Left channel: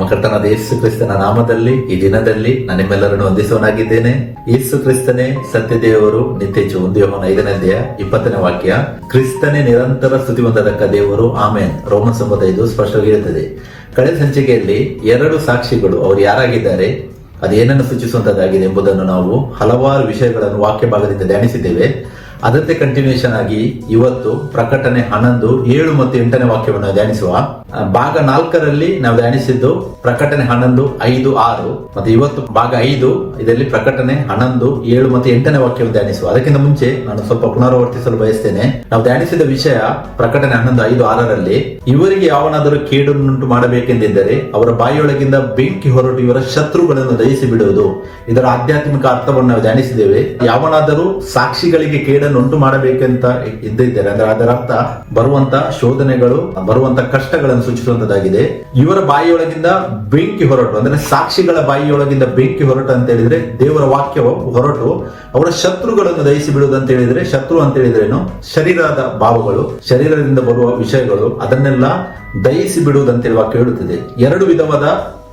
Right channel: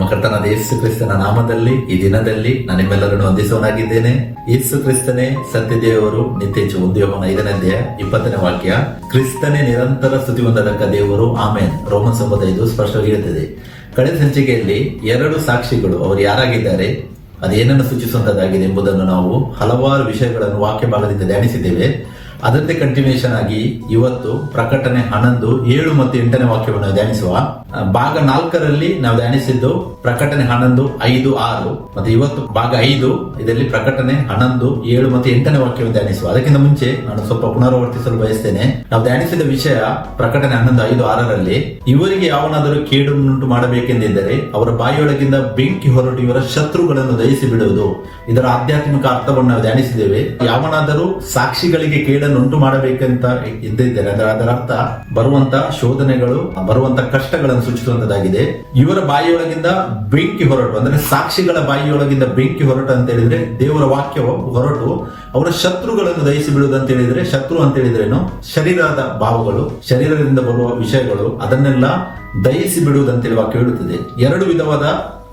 ನಮ್ಮ ಕರ್ತನಾದ ಯೇಸು ಕ್ರಿಸ್ತನ ನಾಮದಲ್ಲಿ ಈ ದಿನದಲ್ಲಿ ನಾನು ನಿಮ್ಮೆಲ್ಲರನ್ನು ವಂದಿಸುವನಾಗಿದ್ದೇನೆ. ಯೇಸು ಕ್ರಿಸ್ತನೇ ಸತ್ಯ ದೇವರು, ನಿತ್ಯ ಜೀವ. 1 ಯೋಹನ 5ನೇ ಅಧ್ಯಾಯ 20ನೇ ವಾಕ್ಯ. ಕ್ರಿಸ್ತನೇ ನಿರಂತರ ಸ್ತುತಿ ಹೊಂದತಕ್ಕ ದೇವರು, ಆಮೆನ್. ರೋಮನ್ 9:5 ಸ್ಪಷ್ಟವಾಗಿ ಇರುತ್ತದೆ. ಕಳೆದ ಸಂಚಿಕೆಯಲ್ಲಿ 2 ಸಾಕ್ಷಿಗಳು ಅವರು ಯಾರಾಗಿದ್ದಾರೆ, ಅದು ಏನನ್ನು ಸೂಚಿಸುವಂತದ್ದಾಗಿದೆ ಎಂಬುದನ್ನು ನಾವು ಹಲವಾರು ವಿಷಯಗಳನ್ನು ವಾಕ್ಯ ಭಾಗದಿಂದ ಧ್ಯಾನಿಸಿದ್ದೇವೆ. ಅದಕ್ಕೆ ಕಂಟಿನ್ಯೂಷನ್ ಆಗಿ ಇವತ್ತು ಪ್ರಕಟಣೆ 11, 7 ಮತ್ತು 8ನೇ ವಾಕ್ಯವನ್ನು ಧ್ಯಾನಿಸುವ. ಭಾಗ 4ರಲ್ಲಿ ನಾವು ಧ್ಯಾನಿಸಿದ್ದು ಪ್ರಕಟಣೆ 11, 5, 6 ಮತ್ತು ಇವತ್ತು ಭಾಗ 5 ಇದರಲ್ಲಿ ಪ್ರಕಟಣೆ 11, 7 ಮತ್ತು 8ನೇ ವಾಕ್ಯವನ್ನು ಧ್ಯಾನಿಸುವ. ಅದಕ್ಕಿಂತ ಮುಂಚೆ ನಾನು ಸ್ವಲ್ಪ ಪುನರಾವರ್ತಿಸಲು ಬಯಸ್ತೇನೆ. ನಾವು ಧ್ಯಾನಿಸಿದ ವಿಷಯ ಪ್ರಕಟಣೆ 11, 5, 6ರಲ್ಲಿ ಇವರಿಗೆ ಯಾವನಾದರೂ ಕೇಡನ್ನುಂಟು ಮಾಡಬೇಕೆಂದಿದ್ದರೆ ಅವರ ಬಾಯಿಯೊಳಗಿಂದ ಬೆಂಕಿ ಹೊರಟು ಇವರ ಶತ್ರುಗಳನ್ನು ದಹಿಸಿ ಬಿಡುವುದು. ಇದರ ಆಧ್ಯಾತ್ಮಿಕ ಅರ್ಥವನ್ನು ನಾವು ಧ್ಯಾನಿಸಿದ್ದೇವೆ. ಯಾವನಾದರೂ ಸಾಕ್ಷಿಗಳಿಗೆ ಕೇಡನ್ನುಂಟು ಮಾಡಬೇಕಂತ ಇದ್ದಿದ್ದರೆ ಅಂದ್ರೆ ಅದರ ಅರ್ಥ ಬರುವಂತ ಶೋಧನೆಗಳು, ಬರುವಂತ ಕಷ್ಟಗಳನ್ನು ಸೂಚಿಸುವಂತದ್ದಾಗಿದೆ. ಇವರ ಬಾಯಿಯೊಳಗಿಂದ ಬೆಂಕಿ ಹೊರಟು ಅಂದ್ರೆ ಸಾಕ್ಷಿಗಳ ಬಾಯಿಯೊಳಗಿಂದ ಬೆಂಕಿ ಹೊರಟು ಅಂತ ಹೇಳಿದ್ರೆ ದೇವರ ವಾಕ್ಯವು ಹೊರಟು ಅವರ ಶತ್ರುಗಳನ್ನು ದಹಿಸಿ ಬಿಡುವುದು ಅಂತ ಹೇಳಿದ್ರೆ, ಶತ್ರು ಅಂತ ಹೇಳಿದ್ರೆ ಏನು, ಶರೀರದ ಭಾವಗಳು, ಶರೀರದಿಂದ ಬರುವ ವಿಷಯಗಳು, ಅದನ್ನೆಲ್ಲ ದಹಿಸಿ ಬಿಡುವುದಂತೇಳಿ ವಾಕ್ಯ ಹೇಳುತ್ತದೆ. 2 ವಿಧವಾದ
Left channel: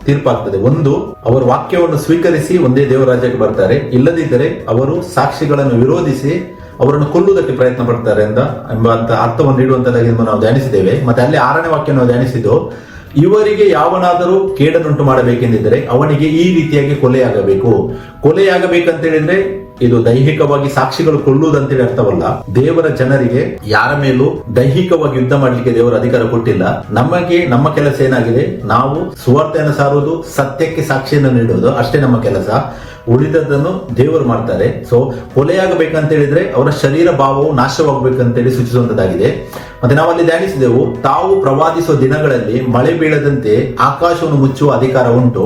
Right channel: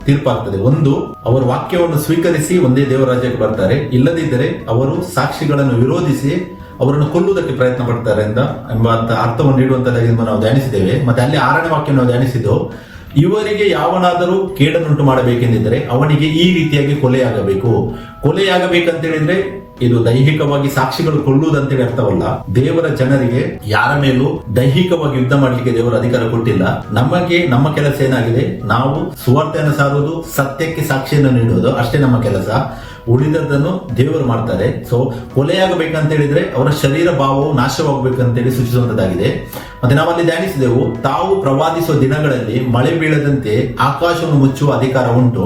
ತೀರ್ಪಾಗ್ತದೆ. ಒಂದು, ಅವರು ವಾಕ್ಯವನ್ನು ಸ್ವೀಕರಿಸಿ ಒಂದೇ ದೇವರ ರಾಜ್ಯಕ್ಕೆ ಬರ್ತಾರೆ. ಇಲ್ಲದಿದ್ದರೆ ಅವರು ಸಾಕ್ಷಿಗಳನ್ನು ವಿರೋಧಿಸಿ ಅವರನ್ನು ಕೊಲ್ಲುವುದಕ್ಕೆ ಪ್ರಯತ್ನ ಪಡ್ತಾರೆ ಎಂಬ ಅರ್ಥವನ್ನು ನೀಡುವಂತದ್ದಾಗಿ ನಾವು ಧ್ಯಾನಿಸಿದ್ದೇವೆ. ಮತ್ತೆ ಅಲ್ಲಿ 6ನೇ ವಾಕ್ಯ ನಾವು ಧ್ಯಾನಿಸಿದ್ದು, ಇವರಿಗೆ ಯಾವನಾದರೂ ಕೇಡನ್ನುಂಟು ಮಾಡಬೇಕೆಂದಿದ್ರೆ ಅವನಿಗೆ ಈ ರೀತಿಯಾಗಿ ಕೊಲೆಯಾಗಬೇಕು. ಕೊಲೆಯಾಗಬೇಕಂತ ಹೇಳಿದ್ರೆ ಇದು ದೈಹಿಕವಾಗಿ ಸಾಕ್ಷಿಗಳು ಕೊಲ್ಲುವುದಂತೇಳಿ ಅರ್ಥವಲ್ಲ. ದೇವರ ಜನರಿಗೆ ಯಾರ ಮೇಲೂ ದೈಹಿಕವಾಗಿ ಯುದ್ಧ ಮಾಡಲಿಕ್ಕೆ ದೇವರ ಅಧಿಕಾರ ಕೊಟ್ಟಿಲ್ಲ. ನಮ್ಮ ಕೆಲಸ ಏನಾಗಿದೆ, ನಾವು ಸುವಾರ್ತೆಯನ್ನು ಸಾರುವುದು, ಸತ್ಯಕ್ಕೆ ಸಾಕ್ಷಿಯನ್ನು ನೀಡುವುದು, ಅಷ್ಟೇ ನಮ್ಮ ಕೆಲಸ. ಉಳಿದದ್ದನ್ನು ದೇವರು ಮಾಡ್ತಾರೆ. ಸೊ ಕೊಲೆಯಾಗಬೇಕಂತ ಹೇಳಿದ್ರೆ ಅವರ ಶರೀರ ಭಾವವು ನಾಶವಾಗಬೇಕಂತೇಳಿ ಸೂಚಿಸುವಂತದ್ದಾಗಿದೆ. ಮತ್ತೆ ನಾವಲ್ಲಿ ಧ್ಯಾನಿಸಿದೆವು, ತಾವು ಪ್ರವಾದಿಸುವ ದಿನಗಳಲ್ಲಿ ಮಳೆ ಬೀಳದಂತೆ ಆಕಾಶವನ್ನು ಮುಚ್ಚುವ ಅಧಿಕಾರ ಉಂಟು.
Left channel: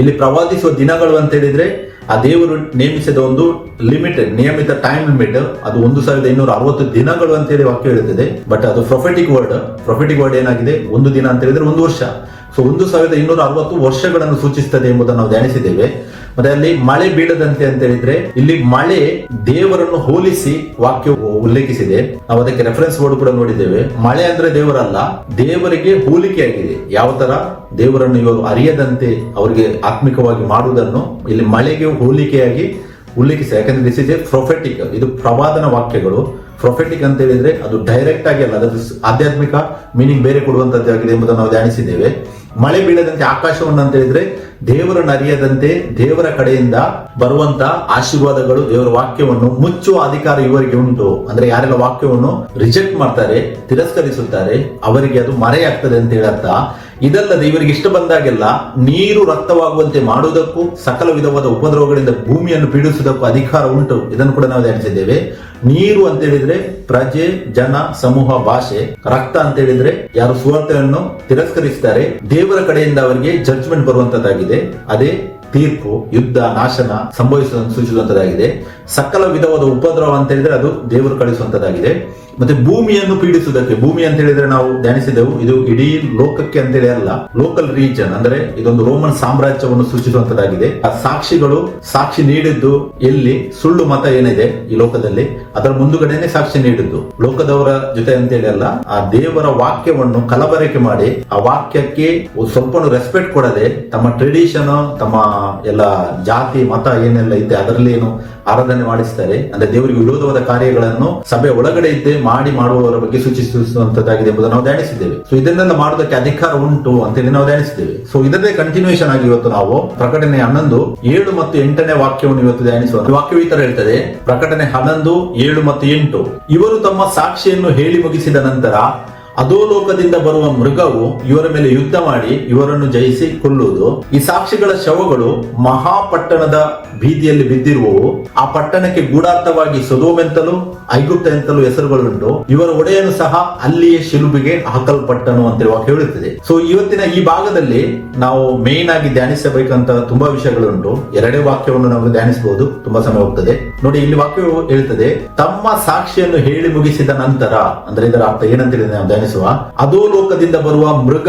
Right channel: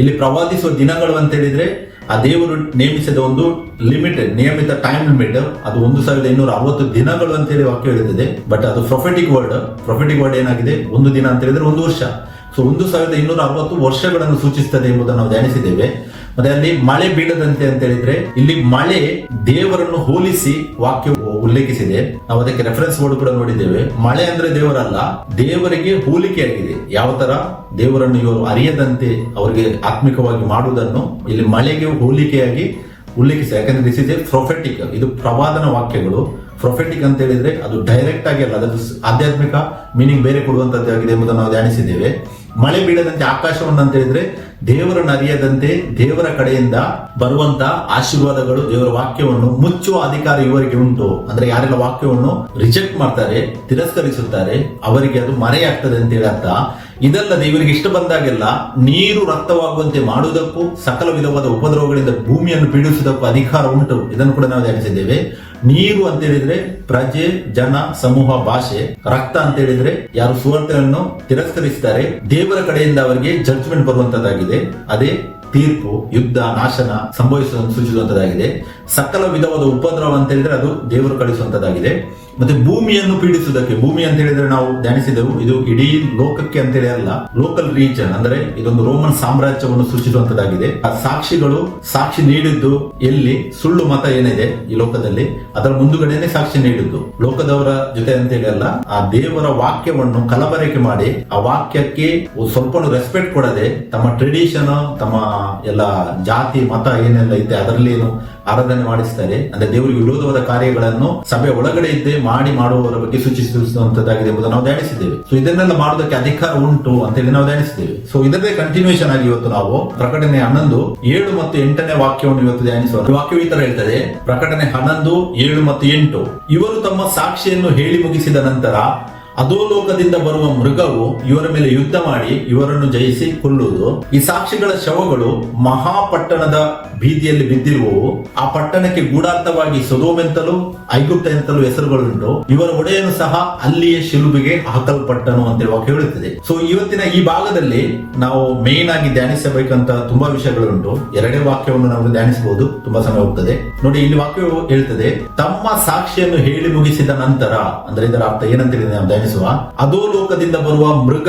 ಇಲ್ಲಿ ಪ್ರವಾದಿಸುವ ದಿನಗಳು ಅಂತ ಹೇಳಿದ್ರೆ ಆ ದೇವರು ನೇಮಿಸಿದ ಒಂದು ಲಿಮಿಟೆಡ್ ನಿಯಮಿತ ಟೈಮ್ ಲಿಮಿಟ್, ಅದು 1260 ದಿನಗಳು ಅಂತ ಹೇಳಿ ವಾಕ್ಯ ಹೇಳುತ್ತದೆ. ಬಟ್ ಅದು ಪ್ರೊಫೆಟಿಕ್ ವರ್ಡ್ ಏನಾಗಿದೆ, ಒಂದು ದಿನ ಅಂತ ಹೇಳಿದ್ರೆ 1 ವರ್ಷ. ಸೊ 1260 ವರ್ಷಗಳನ್ನು ಸೂಚಿಸುತ್ತದೆ ಎಂಬುದನ್ನು ನಾವು ಧ್ಯಾನಿಸಿದ್ದೇವೆ. ಮತ್ತೆ ಅಲ್ಲಿ ಮಳೆ ಬೀಳದಂತೆ ಅಂತ ಹೇಳಿದ್ರೆ ಇಲ್ಲಿ ಮಳೆ ದೇವರನ್ನು ಹೋಲಿಸಿ ವಾಕ್ಯ ಉಲ್ಲೇಖಿಸಿದೆ. ನಾವು ಅದಕ್ಕೆ ರೆಫರೆನ್ಸ್ ವರ್ಡ್ ಕೂಡ ನೋಡಿದ್ದೇವೆ. ಮಳೆ ಅಂದ್ರೆ ದೇವರಲ್ಲ, ದೇವರಿಗೆ ಹೋಲಿಕೆ ಆಗಿದೆ. ಯಾವ ತರ ದೇವರನ್ನು ಇವರು ಅರಿಯದಂತೆ ಅವರಿಗೆ ಆತ್ಮಿಕವಾಗಿ ಮಾಡುವುದನ್ನು ಇಲ್ಲಿ ಮಳೆಗೆ ಹೋಲಿಕೆಯಾಗಿ ಉಲ್ಲೇಖಿಸಿ. ಯಾಕಂದ್ರೆ ದಿಸ್ ಇಸ್ ಎ ಪ್ರೊಫೆಟಿಕ್, ಇದು ಪ್ರವಾದನ ವಾಕ್ಯಗಳು. ಪ್ರೊಫೆಟಿಕ್ ಅಂತ ಹೇಳಿದ್ರೆ ಅದು ಡೈರೆಕ್ಟ್ ಆಗಿ ಅಲ್ಲ, ಅದು ಆಧ್ಯಾತ್ಮಿಕ ಮೀನಿಂಗ್ ಬೇರೆ ಕೊಡುವಂತದ್ದಾಗಿದೆ ಎಂಬುದನ್ನು ನಾವು ಧ್ಯಾನಿಸಿದ್ದೇವೆ. ಮಳೆ ಬೀಳದಂತೆ ಆಕಾಶವನ್ನು ಅಂತ ಹೇಳಿದ್ರೆ ದೇವರನ್ನು ಅರಿಯದಂತೆ ದೇವರ ಕಡೆಯಿಂದ ಬರುವಂತ ಆಶೀರ್ವಾದಗಳು, ದೇವರ ವಾಕ್ಯವನ್ನು ಮುಚ್ಚುವ ಅಧಿಕಾರ ಇವರಿಗೆ ಉಂಟು. ಅಂದ್ರೆ ಯಾರೆಲ್ಲ ವಾಕ್ಯವನ್ನು ರಿಜೆಕ್ಟ್ ಮಾಡ್ತಾರೆ, ತಿರಸ್ಕರಿಸುತ್ತಾರೆ, ಅವರಿಗೆ ಅದು ಮರೆಯಾಗ್ತದೆ ಅಂತ ಹೇಳತ್ತ. ಇದಲ್ಲದೆ ಇವರಿಗೆ ಇಷ್ಟ ಬಂದಾಗೆಲ್ಲ ನೀರು ರಕ್ತವಾಗುವಂತೆ ಮಾಡುವುದಕ್ಕೂ ಸಕಲ ವಿಧವಾದ ಉಪದ್ರವಗಳಿಂದ ಭೂಮಿಯನ್ನು ಪೀಡಿಸುವುದಕ್ಕೂ ಅಧಿಕಾರ ಉಂಟು. ಇದನ್ನು ಕೂಡ ನಾವು ಧ್ಯಾನಿಸಿದ್ದೇವೆ. ನೀರು ಅಂತ ಹೇಳಿದ್ರೆ ಪ್ರಜೆ, ಜನ, ಸಮೂಹ, ಭಾಷೆ. ರಕ್ತ ಅಂತ ಹೇಳಿದ್ರೆ ಯಾರು ಸುವಾರ್ತೆಯನ್ನು ತಿರಸ್ಕರಿಸುತ್ತಾರೆ, ದೇವರ ಕಡೆಯಿಂದ ಅವರಿಗೆ ಜಡ್ಜ್ಮೆಂಟ್ ಬರುವಂತದ್ದಾಗಿದೆ. ಅದೇ ತೀರ್ಪು, ಯುದ್ಧ, ನಾಶನ ಸೂಚಿಸುವಂತದ್ದಾಗಿದೆ. ಸಕಲ ವಿಧವಾದ ಉಪದ್ರವ ಅಂತ ಹೇಳಿದ್ರೆ ಅದು ದೇವರು ಕಳಿಸುವಂತದ್ದಾಗಿದೆ. ಮತ್ತೆ ಭೂಮಿಯನ್ನು ಪೀಡಿಸುವುದಕ್ಕೆ, ಭೂಮಿ ಅಂತ ಹೇಳಿದ್ರೆ ನಾವು ಧ್ಯಾನಿಸಿದೆವು, ಇದು ಇಡೀ ಲೋಕಕ್ಕೆ ಅಂತೇಳಿ ಅಲ್ಲ, ಲೋಕಲ್ ರೀಜನ್ ಅಂದ್ರೆ ಇದೊಂದು ರೋಮನ್ ಸಾಮ್ರಾಜ್ಯವನ್ನು ಸೂಚಿಸುವಂತದ್ದಾಗಿದೆ. ಆ ಸಾಕ್ಷಿಗಳು ಸಾಕ್ಷಿ ನೀಡಿದ್ದು ಎಲ್ಲಿ, ಸುಳ್ಳು ಮತ ಏನಿದೆ ಈ ಲೋಕದಲ್ಲಿ ಅದರ ಮುಂದುಗಡೆನೆ ಸಾಕ್ಷಿ ನೀಡಿದ್ದು ಲೋಕದವರ ಜೊತೆ ಅಂತೇಳಿ ಅಲ್ಲ. ಆ ದೇವರ ವಾಕ್ಯವನ್ನು ಕಲಬೆರಕೆ ಮಾಡಿ ಆ ವಾಕ್ಯಕ್ಕೆ ಸ್ವಲ್ಪ ರೆಸ್ಪೆಕ್ಟ್ ಕೊಡದೆ ತಮ್ಮ ಟ್ರೆಡಿಷನ್, ತಮ್ಮ ಎಲ್ಲ ಜಾತಿ ಮತ ಏನೆಲ್ಲ ಇದೆ ಅದರಲ್ಲಿ ಏನು ಆರಾಧನೆ ಮಾಡಿಸ್ತಾರೆ. ಅಂದ್ರೆ ದೇವರಿಗೆ ವಿರೋಧವಾದ ಕಾರ್ಯಗಳನ್ನು ಸಭೆ ಒಳಗಡೆ ಇದ್ದೇ ಮಾಡುವವರ ಬಗ್ಗೆ ಸೂಚಿಸುವಂತದ್ದಾಗಿದೆ ಎಂಬುದನ್ನು ನಾವು ಧ್ಯಾನಿಸಿದ್ದೇವೆ. ಸೊ ಇದನ್ನೆಲ್ಲ ಮಾಡೋದಕ್ಕೆ ಅಧಿಕಾರ ಉಂಟು ಅಂತ ಹೇಳಿ ನಾವು ಧ್ಯಾನಿಸಿದ್ದೇವೆ. ಸೊ ಇದನ್ನೇ ಕಂಟಿನ್ಯೂಷನ್ ಆಗಿ ಇವತ್ತು ನಾವು ಪ್ರಕಟಣೆ 11, 7 ಮತ್ತು 8ನೇ ವಾಕ್ಯವನ್ನು ಇವತ್ತು ಧ್ಯಾನಿಸುವ. ವಾಕ್ಯವು ಈ ತರ ಹೇಳ್ತದೆ, ಪ್ರಕಟಣೆ 11, 7 ಮತ್ತು 8. ಇವರು ತಮ್ಮ ಸಾಕ್ಷಿಯನ್ನು ಹೇಳಿ ಮುಗಿಸಿದ ನಂತರ ಅಧೋಲೋಕದಿಂದ ಬರುವ ಮೃಗವು ಇವರ ಮೇಲೆ ಯುದ್ಧ ಮಾಡಿ ಇವರನ್ನು ಜಯಿಸಿ ಕೊಲ್ಲುವುದು. ಈ ಸಾಕ್ಷಿಗಳ ಶವಗಳು ಮಹಾಪಟ್ಟಣದ ಬೀದಿಯಲ್ಲಿ ಬಿದ್ದಿರುವವು. ಆ ಪಟ್ಟಣಕ್ಕೆ ಗೂಢಾರ್ಥವಾಗಿ ಸೊದೋಮ್ ಎಂತಲೂ ಐಗುಪ್ತ ಎಂತಲೂ ಹೆಸರುಗಳುಂಟು. ಇವರ ಒಡೆಯನು ಸಹ ಅಲ್ಲಿಯೇ ಶಿಲುಬೆಗೆ ಹಾಕಲ್ಪಟ್ಟನು ಅಂತ ವಾಕ್ಯ ಹೇಳುತ್ತದೆ. ಸೊ ಇವತ್ತಿನ ಈ ಭಾಗದಲ್ಲಿ ನಾವು ಮೇನ್ ಆಗಿ ಧ್ಯಾನಿಸಬೇಕಂತ ತುಂಬಾ ವಿಷಯಗಳುಂಟು. 2 ವಾಕ್ಯವನ್ನು ನಾವು ಧ್ಯಾನಿಸಬಹುದು, ತುಂಬಾ ಸಮಯ ಹೋಗ್ತದೆ. ನೋಡಿ, ಇಲ್ಲಿ ವಾಕ್ಯವು ಹೇಳ್ತದೆ, ತಮ್ಮ ಸಾಕ್ಷಿಯನ್ನು ಹೇಳಿ ಮುಗಿಸಿದ ನಂತರ. ಅಂದ್ರೆ ಇದರ ಅರ್ಥ ಏನಂತ ನಾವು ಧ್ಯಾನಿಸುವ. ಅಧೋಲೋಕದಿಂದ ಬರುವ ಮೃಗ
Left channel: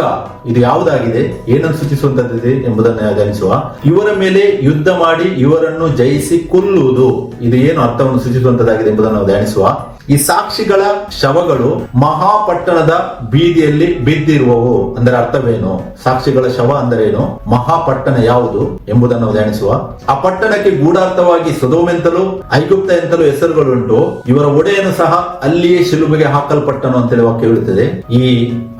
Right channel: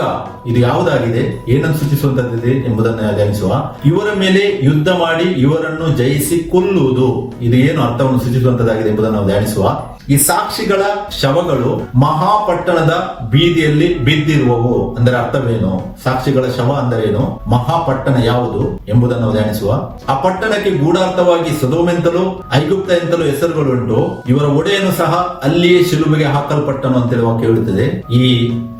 ಇದು ಯಾವುದಾಗಿದೆ, ಏನನ್ನು ಸೂಚಿಸುವಂತದ್ದಿದೆ ಎಂಬುದನ್ನು ಧ್ಯಾನಿಸುವ. ಇವರ ಮೇಲೆ ಯುದ್ಧ ಮಾಡಿ ಇವರನ್ನು ಜಯಿಸಿ ಕೊಲ್ಲುವುದು. ಇದು ಏನು ಅರ್ಥವನ್ನು ಸೂಚಿಸುವಂತದ್ದಾಗಿದೆ ಎಂಬುದನ್ನು ನಾವು ಧ್ಯಾನಿಸುವ. ಈ ಸಾಕ್ಷಿಗಳ ಶವಗಳು ಮಹಾಪಟ್ಟಣದ ಬೀದಿಯಲ್ಲಿ ಬಿದ್ದಿರುವವು ಅಂದರೆ ಅರ್ಥವೇನು? ಸಾಕ್ಷಿಗಳ ಶವ ಅಂದರೆ ಏನು? ಮಹಾಪಟ್ಟಣ ಯಾವುದು ಎಂಬುದನ್ನು ನಾವು ಧ್ಯಾನಿಸುವ. ಆ ಪಟ್ಟಣಕ್ಕೆ ಗೂಢಾರ್ಥವಾಗಿ ಸೊದೋಮೆಂತಲೂ ಐಗುಪ್ತ ಎಂತಲೂ ಹೆಸರುಗಳುಂಟು. ಇವರ ಒಡೆಯನು ಸಹ ಅಲ್ಲಿಯೇ ಶಿಲುಬೆಗೆ ಹಾಕಲ್ಪಟ್ಟನು ಅಂತೇಳಿ ವಾಕ್ಯ ಹೇಳುತ್ತದೆ. ಈ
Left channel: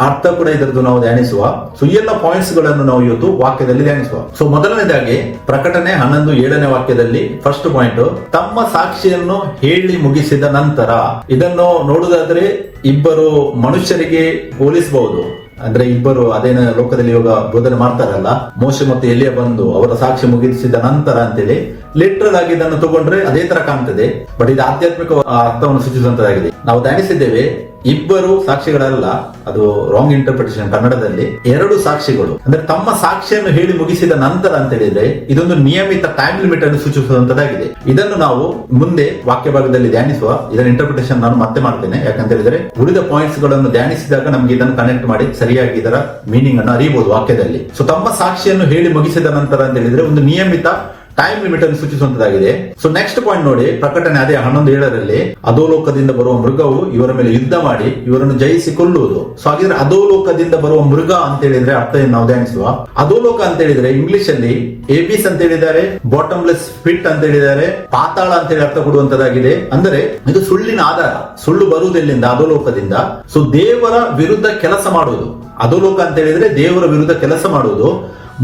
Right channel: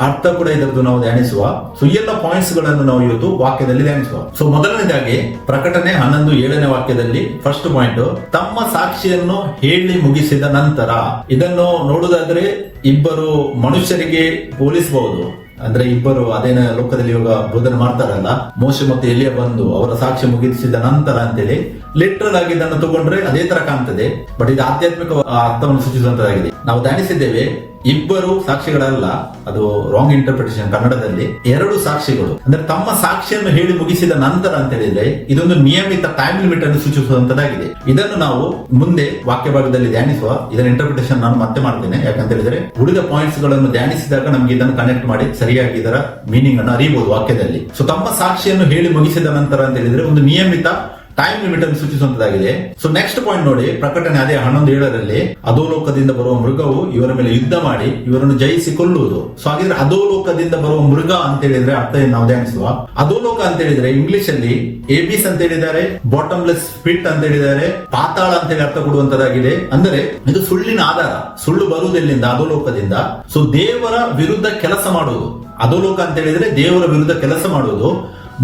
ಅರ್ಥ ಕೂಡ ಇದರದ್ದು ನಾವು ಧ್ಯಾನಿಸುವ. ಸೊ ಈ ಎಲ್ಲ ಪಾಯಿಂಟ್ಸ್ ಗಳನ್ನು ನಾವು ಇವತ್ತು ವಾಕ್ಯದಲ್ಲಿ ಧ್ಯಾನಿಸುವ. ಸೊ ಮೊದಲನೇದಾಗಿ ಪ್ರಕಟಣೆ 11:7 ವಾಕ್ಯದಲ್ಲಿ ಫಸ್ಟ್ ಪಾಯಿಂಟ್, ತಮ್ಮ ಸಾಕ್ಷಿಯನ್ನು ಹೇಳಿ ಮುಗಿಸಿದ ನಂತರ. ಇದನ್ನು ನೋಡುವುದಾದ್ರೆ ಇಬ್ಬರು ಮನುಷ್ಯರಿಗೆ ಹೋಲಿಸಬಹುದು. ಅಂದ್ರೆ ಇಬ್ಬರು ಅದೇನ ಲೋಕದಲ್ಲಿ ಇವಾಗ ಬೋಧನೆ ಮಾಡ್ತಾರಲ್ಲ, ಮೋಶೆ ಮತ್ತು ಎಲಿಯ ಬಂದು ಅವರ ಸಾಕ್ಷ್ಯ ಮುಗಿಸಿದ ನಂತರ ಅಂತೇಳಿ ಲಿಟ್ರಲ್ ಆಗಿ ಇದನ್ನು ತಗೊಂಡ್ರೆ ಅದೇ ತರ ಕಾಣ್ತದೆ. ಬಟ್ ಇದು ಆಧ್ಯಾತ್ಮಿಕ ಅರ್ಥವನ್ನು ಸೂಚಿಸುವಂತದ್ದಾಗಿದೆ. ನಾವು ಧ್ಯಾನಿಸಿದ್ದೇವೆ, ಇಬ್ಬರು ಸಾಕ್ಷಿಗಳಲ್ಲ, ಅದು ರಾಂಗ್ ಇಂಟರ್ಪ್ರಿಟೇಷನ್. ಕನ್ನಡದಲ್ಲಿ ಎರಡು ಸಾಕ್ಷಿಗಳು ಅಂದ್ರೆ ತಮ್ಮ ಸಾಕ್ಷಿಯನ್ನು ಹೇಳಿ ಮುಗಿಸಿದ ನಂತರ ಅಂತ ಹೇಳಿದ್ರೆ ಇದೊಂದು ನಿಯಮಿತ ಟೈಮ್ ಲಿಮಿಟ್ ಅನ್ನು ಸೂಚಿಸುವಂತದ್ದಾಗಿದೆ. ಇದನ್ನು ನಾವು ಮುಂದೆ ವಾಕ್ಯ ಭಾಗದಲ್ಲಿ ಧ್ಯಾನಿಸುವ. ಇದರ ಇಂಟರ್ಪ್ರಿಟೇಷನ್ ನಾನು ಮತ್ತೆ ಮಾಡ್ತೇನೆ. ಯಾಕಂತ ಹೇಳಿದ್ರೆ ಉಳಿದ ಪಾಯಿಂಟ್ಸ್ ಗಳನ್ನು ಧ್ಯಾನಿಸಿದಾಗ ನಮ್ಗೆ ಇದನ್ನು ಕನೆಕ್ಟ್ ಮಾಡಿ ಸರಿಯಾಗಿ ಇದರ ಮೀನಿಂಗ್ ಅನ್ನು ಅರಿಯಬಹುದು ವಾಕ್ಯದಲ್ಲಿ. ಸೊ ತಮ್ಮ ಸಾಕ್ಷಿಯನ್ನು ಹೇಳಿ ಮುಗಿಸಿದ ನಂತರ ಅಂತ ಹೇಳಿದ್ರೆ ಒಂದು ನಿಯಮಿತ ಟೈಮ್ ಲಿಮಿಟ್ ಅನ್ನು ಸೂಚಿಸುವಂತದ್ದಾಗಿದೆ. ಸೊ ನೆಕ್ಸ್ಟ್ ಪಾಯಿಂಟ್ ನೋಡಿ, ಪ್ರಕಟಣೆ ಅದೇ 11:7 ಅಧೋಲೋಕದಿಂದ ಬರುವ ಮೃಗವು ಇವರ ಮೇಲೆ ಯುದ್ಧ ಮಾಡಿ ಇವರನ್ನು ಜಯಿಸಿಕೊಳ್ಳುವುದು. ಸೊ ಹಾಗಿದ್ರೆ ಅಧೋಲೋಕದಿಂದ ಬರುವ ಮೃಗ ಅಂತ ಹೇಳಿದ್ರೆ ಅರ್ಥ ನಾವು ಧ್ಯಾನಿಸುವ. ಅಧೋಲೋಕ ಅಂತ ಹೇಳಿದ್ರೆ ಇಂಗ್ಲಿಷ್ ಅಲ್ಲಿ ಏಬಿಸ್ ಅಂತ ಹೇಳಿದ್ದಾರೆ, ಬಾಟಮ್ಲೆಸ್ ಪಿಟ್ ಅಂತ ಹೇಳಿದ್ದಾರೆ, ಪಾತಾಳ ಅಂತ ಹೇಳಿ ಅರ್ಥ ಕೊಡುವಂತದ್ದಾಗಿದೆ. ಅಂದ್ರೆ ಇದು ಸುಳ್ಳಿನ ಆಧಾರ. ಸುಳ್ಳು ಬರುವುದಿಲ್ಲಿಂದ ಅಧೋಲೋಕದಿಂದ. ಸೊ ದೇವರ ವಿರುದ್ಧ ಕೆಲಸ ಮಾಡುವುದು. ಅಧೋಲೋಕ ಅಂತ ಹೇಳಿದ್ರೆ ದೇವರ ವಿರುದ್ಧ ಕೆಲಸ ಮಾಡುವುದು.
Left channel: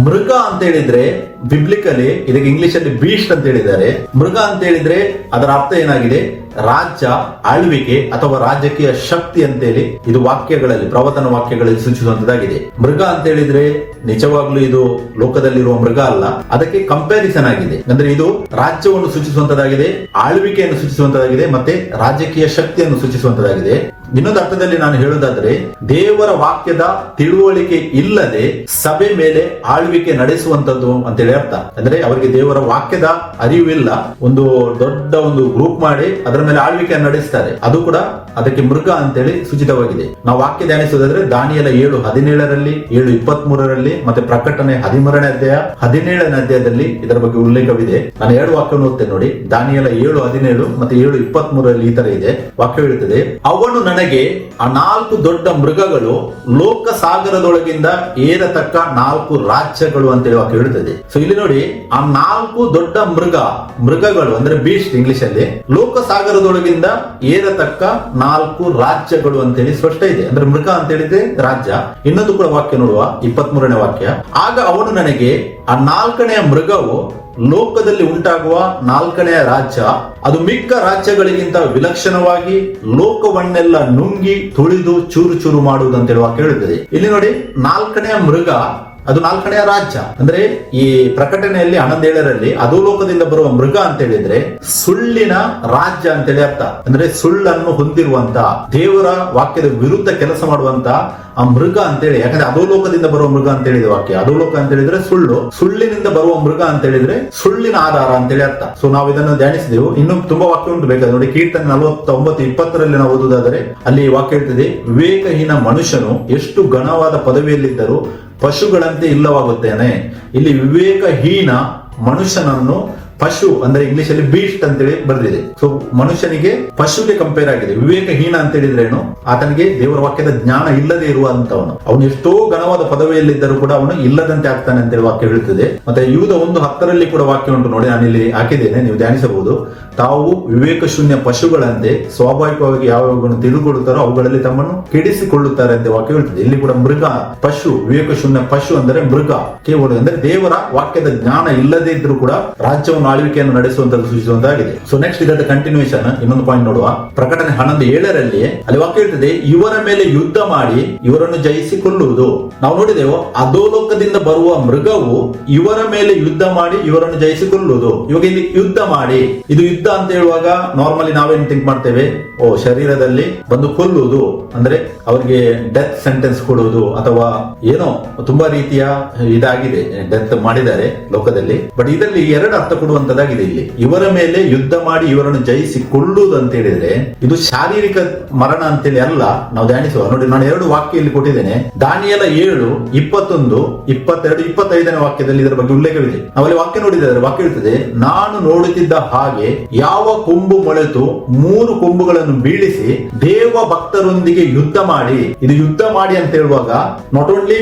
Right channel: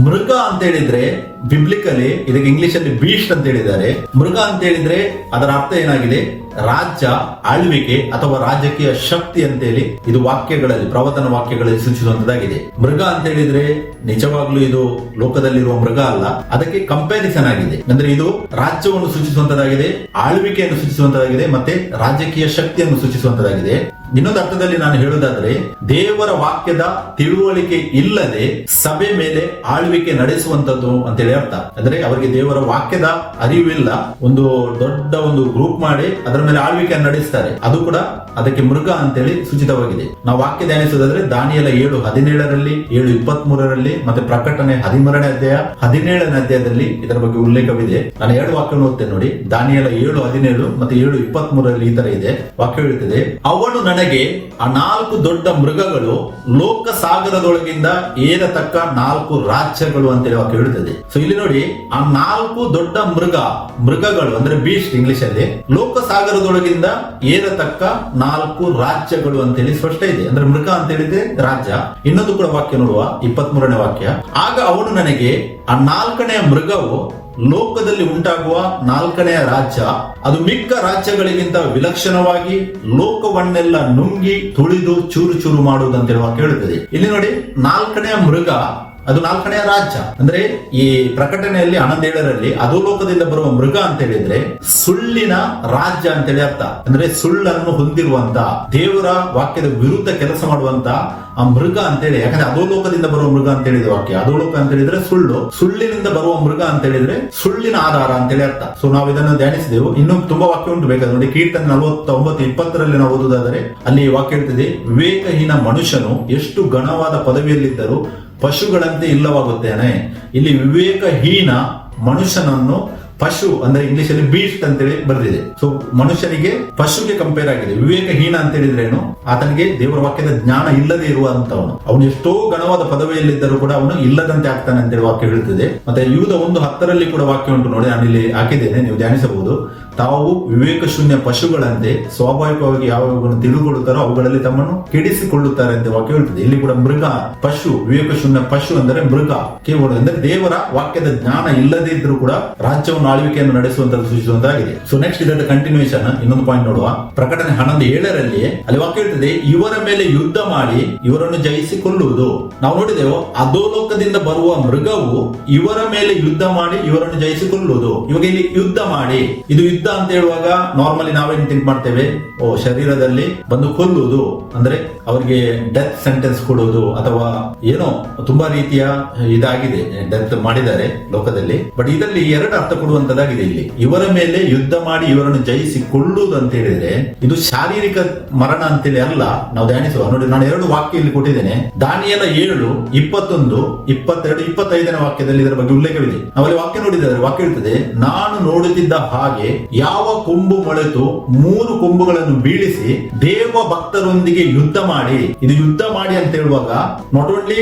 ಮೃಗ ಅಂತ ಹೇಳಿದ್ರೆ ಬಿಬ್ಲಿಕಲಿ ಇದಕ್ಕೆ ಇಂಗ್ಲಿಷ್ ಅಲ್ಲಿ ಬೀಸ್ಟ್ ಅಂತ ಹೇಳಿದ್ದಾರೆ. ಮೃಗ ಅಂತ ಹೇಳಿದ್ರೆ ಅದರ ಅರ್ಥ ಏನಾಗಿದೆ? ರಾಜ್ಯ, ಆಳ್ವಿಕೆ ಅಥವಾ ರಾಜಕೀಯ ಶಕ್ತಿ ಅಂತೇಳಿ ಇದು ವಾಕ್ಯಗಳಲ್ಲಿ, ಪ್ರವಚನ ವಾಕ್ಯಗಳಲ್ಲಿ ಸೂಚಿಸುವಂತದ್ದಾಗಿದೆ. ಮೃಗ ಅಂತ ಹೇಳಿದ್ರೆ ನಿಜವಾಗ್ಲೂ ಇದು ಲೋಕದಲ್ಲಿರುವ ಮೃಗ ಅಲ್ಲ, ಅದಕ್ಕೆ ಕಂಪ್ಯಾರಿಸನ್ ಆಗಿದೆ. ಅಂದ್ರೆ ಇದು ರಾಜ್ಯವನ್ನು ಸೂಚಿಸುವಂತದ್ದಾಗಿದೆ, ಆಳ್ವಿಕೆಯನ್ನು ಸೂಚಿಸುವಂತದ್ದಾಗಿದೆ, ಮತ್ತೆ ರಾಜಕೀಯ ಶಕ್ತಿಯನ್ನು ಸೂಚಿಸುವಂತದ್ದಾಗಿದೆ. ಇನ್ನೊಂದು ಅರ್ಥದಲ್ಲಿ ನಾನು ಹೇಳುವುದಾದ್ರೆ ದೇವರ ವಾಕ್ಯದ ತಿಳುವಳಿಕೆ ಇಲ್ಲದೆ ಸಭೆ ಮೇಲೆ ಆಳ್ವಿಕೆ ನಡೆಸುವಂತದ್ದು ಅಂತೇಳಿ ಅರ್ಥ. ಅಂದ್ರೆ ಅವರಿಗೆ ದೇವರ ವಾಕ್ಯದ ಅರಿವಿಲ್ಲ, ಒಂದು ದೊಡ್ಡ ಒಂದು ಗ್ರೂಪ್ ಮಾಡಿ ಅದರ ಮೇಲೆ ಆಳ್ವಿಕೆಯನ್ನು ನಡೆಸ್ತಾರೆ. ಅದು ಕೂಡ ಅದಕ್ಕೆ ಮೃಗ ಅಂತೇಳಿ ಸೂಚಿತವಾಗಿದೆ. ನಾವು ವಾಕ್ಯ ಧ್ಯಾನಿಸುವುದಾದ್ರೆ ದಾನಿಯೇಲ 7:17 7:23 ಮತ್ತೆ ಪ್ರಕಟಣೆ 13ನೇ ಅಧ್ಯಾಯ 17ನೇ ಅಧ್ಯಾಯದಲ್ಲಿ ಇದರ ಬಗ್ಗೆ ಉಲ್ಲೇಖವಿದೆ. ನಾನು 2 ವಾಕ್ಯವನ್ನು ಓದ್ತೇನೆ ನೋಡಿ. ದಾನಿಯೇಲ 7:17 ಮತ್ತೆ 7:23 ಈ ತರ ಇದೆ. ವಾಕ್ಯ ಹೇಳುತ್ತದೆ, ಅವನು ನನಗೆ ಆ 4 ದೊಡ್ಡ ಮೃಗಗಳು ಲೋಕ ಸಾಗರದೊಳಗಿಂದ ಏರತಕ್ಕ 4 ರಾಜ್ಯಗಳು ಅಂತೇಳಿ ವಾಕ್ಯ ಹೇಳುತ್ತದೆ. ಸೊ ಇಲ್ಲಿ ನೋಡಿ, ಆ 4 ದೊಡ್ಡ ಮೃಗಗಳು ಅಂದ್ರೆ ಬೀಸ್ಟ್ ಇಂಗ್ಲಿಷ್ ಅಲ್ಲಿ ಲೋಕ ಸಾಗರದೊಳಗಿಂದ ಏರತಕ್ಕ 4 ರಾಜ್ಯಗಳು ಅಂತೇಳಿ ಸ್ಪಷ್ಟ ಇದೆ. ಅಂದ್ರೆ ಮೃಗ ಅಂತ ಹೇಳಿದ್ರೆ ರಾಜ್ಯ. ಇನ್ನೊಂದು ಕೂಡ ವಾಕ್ಯ ನೋಡುವ, 23ನೇ ವಾಕ್ಯ. ಆಗ ಅವನು ನನಗೆ ಆ 4ನೇ ಮೃಗವು ಲೋಕದಲ್ಲಿ ಉಂಟಾಗುವ 4ನೇ ರಾಜ್ಯ, ಅದು ಮಿಕ್ಕ ರಾಜ್ಯಗಳಿಗಿಂತ ವಿಲಕ್ಷಣವಾಗಿ ಲೋಕವನ್ನೆಲ್ಲ ನುಂಗಿ ತುಳಿದು ಚೂರು ಚೂರು ಮಾಡುವುದಂತೇಳಿ ವಾಕ್ಯ ಹೇಳುತ್ತದೆ. ಇಲ್ಲಿ ನೋಡಿ, 4ನೇ ಮೃಗ ಅದು 4ನೇ ರಾಜ್ಯ. ಅಂದ್ರೆ ಈ ಪ್ರಕಟಣೆಯಲ್ಲಿ 11:7 ಅಧೋಲೋಕದಿಂದ ಬರುವ ಮೃಗ ಅಂತ ಹೇಳಿದ್ರೆ ಸುಳ್ಳಿನ ರಾಜ್ಯ ಅಂತೇಳಿ ಅರ್ಥ. ಅಂದ್ರೆ ಸುಳ್ಳನ್ನು ಹೊಂದಿರುವಂತ, ದೇವರ ವಾಕ್ಯದ ವಿರುದ್ಧ ಕೆಲಸ ಮಾಡುವಂತ ಆ ಮೃಗ ಅಂತೇಳಿ. ಯಾಕಂದ್ರೆ ಅಧೋಲೋಕದಿಂದ ಬರುವ ಮೃಗ ಅಂತ ಹೇಳಿದ ವಾಕ್ಯ. ಅಧೋಲೋಕ ಅಂತ ಹೇಳಿದ್ರೆ ಸುಳ್ಳು, ಸುಳ್ಳಿನಿಂದ ಬರುವ ಮೃಗ ಅಂತ ಹೇಳಿದ್ರೆ ಸುಳ್ಳಿನ ಆಧಾರ ಅಂತೇಳಿ ಅರ್ಥ. ಸೊ ನಾವು ಇದನ್ನು ಧ್ಯಾನಿಸಿದೆವು. ಇನ್ನು ತುಂಬಾ ವಾಕ್ಯ ಉಂಟು ಬೇಕಾದ್ರೆ ನೋಡಿ. ಕೀರ್ತನೆ 49:20 ನಾವು ಓದುವುದಾದರೆ ಅಲ್ಲಿ ವಾಕ್ಯ ಹೇಳ್ತಿದೆ, ವಿವೇಕಹೀನ ಮನುಷ್ಯನು ಎಷ್ಟು ಘನವಾದ ಪದವಿಯಲ್ಲಿದ್ದರೂ ಪಶುಗಳಂತೆ ಇಲ್ಲವಾಗುತ್ತೇನೆ. ಇಲ್ಲಿ ವಿವೇಕಹೀನ ಮನುಷ್ಯನನ್ನು ಪಶು ಅಂದ್ರೆ ಇಂಗ್ಲಿಷ್ ಅಲ್ಲಿ ಬೀಸ್ಟ್ ಅಂತೇಳಿ ಬರೆದಿದೆ. ಸೊ ಮನುಷ್ಯನಿಗೆ ಪಶುಗೆ ಕಂಪೇರ್ ಆಗಿದೆ. ವಿವೇಕಹೀನ ಅಂತ ಹೇಳಿದ್ರೇನು? ಆತನಿಗೆ ದೇವರ ವಾಕ್ಯದ ಜ್ಞಾನ ಇಲ್ಲದೆ ಇರುವಂತವನು. ಅವನು ಎಷ್ಟೋ ಘನವಾದ ಪದವಿಯಲ್ಲಿದ್ದರೂ ಕೂಡ ಅವನು ಇಲ್ಲದಂತೆ ಆಗ್ತಾನೆ ಅಂತ ವಾಕ್ಯ ಹೇಳುತ್ತದೆ. ಮತ್ತೆ ಯೂದ 1:10 ಕೂಡ ವಾಕ್ಯ ಉಂಟು ನೋಡಿ, ನಾನು ಇಲ್ಲಿ ಹಾಕಿದ್ದೇನೆ, ನೀವು ಧ್ಯಾನಿಸಬಹುದು. ತಾವು ವಿವೇಕ ಶೂನ್ಯ ಪಶುಗಳಂತೆ ಸ್ವಾಭಾವಿಕವಾಗಿ ಯಾವ್ಯಾವ ತಿಳಿದುಕೊಳ್ಳುತ್ತಾರೋ ಅವುಗಳಲ್ಲಿ ತಮ್ಮನ್ನು ಕೆಡಿಸಿಕೊಳ್ಳುತ್ತಾರೆ ಅಂತ ವಾಕ್ಯ ಹೇಳ್ತದೆ. ಇಲ್ಲಿ ಕೂಡ ಮೃಗ, ಪಶು, ವಿವೇಕ ಶೂನ್ಯ ಪಶು ಅಂದರೆ ಮೃಗ ಕೇವಲ ಅಂದ್ರೆ ದೇವರ ವಾಕ್ಯದ ಜ್ಞಾನ ಇಲ್ಲದೆ ಇದ್ರೂ ಕೂಡ ರಾಜ್ಯವನ್ನು ಆಳ್ವಿಕೆಯನ್ನು ನಡೆಸುವಂತ ಸೂಚಿಸುವಂತಾಗಿದೆ. ಸೊ ನೆಕ್ಸ್ಟ್ ಇದರ ಕಂಟಿನ್ಯೂಷನ್ ಇನ್ನೊಂದು ಪಾಯಿಂಟ್ ನೋಡುವ. ಪ್ರಕಟಣೆ 11:7 ಅಲ್ಲಿ ವಾಕ್ಯ ಹೇಳ್ತದೆ, ಇವರ ಮೇಲೆ ಯುದ್ಧ ಮಾಡಿ ಇವರನ್ನು ಜಯಿಸಿಕೊಳ್ಳುವುದು. ನಾವು ನೋಡಿದೆವು, ಅಧೋಲೋಕದಿಂದ ಬರುವ ಮೃಗವು ಇವರ ಮೇಲೆ ಯುದ್ಧ ಮಾಡಿ ಇವರನ್ನು ಜಯಿಸಿಕೊಳ್ಳುವುದು. ಇವಾಗ ಇಲ್ಲಿ ಯುದ್ಧ ಮಾಡಿ, ಇದು ಯುದ್ಧ ಅಂತ ಹೇಳುವಾಗ ನಾರ್ಮಲಿ ನಾವೇನ್ ಥಿಂಕ್ ಮಾಡ್ತೇವೆ, ಶರೀರದಲ್ಲಿ ಬಂದು ಕೊಲ್ಲುವುದು ಅಂದ್ರೆ ಅವರಿಗೆ ಡೆತ್ ಸೆಂಟೆನ್ಸ್ ಕೊಡುವುದು ಅಥವಾ ಏನೋ ತುಂಬಾ ರೀತಿಯ ಇದಾಗಿದೆ, ಡೆತ್ ಮಾಡಿದ್ದಾರೆ ಲೋಕದಲ್ಲಿ. ಬಟ್ ಇದರಲ್ಲಿ 2 ಅರ್ಥ ಕೊಡುವಂತದ್ದಾಗಿದೆ. ಇಲ್ಲಿ ಇವರ ಮೇಲೆ ಯುದ್ಧ ಮಾಡಿ ಇವರನ್ನು ಜಯಿಸಿಕೊಳ್ಳುವುದು ಅಂತ ಹೇಳಿದ್ರೆ ಇದು ಶಾರೀರಿಕ ಮರಣ ಅಂತೇಳಿ ಅಲ್ಲ. ನಾವು ಧ್ಯಾನಿಸುವ ನೋಡಿ, ನಾನು 2 ವಾಕ್ಯ ಇಲ್ಲಿ ಕೊಟ್ಟಿದ್ದೇನೆ. ದಾನಿಯೇಲ 7:21, 22, 25ನೇ ವಾಕ್ಯದಲ್ಲಿ ಇದರ ಬಗ್ಗೆ ಉಲ್ಲೇಖವಿದೆ. ನಾವಲ್ಲಿ ವಾಕ್ಯ ನೋಡಿದರೆ ವಾಕ್ಯ ಇರ್ತದೆ, ನಾನು ನೋಡುತ್ತಿದ್ದ ಹಾಗೆ ಯಾವ ಕೊಂಬು ಮೊಳೆತು 3 ಕೊಂಬುಗಳನ್ನು ಬೀಳಿಸಿ ದೇವ ಭಕ್ತರೊಂದಿಗೆ ಯುದ್ಧ ಮಾಡಿ. ಇದು ಯುದ್ಧ ಮಾಡಿ ಅಂತ ಹೇಳುವಾಗ ನಾಟ್ ಓನ್ಲಿ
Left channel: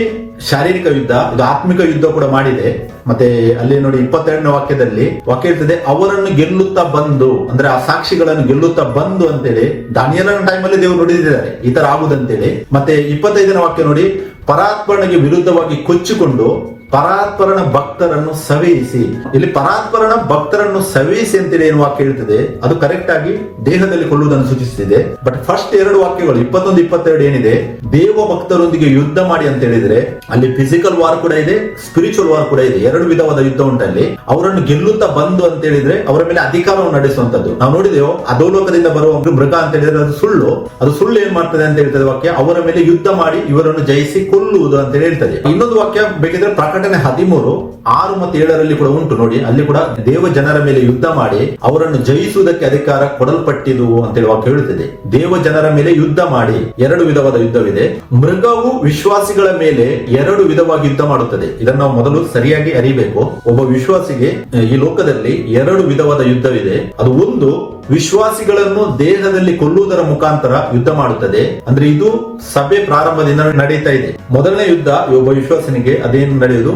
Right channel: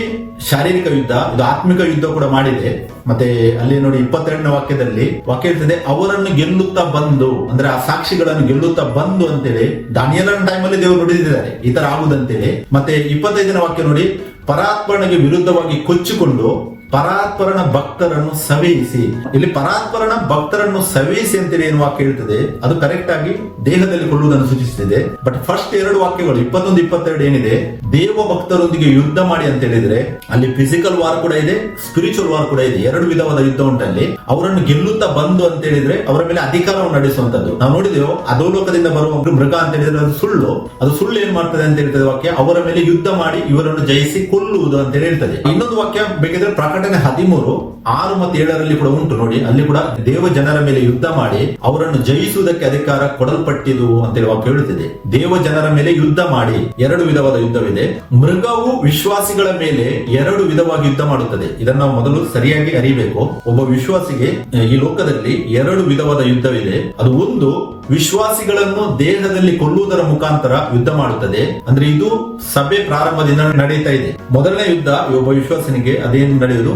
ಶಾರೀರಿಕ ಯುದ್ಧ, ಇದು ಆತ್ಮಿಕ ಯುದ್ಧ ಕೂಡ ಮಾಡಿದೆ. ಮತ್ತೆ ಅಲ್ಲಿ ನೋಡಿ 22ನೇ ವಾಕ್ಯದಲ್ಲಿ ವಾಕ್ಯ ಇರ್ತದೆ, ಅವರನ್ನು ಗೆಲ್ಲುತ್ತಾ ಬಂದು, ಅಂದ್ರೆ ಆ ಸಾಕ್ಷಿಗಳನ್ನು ಗೆಲ್ಲುತ್ತಾ ಬಂದು ಅಂತೇಳಿ ದಾನಿಯೇಲನ ಟೈಮಲ್ಲಿ ದೇವರು ನುಡಿದಿದ್ದಾರೆ ಈ ತರ ಆಗುದಂತೇಳಿ. ಮತ್ತೆ 25ನೇ ವಾಕ್ಯ ನೋಡಿ, ಪರಾತ್ಪರನಿಗೆ ವಿರುದ್ಧವಾಗಿ ಕೊಚ್ಚಿಕೊಂಡು ಪರಾತ್ಪರನ ಭಕ್ತರನ್ನು ಸವೆಯಿಸಿ. ಇಲ್ಲಿ ಪರಾತ್ಪರನ ಭಕ್ತರನ್ನು ಸವೆಯಿಸಿ ಅಂತೇಳಿ ಏನು ವಾಕ್ಯ ಹೇಳ್ತದೆ, ಅದು ಕರೆಕ್ಟ್ ಆಗಿ ದೇಹದಲ್ಲಿ ಕೊಲ್ಲುವುದನ್ನು ಸೂಚಿಸುತ್ತಿದೆ. ಬಟ್ ಫಸ್ಟ್ 2 ವಾಕ್ಯಗಳು 21, 22 ಏನಿದೆ, ದೇವ ಭಕ್ತರೊಂದಿಗೆ ಯುದ್ಧ ಮಾಡಿ ಅಂತ ಹೇಳಿದ್ರೆ ಅಲ್ಲಿ ಫಿಸಿಕಲ್ ವಾರ್ ಕೂಡ ಇದೆ, ಸ್ಪಿರಿಚುವಲ್ ವಾರ್ ಕೂಡ ಇದೆ. 2 ವಿಧವಾದ ಯುದ್ಧ ಉಂಟಲ್ಲಿ. ಅವರನ್ನು ಗೆಲ್ಲುತ್ತಾ ಬಂದು ಅಂತ ಹೇಳಿದ್ರೆ ಅವರ ಮೇಲೆ ಅಧಿಕಾರವನ್ನು ನಡೆಸುವಂತದ್ದು. ನಾವು ನೋಡಿದೆವು, ಅಧೋಲೋಕದಿಂದ ಬರುವ ಮೃಗ ಅಂತ ಹೇಳಿದ್ರೆ ಅದು ಸುಳ್ಳು ಏನ್ ಮಾಡ್ತದೆ ಅಂತ ಹೇಳ್ತದೆ ವಾಕ್ಯ, ಅವರ ಮೇಲೆ ಯುದ್ಧ ಮಾಡಿ ಇವರನ್ನು ಜಯಿಸಿ ಕೊಲ್ಲುವುದು ಅಂತ ಹೇಳ್ತದೆ. ಇನ್ನೊಂದು ವಾಕ್ಯ ಬೇಕಿದ್ರೆ ಪ್ರಕಟಣೆ 13, 6 ಮತ್ತು 7ರಲ್ಲಿ ಕೂಡ ಉಂಟು ನೋಡಿ. ಅಲ್ಲಿ ಕೂಡ ದೇವ ಜನರ ಮೇಲೆ ಯುದ್ಧ ಮಾಡಿ ಅವರನ್ನು ಜಯಿಸುವುದಕ್ಕೆ ಅಧಿಕಾರ ಕೊಡಲ್ಪಟ್ಟಿದು ಅಂತೇಳಿ ವಾಕ್ಯ ಹೇಳುತ್ತದೆ. ದೇವ ಜನರ ಮೇಲೆ ಯುದ್ಧ ಮಾಡಿ 2 ವಿಧವಾದ ಯುದ್ಧವಿದೆ. ಮೃಗವು ವಿಶ್ವಾಸಿಗಳ ಮೇಲೆ 2 ವಿಧವಾಗಿ ಯುದ್ಧ ಮಾಡುತ್ತದೆ. ಇದನ್ನು ನಾವು ಮೊದಲು ಸರಿಯಾಗಿ ಅರಿಬೇಕು. ಒಬ್ಬ ವಿಶ್ವಾಸಿಗೆ ಈ ಲೋಕದಲ್ಲಿ 2 ವಿಧವಾದ ಯುದ್ಧವಿದೆ. ಅದು ಒಂದು, ವಿಶ್ವಾಸಿಗಳನ್ನು ದೇಹದಲ್ಲಿ ಕೊಲ್ಲುವುದರ ಮುಖಾಂತರ ಯುದ್ಧ ಮಾಡುತ್ತದೆ. ಅಂದ್ರೆ ಇದು ಸಭೆ ಪ್ರಾರಂಭದಿಂದ ನಡೀತಾ ಇದೆ. ಮೊದಲನೇ ಯುದ್ಧ ಒಬ್ಬ ವಿಶ್ವಾಸನಿಗೆ ಅದೇನು ನಡೆಯುವುದು,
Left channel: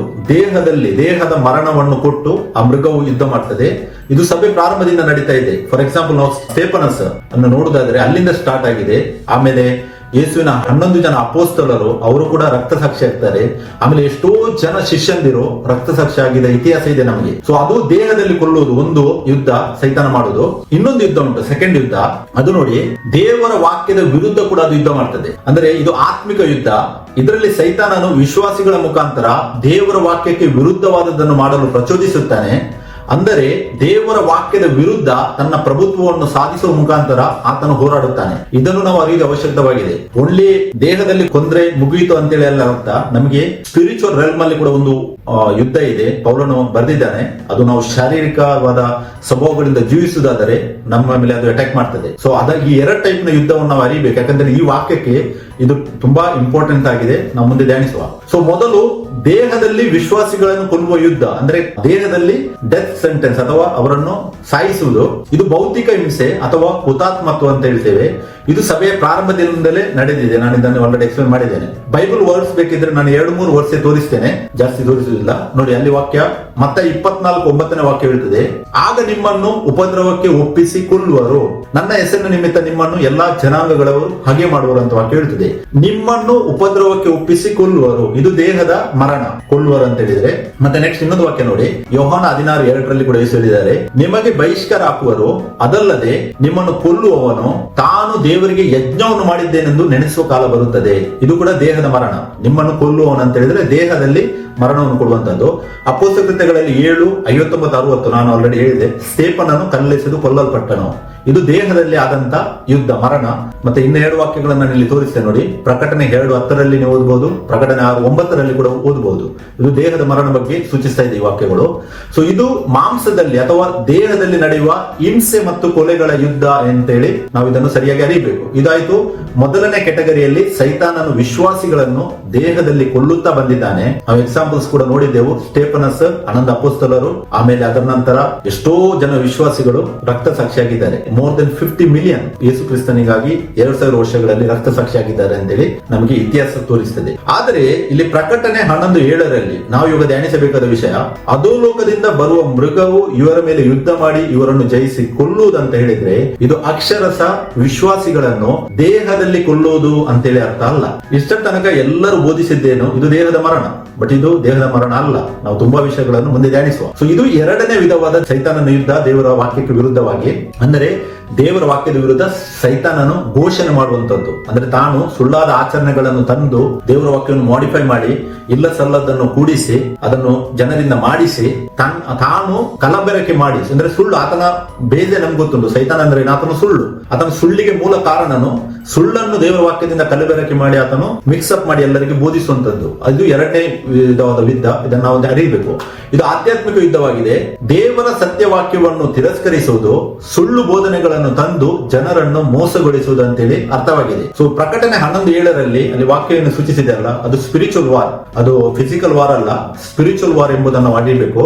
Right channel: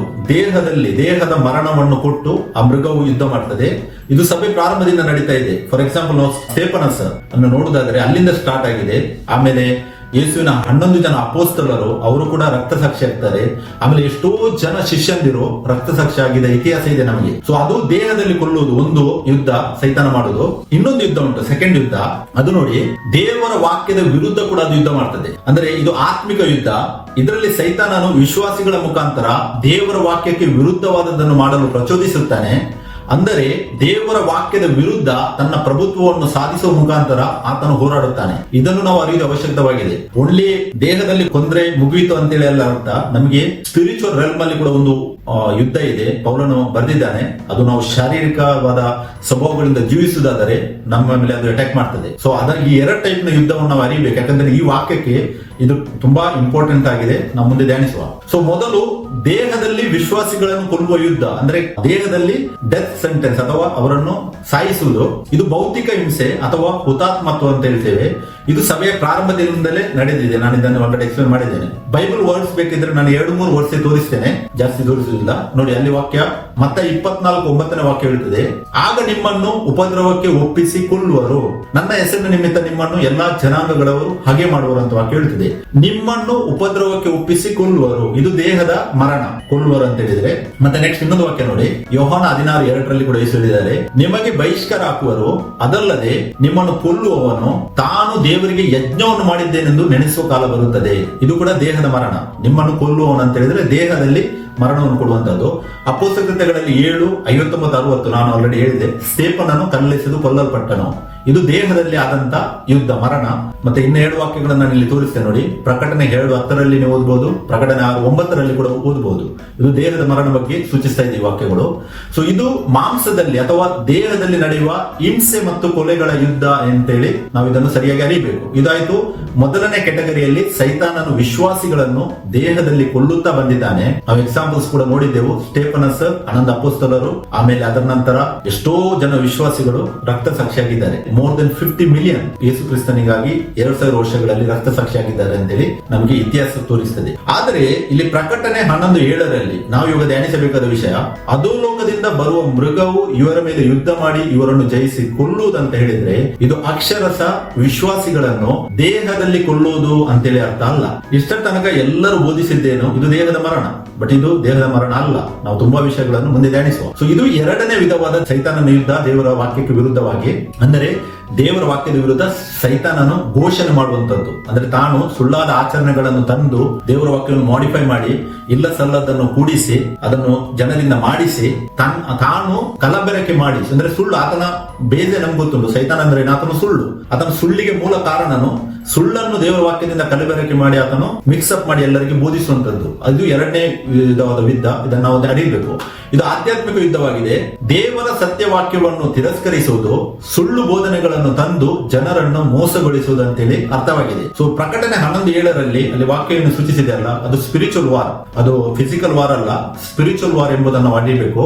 ದೇಹದ ಮರಣವನ್ನು ಕೊಟ್ಟು ಆ ಮೃಗವು ಯುದ್ಧ ಮಾಡ್ತದೆ. ಇದು ಸಭೆ ಪ್ರಾರಂಭದಿಂದ ನಡೀತಾ ಇದೆ. ಫಾರ್ ಎಕ್ಸಾಂಪಲ್ ನಾವು ಸ್ಟೇಫನಸ್ ಅನ್ನು ನೋಡುದಾದ್ರೆ ಅಲ್ಲಿಂದ ಸ್ಟಾರ್ಟ್ ಆಗಿದೆ. ಆಮೇಲೆ ಯೇಸುವಿನ 11 ಜನ ಅಪೋಸ್ತಲರು ಅವರು ಕೂಡ ರಕ್ತ ಸಾಕ್ಷಿ ಆಗ್ತಾರೆ. ಆಮೇಲೆ ಎಷ್ಟೋ ಜನ ಶಿಷ್ಯಂದಿರು ರಕ್ತ ಸಾಕ್ಷಿ ಆಗಿದ ಇತಿಹಾಸ ಇದೆ ನಮಗೆ. ಸೊ ಅದು ದೇಹದಲ್ಲಿ ಕೊಲ್ಲುವುದು ಒಂದು ಯುದ್ಧ, ಸೈತಾನ ಮಾಡೋದು. ಇನ್ನೊಂದು ಯುದ್ಧ ಉಂಟು, ಸೆಕೆಂಡ್ ಯುದ್ಧ. ಅದು ನೋಡಿ, ದೇವರ ವಾಕ್ಯದ ವಿರುದ್ಧ ಕೂಡ ಅದು ಯುದ್ಧ ಮಾಡ್ತದೆ. ಅಂದ್ರೆ ಇದು ಆತ್ಮಿಕ ಯುದ್ಧ. ಇದರಲ್ಲಿ ಸೈತಾನನು ವಿಶ್ವಾಸಿಗಳ ಮುಖಾಂತರ ದೇವರ ವಾಕ್ಯಕ್ಕೆ ವಿರುದ್ಧವಾದದ್ದನ್ನು ಮಾಡಲು ಪ್ರಚೋದಿಸುತ್ತಾನೆ. ಅಂದರೆ ದೇವರ ವಾಕ್ಯದ ವಿರುದ್ಧ ತನ್ನ ಪ್ರಭುತ್ವವನ್ನು ಸಾಧಿಸುವ ಮುಖಾಂತರ ಆತನು ಹೋರಾಡುತ್ತಾನೆ. ಇದನ್ನು ನಾವು ಅರಿಯುವ ಅವಶ್ಯಕವಾಗಿದೆ. ಒಳ್ಳೆ ದೇಹದಲ್ಲಿ ಕೊಂದ್ರೆ ಮುಗಿಯಿತು ಅಂತೇಳಿ ಅಲ್ಲ ಅಂತ, ನಮಗೆ ಸ್ಪಿರಿಚುವಲ್ ರೆಲ್ಮ್ ಅಲ್ಲಿ ಕೂಡ ಒಂದು ಯುದ್ಧ ಇದೆ. ಪೌಲನು ಬರೆದಿದ್ದಾನೆ. ಅದು ನಾವು ಶಾರೀರಿಕವಾದ ಸ್ವಭಾವಗಳಿಂದ ಜೀವಿಸುವುದಾದರೆ ನಮ್ಮ ಮೇಲೆ ಅದು ಅಟ್ಯಾಕ್ ಮಾಡ್ತದೆ. ಸೊ ಅದಾಗಿ 2 ಟೈಪ್ ನ ಯುದ್ಧವನ್ನು ನಾವು ಅರಿಯಬೇಕು. ಯಾಕಂದ್ರೆ ಈ ವಾಕ್ಯಕ್ಕೆ ಇದು ತುಂಬಾ ಇಂಪಾರ್ಟೆಂಟ್ ಆಗಿದೆ. ನಾವು ಮುಂದೆ ಧ್ಯಾನಿಸುವ. ಸೊ ಮೊದಲು ದೇಹದಲ್ಲಿ ವಿಶ್ವಾಸಿಗಳನ್ನು ಕೊಲ್ಲುವ ಯುದ್ಧ, ಅಂದ್ರೆ ದೇಹದಲ್ಲಿ ಡೆತ್ ಸೆಂಟೆನ್ಸ್ ಅಥವಾ ಅವರನ್ನು ಸಾಯಿಸುವುದು. ಇದು ಭೌತಿಕ ಹಿಂಸೆ ಅಥವಾ ಹುತಾತ್ಮತ್ವ ಅಂತ ಹೇಳ್ತೇವೆ. ಇದು ಸಭೆಯ ಪ್ರಾರಂಭದಿಂದಲೇ ನಡೆದಿದೆ. ನಾನು ಇದನ್ನು ಆಲ್ರೆಡಿ ಎಕ್ಸ್ಪ್ಲೇನ್ ಮಾಡಿದ್ದೇನೆ. ಬೈಬಲ್ ವರ್ಡ್ಸ್ ಬೇಕಿದ್ರೆ ನಾನು 2-3 ವರ್ಷ ತೋರಿಸ್ತೇನೆ, ಜಾಸ್ತಿ ತೋರಿಸುವುದಿಲ್ಲ. ನೋಡಿ ಅಲ್ಲಿ ವಾಕ್ಯ ಮತ್ತೆ 24:9ನೇ ವಾಕ್ಯ ಹೇಳ್ತದೆ, ಆಗ ನಿಮ್ಮನ್ನು ಉಪದ್ರವಕ್ಕೆ ಒಪ್ಪಿಸಿ ಕೊಲ್ಲುವರು, ನನ್ನ ಹೆಸರಿನ ನಿಮಿತ್ತ ನಿಮ್ಮನ್ನು ಎಲ್ಲಾ ಜನಾಂಗಗಳವರು ಹಾಗೆ ಮಾಡುವರು ಅಂತ ವಾಕ್ಯ ಹೇಳ್ತದೆ. ನಿಮ್ಮನ್ನು ಉಪದ್ರವಕ್ಕೆ ಒಪ್ಪಿಸಿ ಕೊಲ್ಲುವರು, ಇದು ದೇಹದ ಮರಣ, ಕೊಲ್ಲುವರು ಅಂತ ಹೇಳಿದ್ರೆ. ಮತ್ತೆ ನೆಕ್ಸ್ಟ್ ಇನ್ನೊಂದು ವಾಕ್ಯ ನೋಡಿ, ಯೋಹಾನ 16:2ರಲ್ಲಿ ಕೂಡ ಹೇಳಿದ್ದಾರೆ, ನಿಮಗೆ ಬಹಿಷ್ಕಾರ ಹಾಕುವರು, ಅದಲ್ಲದೆ ನಿಮ್ಮನ್ನು ಕೊಲ್ಲುವವನು ತಾನು ದೇವರಿಗೆ ಯಜ್ಞವನ್ನು ಮಾಡಿದ್ದೇನೆಂದು ನೆನೆಸುವ ಕಾಲ ಬರುತ್ತದೆ. ಇದು ಕೂಡ ದೇಹದ ಮರಣ. ನಿಮ್ಮನ್ನು ಕೊಲ್ಲುವವನು ಅಂತ ಹೇಳಿದ್ರೆ ದೇಹದಲ್ಲಿ ಮರಣವನ್ನು ಕೊಡುವಂತದ್ದು. ಅಪೊಸ್ತಲ ಕೃತ್ಯಗಳಲ್ಲಿ 7:59-60 ನಾನು ಆಲ್ರೆಡಿ ಹೇಳಿದೆ. ಸ್ಟೇಫನನು ಕಲ್ಲೆಸೆದು ಕೊಲ್ಲಲ್ಪಟ್ಟನು. ಇದು ದೇಹದಲ್ಲಿ ಆದಂತ ಯುದ್ಧ, ಮರಣ. ಮತ್ತೆ ಇನ್ನು 2 ವಾಕ್ಯಗಳನ್ನು ನಾನು ಇಲ್ಲಿ ತೋರಿಸ್ತೇನೆ ನೋಡಿ. ಪ್ರಕಟಣೆ 2:10ರಲ್ಲಿ ನೀವು ಓದಬಹುದು, ಪ್ರಕಟಣೆ 9ರಲ್ಲಿ ಕೂಡ ಓದಬಹುದು. ಇದು ದೇಹದ ಮರಣ ಬಗ್ಗೆ ಸೂಚಿಸ್ತಾ ಇದೆ ಈ ವಾಕ್ಯಗಳು. ಸೊ ಇದು ಮಾಂಸದಲ್ಲಿ ಅಥವಾ ದೇಹದಲ್ಲಿ ನಡೆಯುವ ಹಿಂಸೆ ಮತ್ತು ಕೊಲೆಗಳ ಯುದ್ಧ ಅಂತೇಳಿ ನಾವು ಇದನ್ನು ಸರಿಯಾಗಿ ಅರಿಯಬೇಕು. ಇದಾಯ್ತು ಮೊದಲನೇ ಕೆಟಗರಿಯಲ್ಲಿ. ಸೈತಾನನು ವಿಶ್ವಾಸಿಗಳನ್ನು ದೇಹದಲ್ಲಿ ಕೊಲ್ಲುತ್ತಾ ಬಂದಿದ್ದಾನೆ. ನಾವು ಎಕ್ಸಾಂಪಲ್ಸ್ ಕೂಡ ನೋಡಿದ್ದೆವು. ಸ್ಟೇಫನಸ್, 11 ಅಪೊಸ್ತಲರು, ಆಮೇಲೆ ಅದರ ನಂತರ ಎಷ್ಟೋ ಜನ ವಿಶ್ವಾಸಿಗಳು ರಕ್ತ ಸಾಕ್ಷಿಯಾಗಿದ್ದಾರೆ. ಮೋರ್ ದೆನ್ 50 ಮಿಲಿಯನ್ ಯೇಸು ಕ್ರಿಸ್ತನಿಗಾಗಿ 2000 ವರ್ಷಗಳಲ್ಲಿ ರಕ್ತ ಸಾಕ್ಷಿಯಾಗಿದ್ದಾರೆ ಅಂತೇಳಿ ನಮಗೆ ಇತಿಹಾಸ ತೋರಿಸ್ತದೆ. ಆದ್ರೆ ಇಲ್ಲಿ ಪ್ರಕಟಣೆ 11:7ರಲ್ಲಿ ನಾವು ಇವಾಗ ಧ್ಯಾನಿಸಬೇಕಾದ ವಿಷಯ, ಅಧೋಲೋಕದಿಂದ ಬರುವ ಮೃಗವು ಇವರ ಮೇಲೆ ಯುದ್ಧ ಮಾಡಿ ಇವರನ್ನು ಜಯಿಸಿ ಕೊಲ್ಲುವುದಂತ ಹೇಳಿದ್ರೆ ಇದು ಅಕ್ಷರಶಃ ವಿಶ್ವಾಸಿಗಳನ್ನು ದೇಹದಲ್ಲಿ ಕೊಲ್ಲುವುದು ಅಂತೇಳಿ ಅರ್ಥ ಅಲ್ಲ. ಇಷ್ಟರ ತನಕ ಎಲ್ಲರೂ ಬೋಧಿಸಿದ್ದೇನು, ಇದು ದೇಹದ ಮರಣ. ಬಟ್ ಇದು ದೇಹದ ಮರಣ ಅಲ್ಲ. ನಾವು ತುಂಬಾ ವಿಷಯಗಳನ್ನು ಮುಂದೆ ಧ್ಯಾನಿಸುವ. ಸೊ ಇದು 2ನೇ ವಿಧವಾದ ಸೈತಾನನ ಯುದ್ಧ, ದೇವರ ವಾಕ್ಯಕ್ಕೆ ವಿರುದ್ಧವಾಗಿ. ಅಂದರೆ ದೇವರ ವಾಕ್ಯದ ವಿರುದ್ಧ ಸೈತಾನನು ಘೋಷಣೆ ಮಾಡುವಂತದ್ದು. ಅಂದ್ರೆ ತಾನು ಸುಳ್ಳಾದ ಆಚರಣೆಗಳನ್ನು ತಂದು ದೇವರ ವಾಕ್ಯವನ್ನು ಮಾಡಿಫೈ ಮಾಡಿ ಇಲ್ಲ ಸಲ್ಲದನ್ನು ಕೂಡಿಸಿ ಅದನ್ನು ಜನರಿಂದ ಮಾಡಿಸಿ ತಾನು ಕಲಬೆರಕೆ ಮಾಡಿ, ಅಂದ್ರೆ ಸುಳ್ಳು. ಆತನ ಬೇಜೆ ನಮ್ಗೆ ಗೊತ್ತುಂಟು. ಸೈತಾನ ಅಂದ್ರೆ ಆತನ ಸುಳ್ಳು. ಆತನ ಸುಳ್ಳಿಗೆ ಮೂಲ ಕಾರಣನು ಸುಳ್ಳನ್ನು ದೇವರ ವಾಕ್ಯದಿಂದ ಕಲಬೆರಕೆ ಮಾಡಿ ಆತನು ಮಿಕ್ಸ್ ಅಪ್ ಮಾಡಿ ಎಲ್ಲರಿಗೆ ಬೋಧಿಸುವಂತದ್ದು. ಅದು ಎರಡನೇ ವಿಧವಾದ ಯುದ್ಧ. ಇದನ್ನು ನಾವು ಅರಿಯಬೇಕು. ಇದು ಆಧ್ಯಾತ್ಮಿಕ ಯುದ್ಧವಾಗಿದೆ. ದೇವರ ಸತ್ಯವಾಕ್ಯವನ್ನು ತಿರಸ್ಕರಿಸುವುದು, ಸುಳ್ಳು ಬೋಧನೆಗಳನ್ನು ತಂದು ಜನರನ್ನು ಮೋಸಗೊಳಿಸುವುದು ಅಂತೇಳಿ ಅರ್ಥವಾಗಿದೆ. ಸೊ ಪ್ರಕಟಣೆ 11:7 ಅಲ್ಲಿ ವಾಕ್ಯವನ್ನು ಸೂಚಿಸಿದೆ ಅಲ್ಲ, ಅದು ಸ್ಪಿರಿಚುವಲ್ ವಾರ್, ಅದು ಫಿಸಿಕಲ್ ವಾರ್ ಅಲ್ಲ, ಸ್ಪಿರಿಚುವಲ್ ವಾರ್ ಎಂಬುದನ್ನು ಅರಿಯಬೇಕು.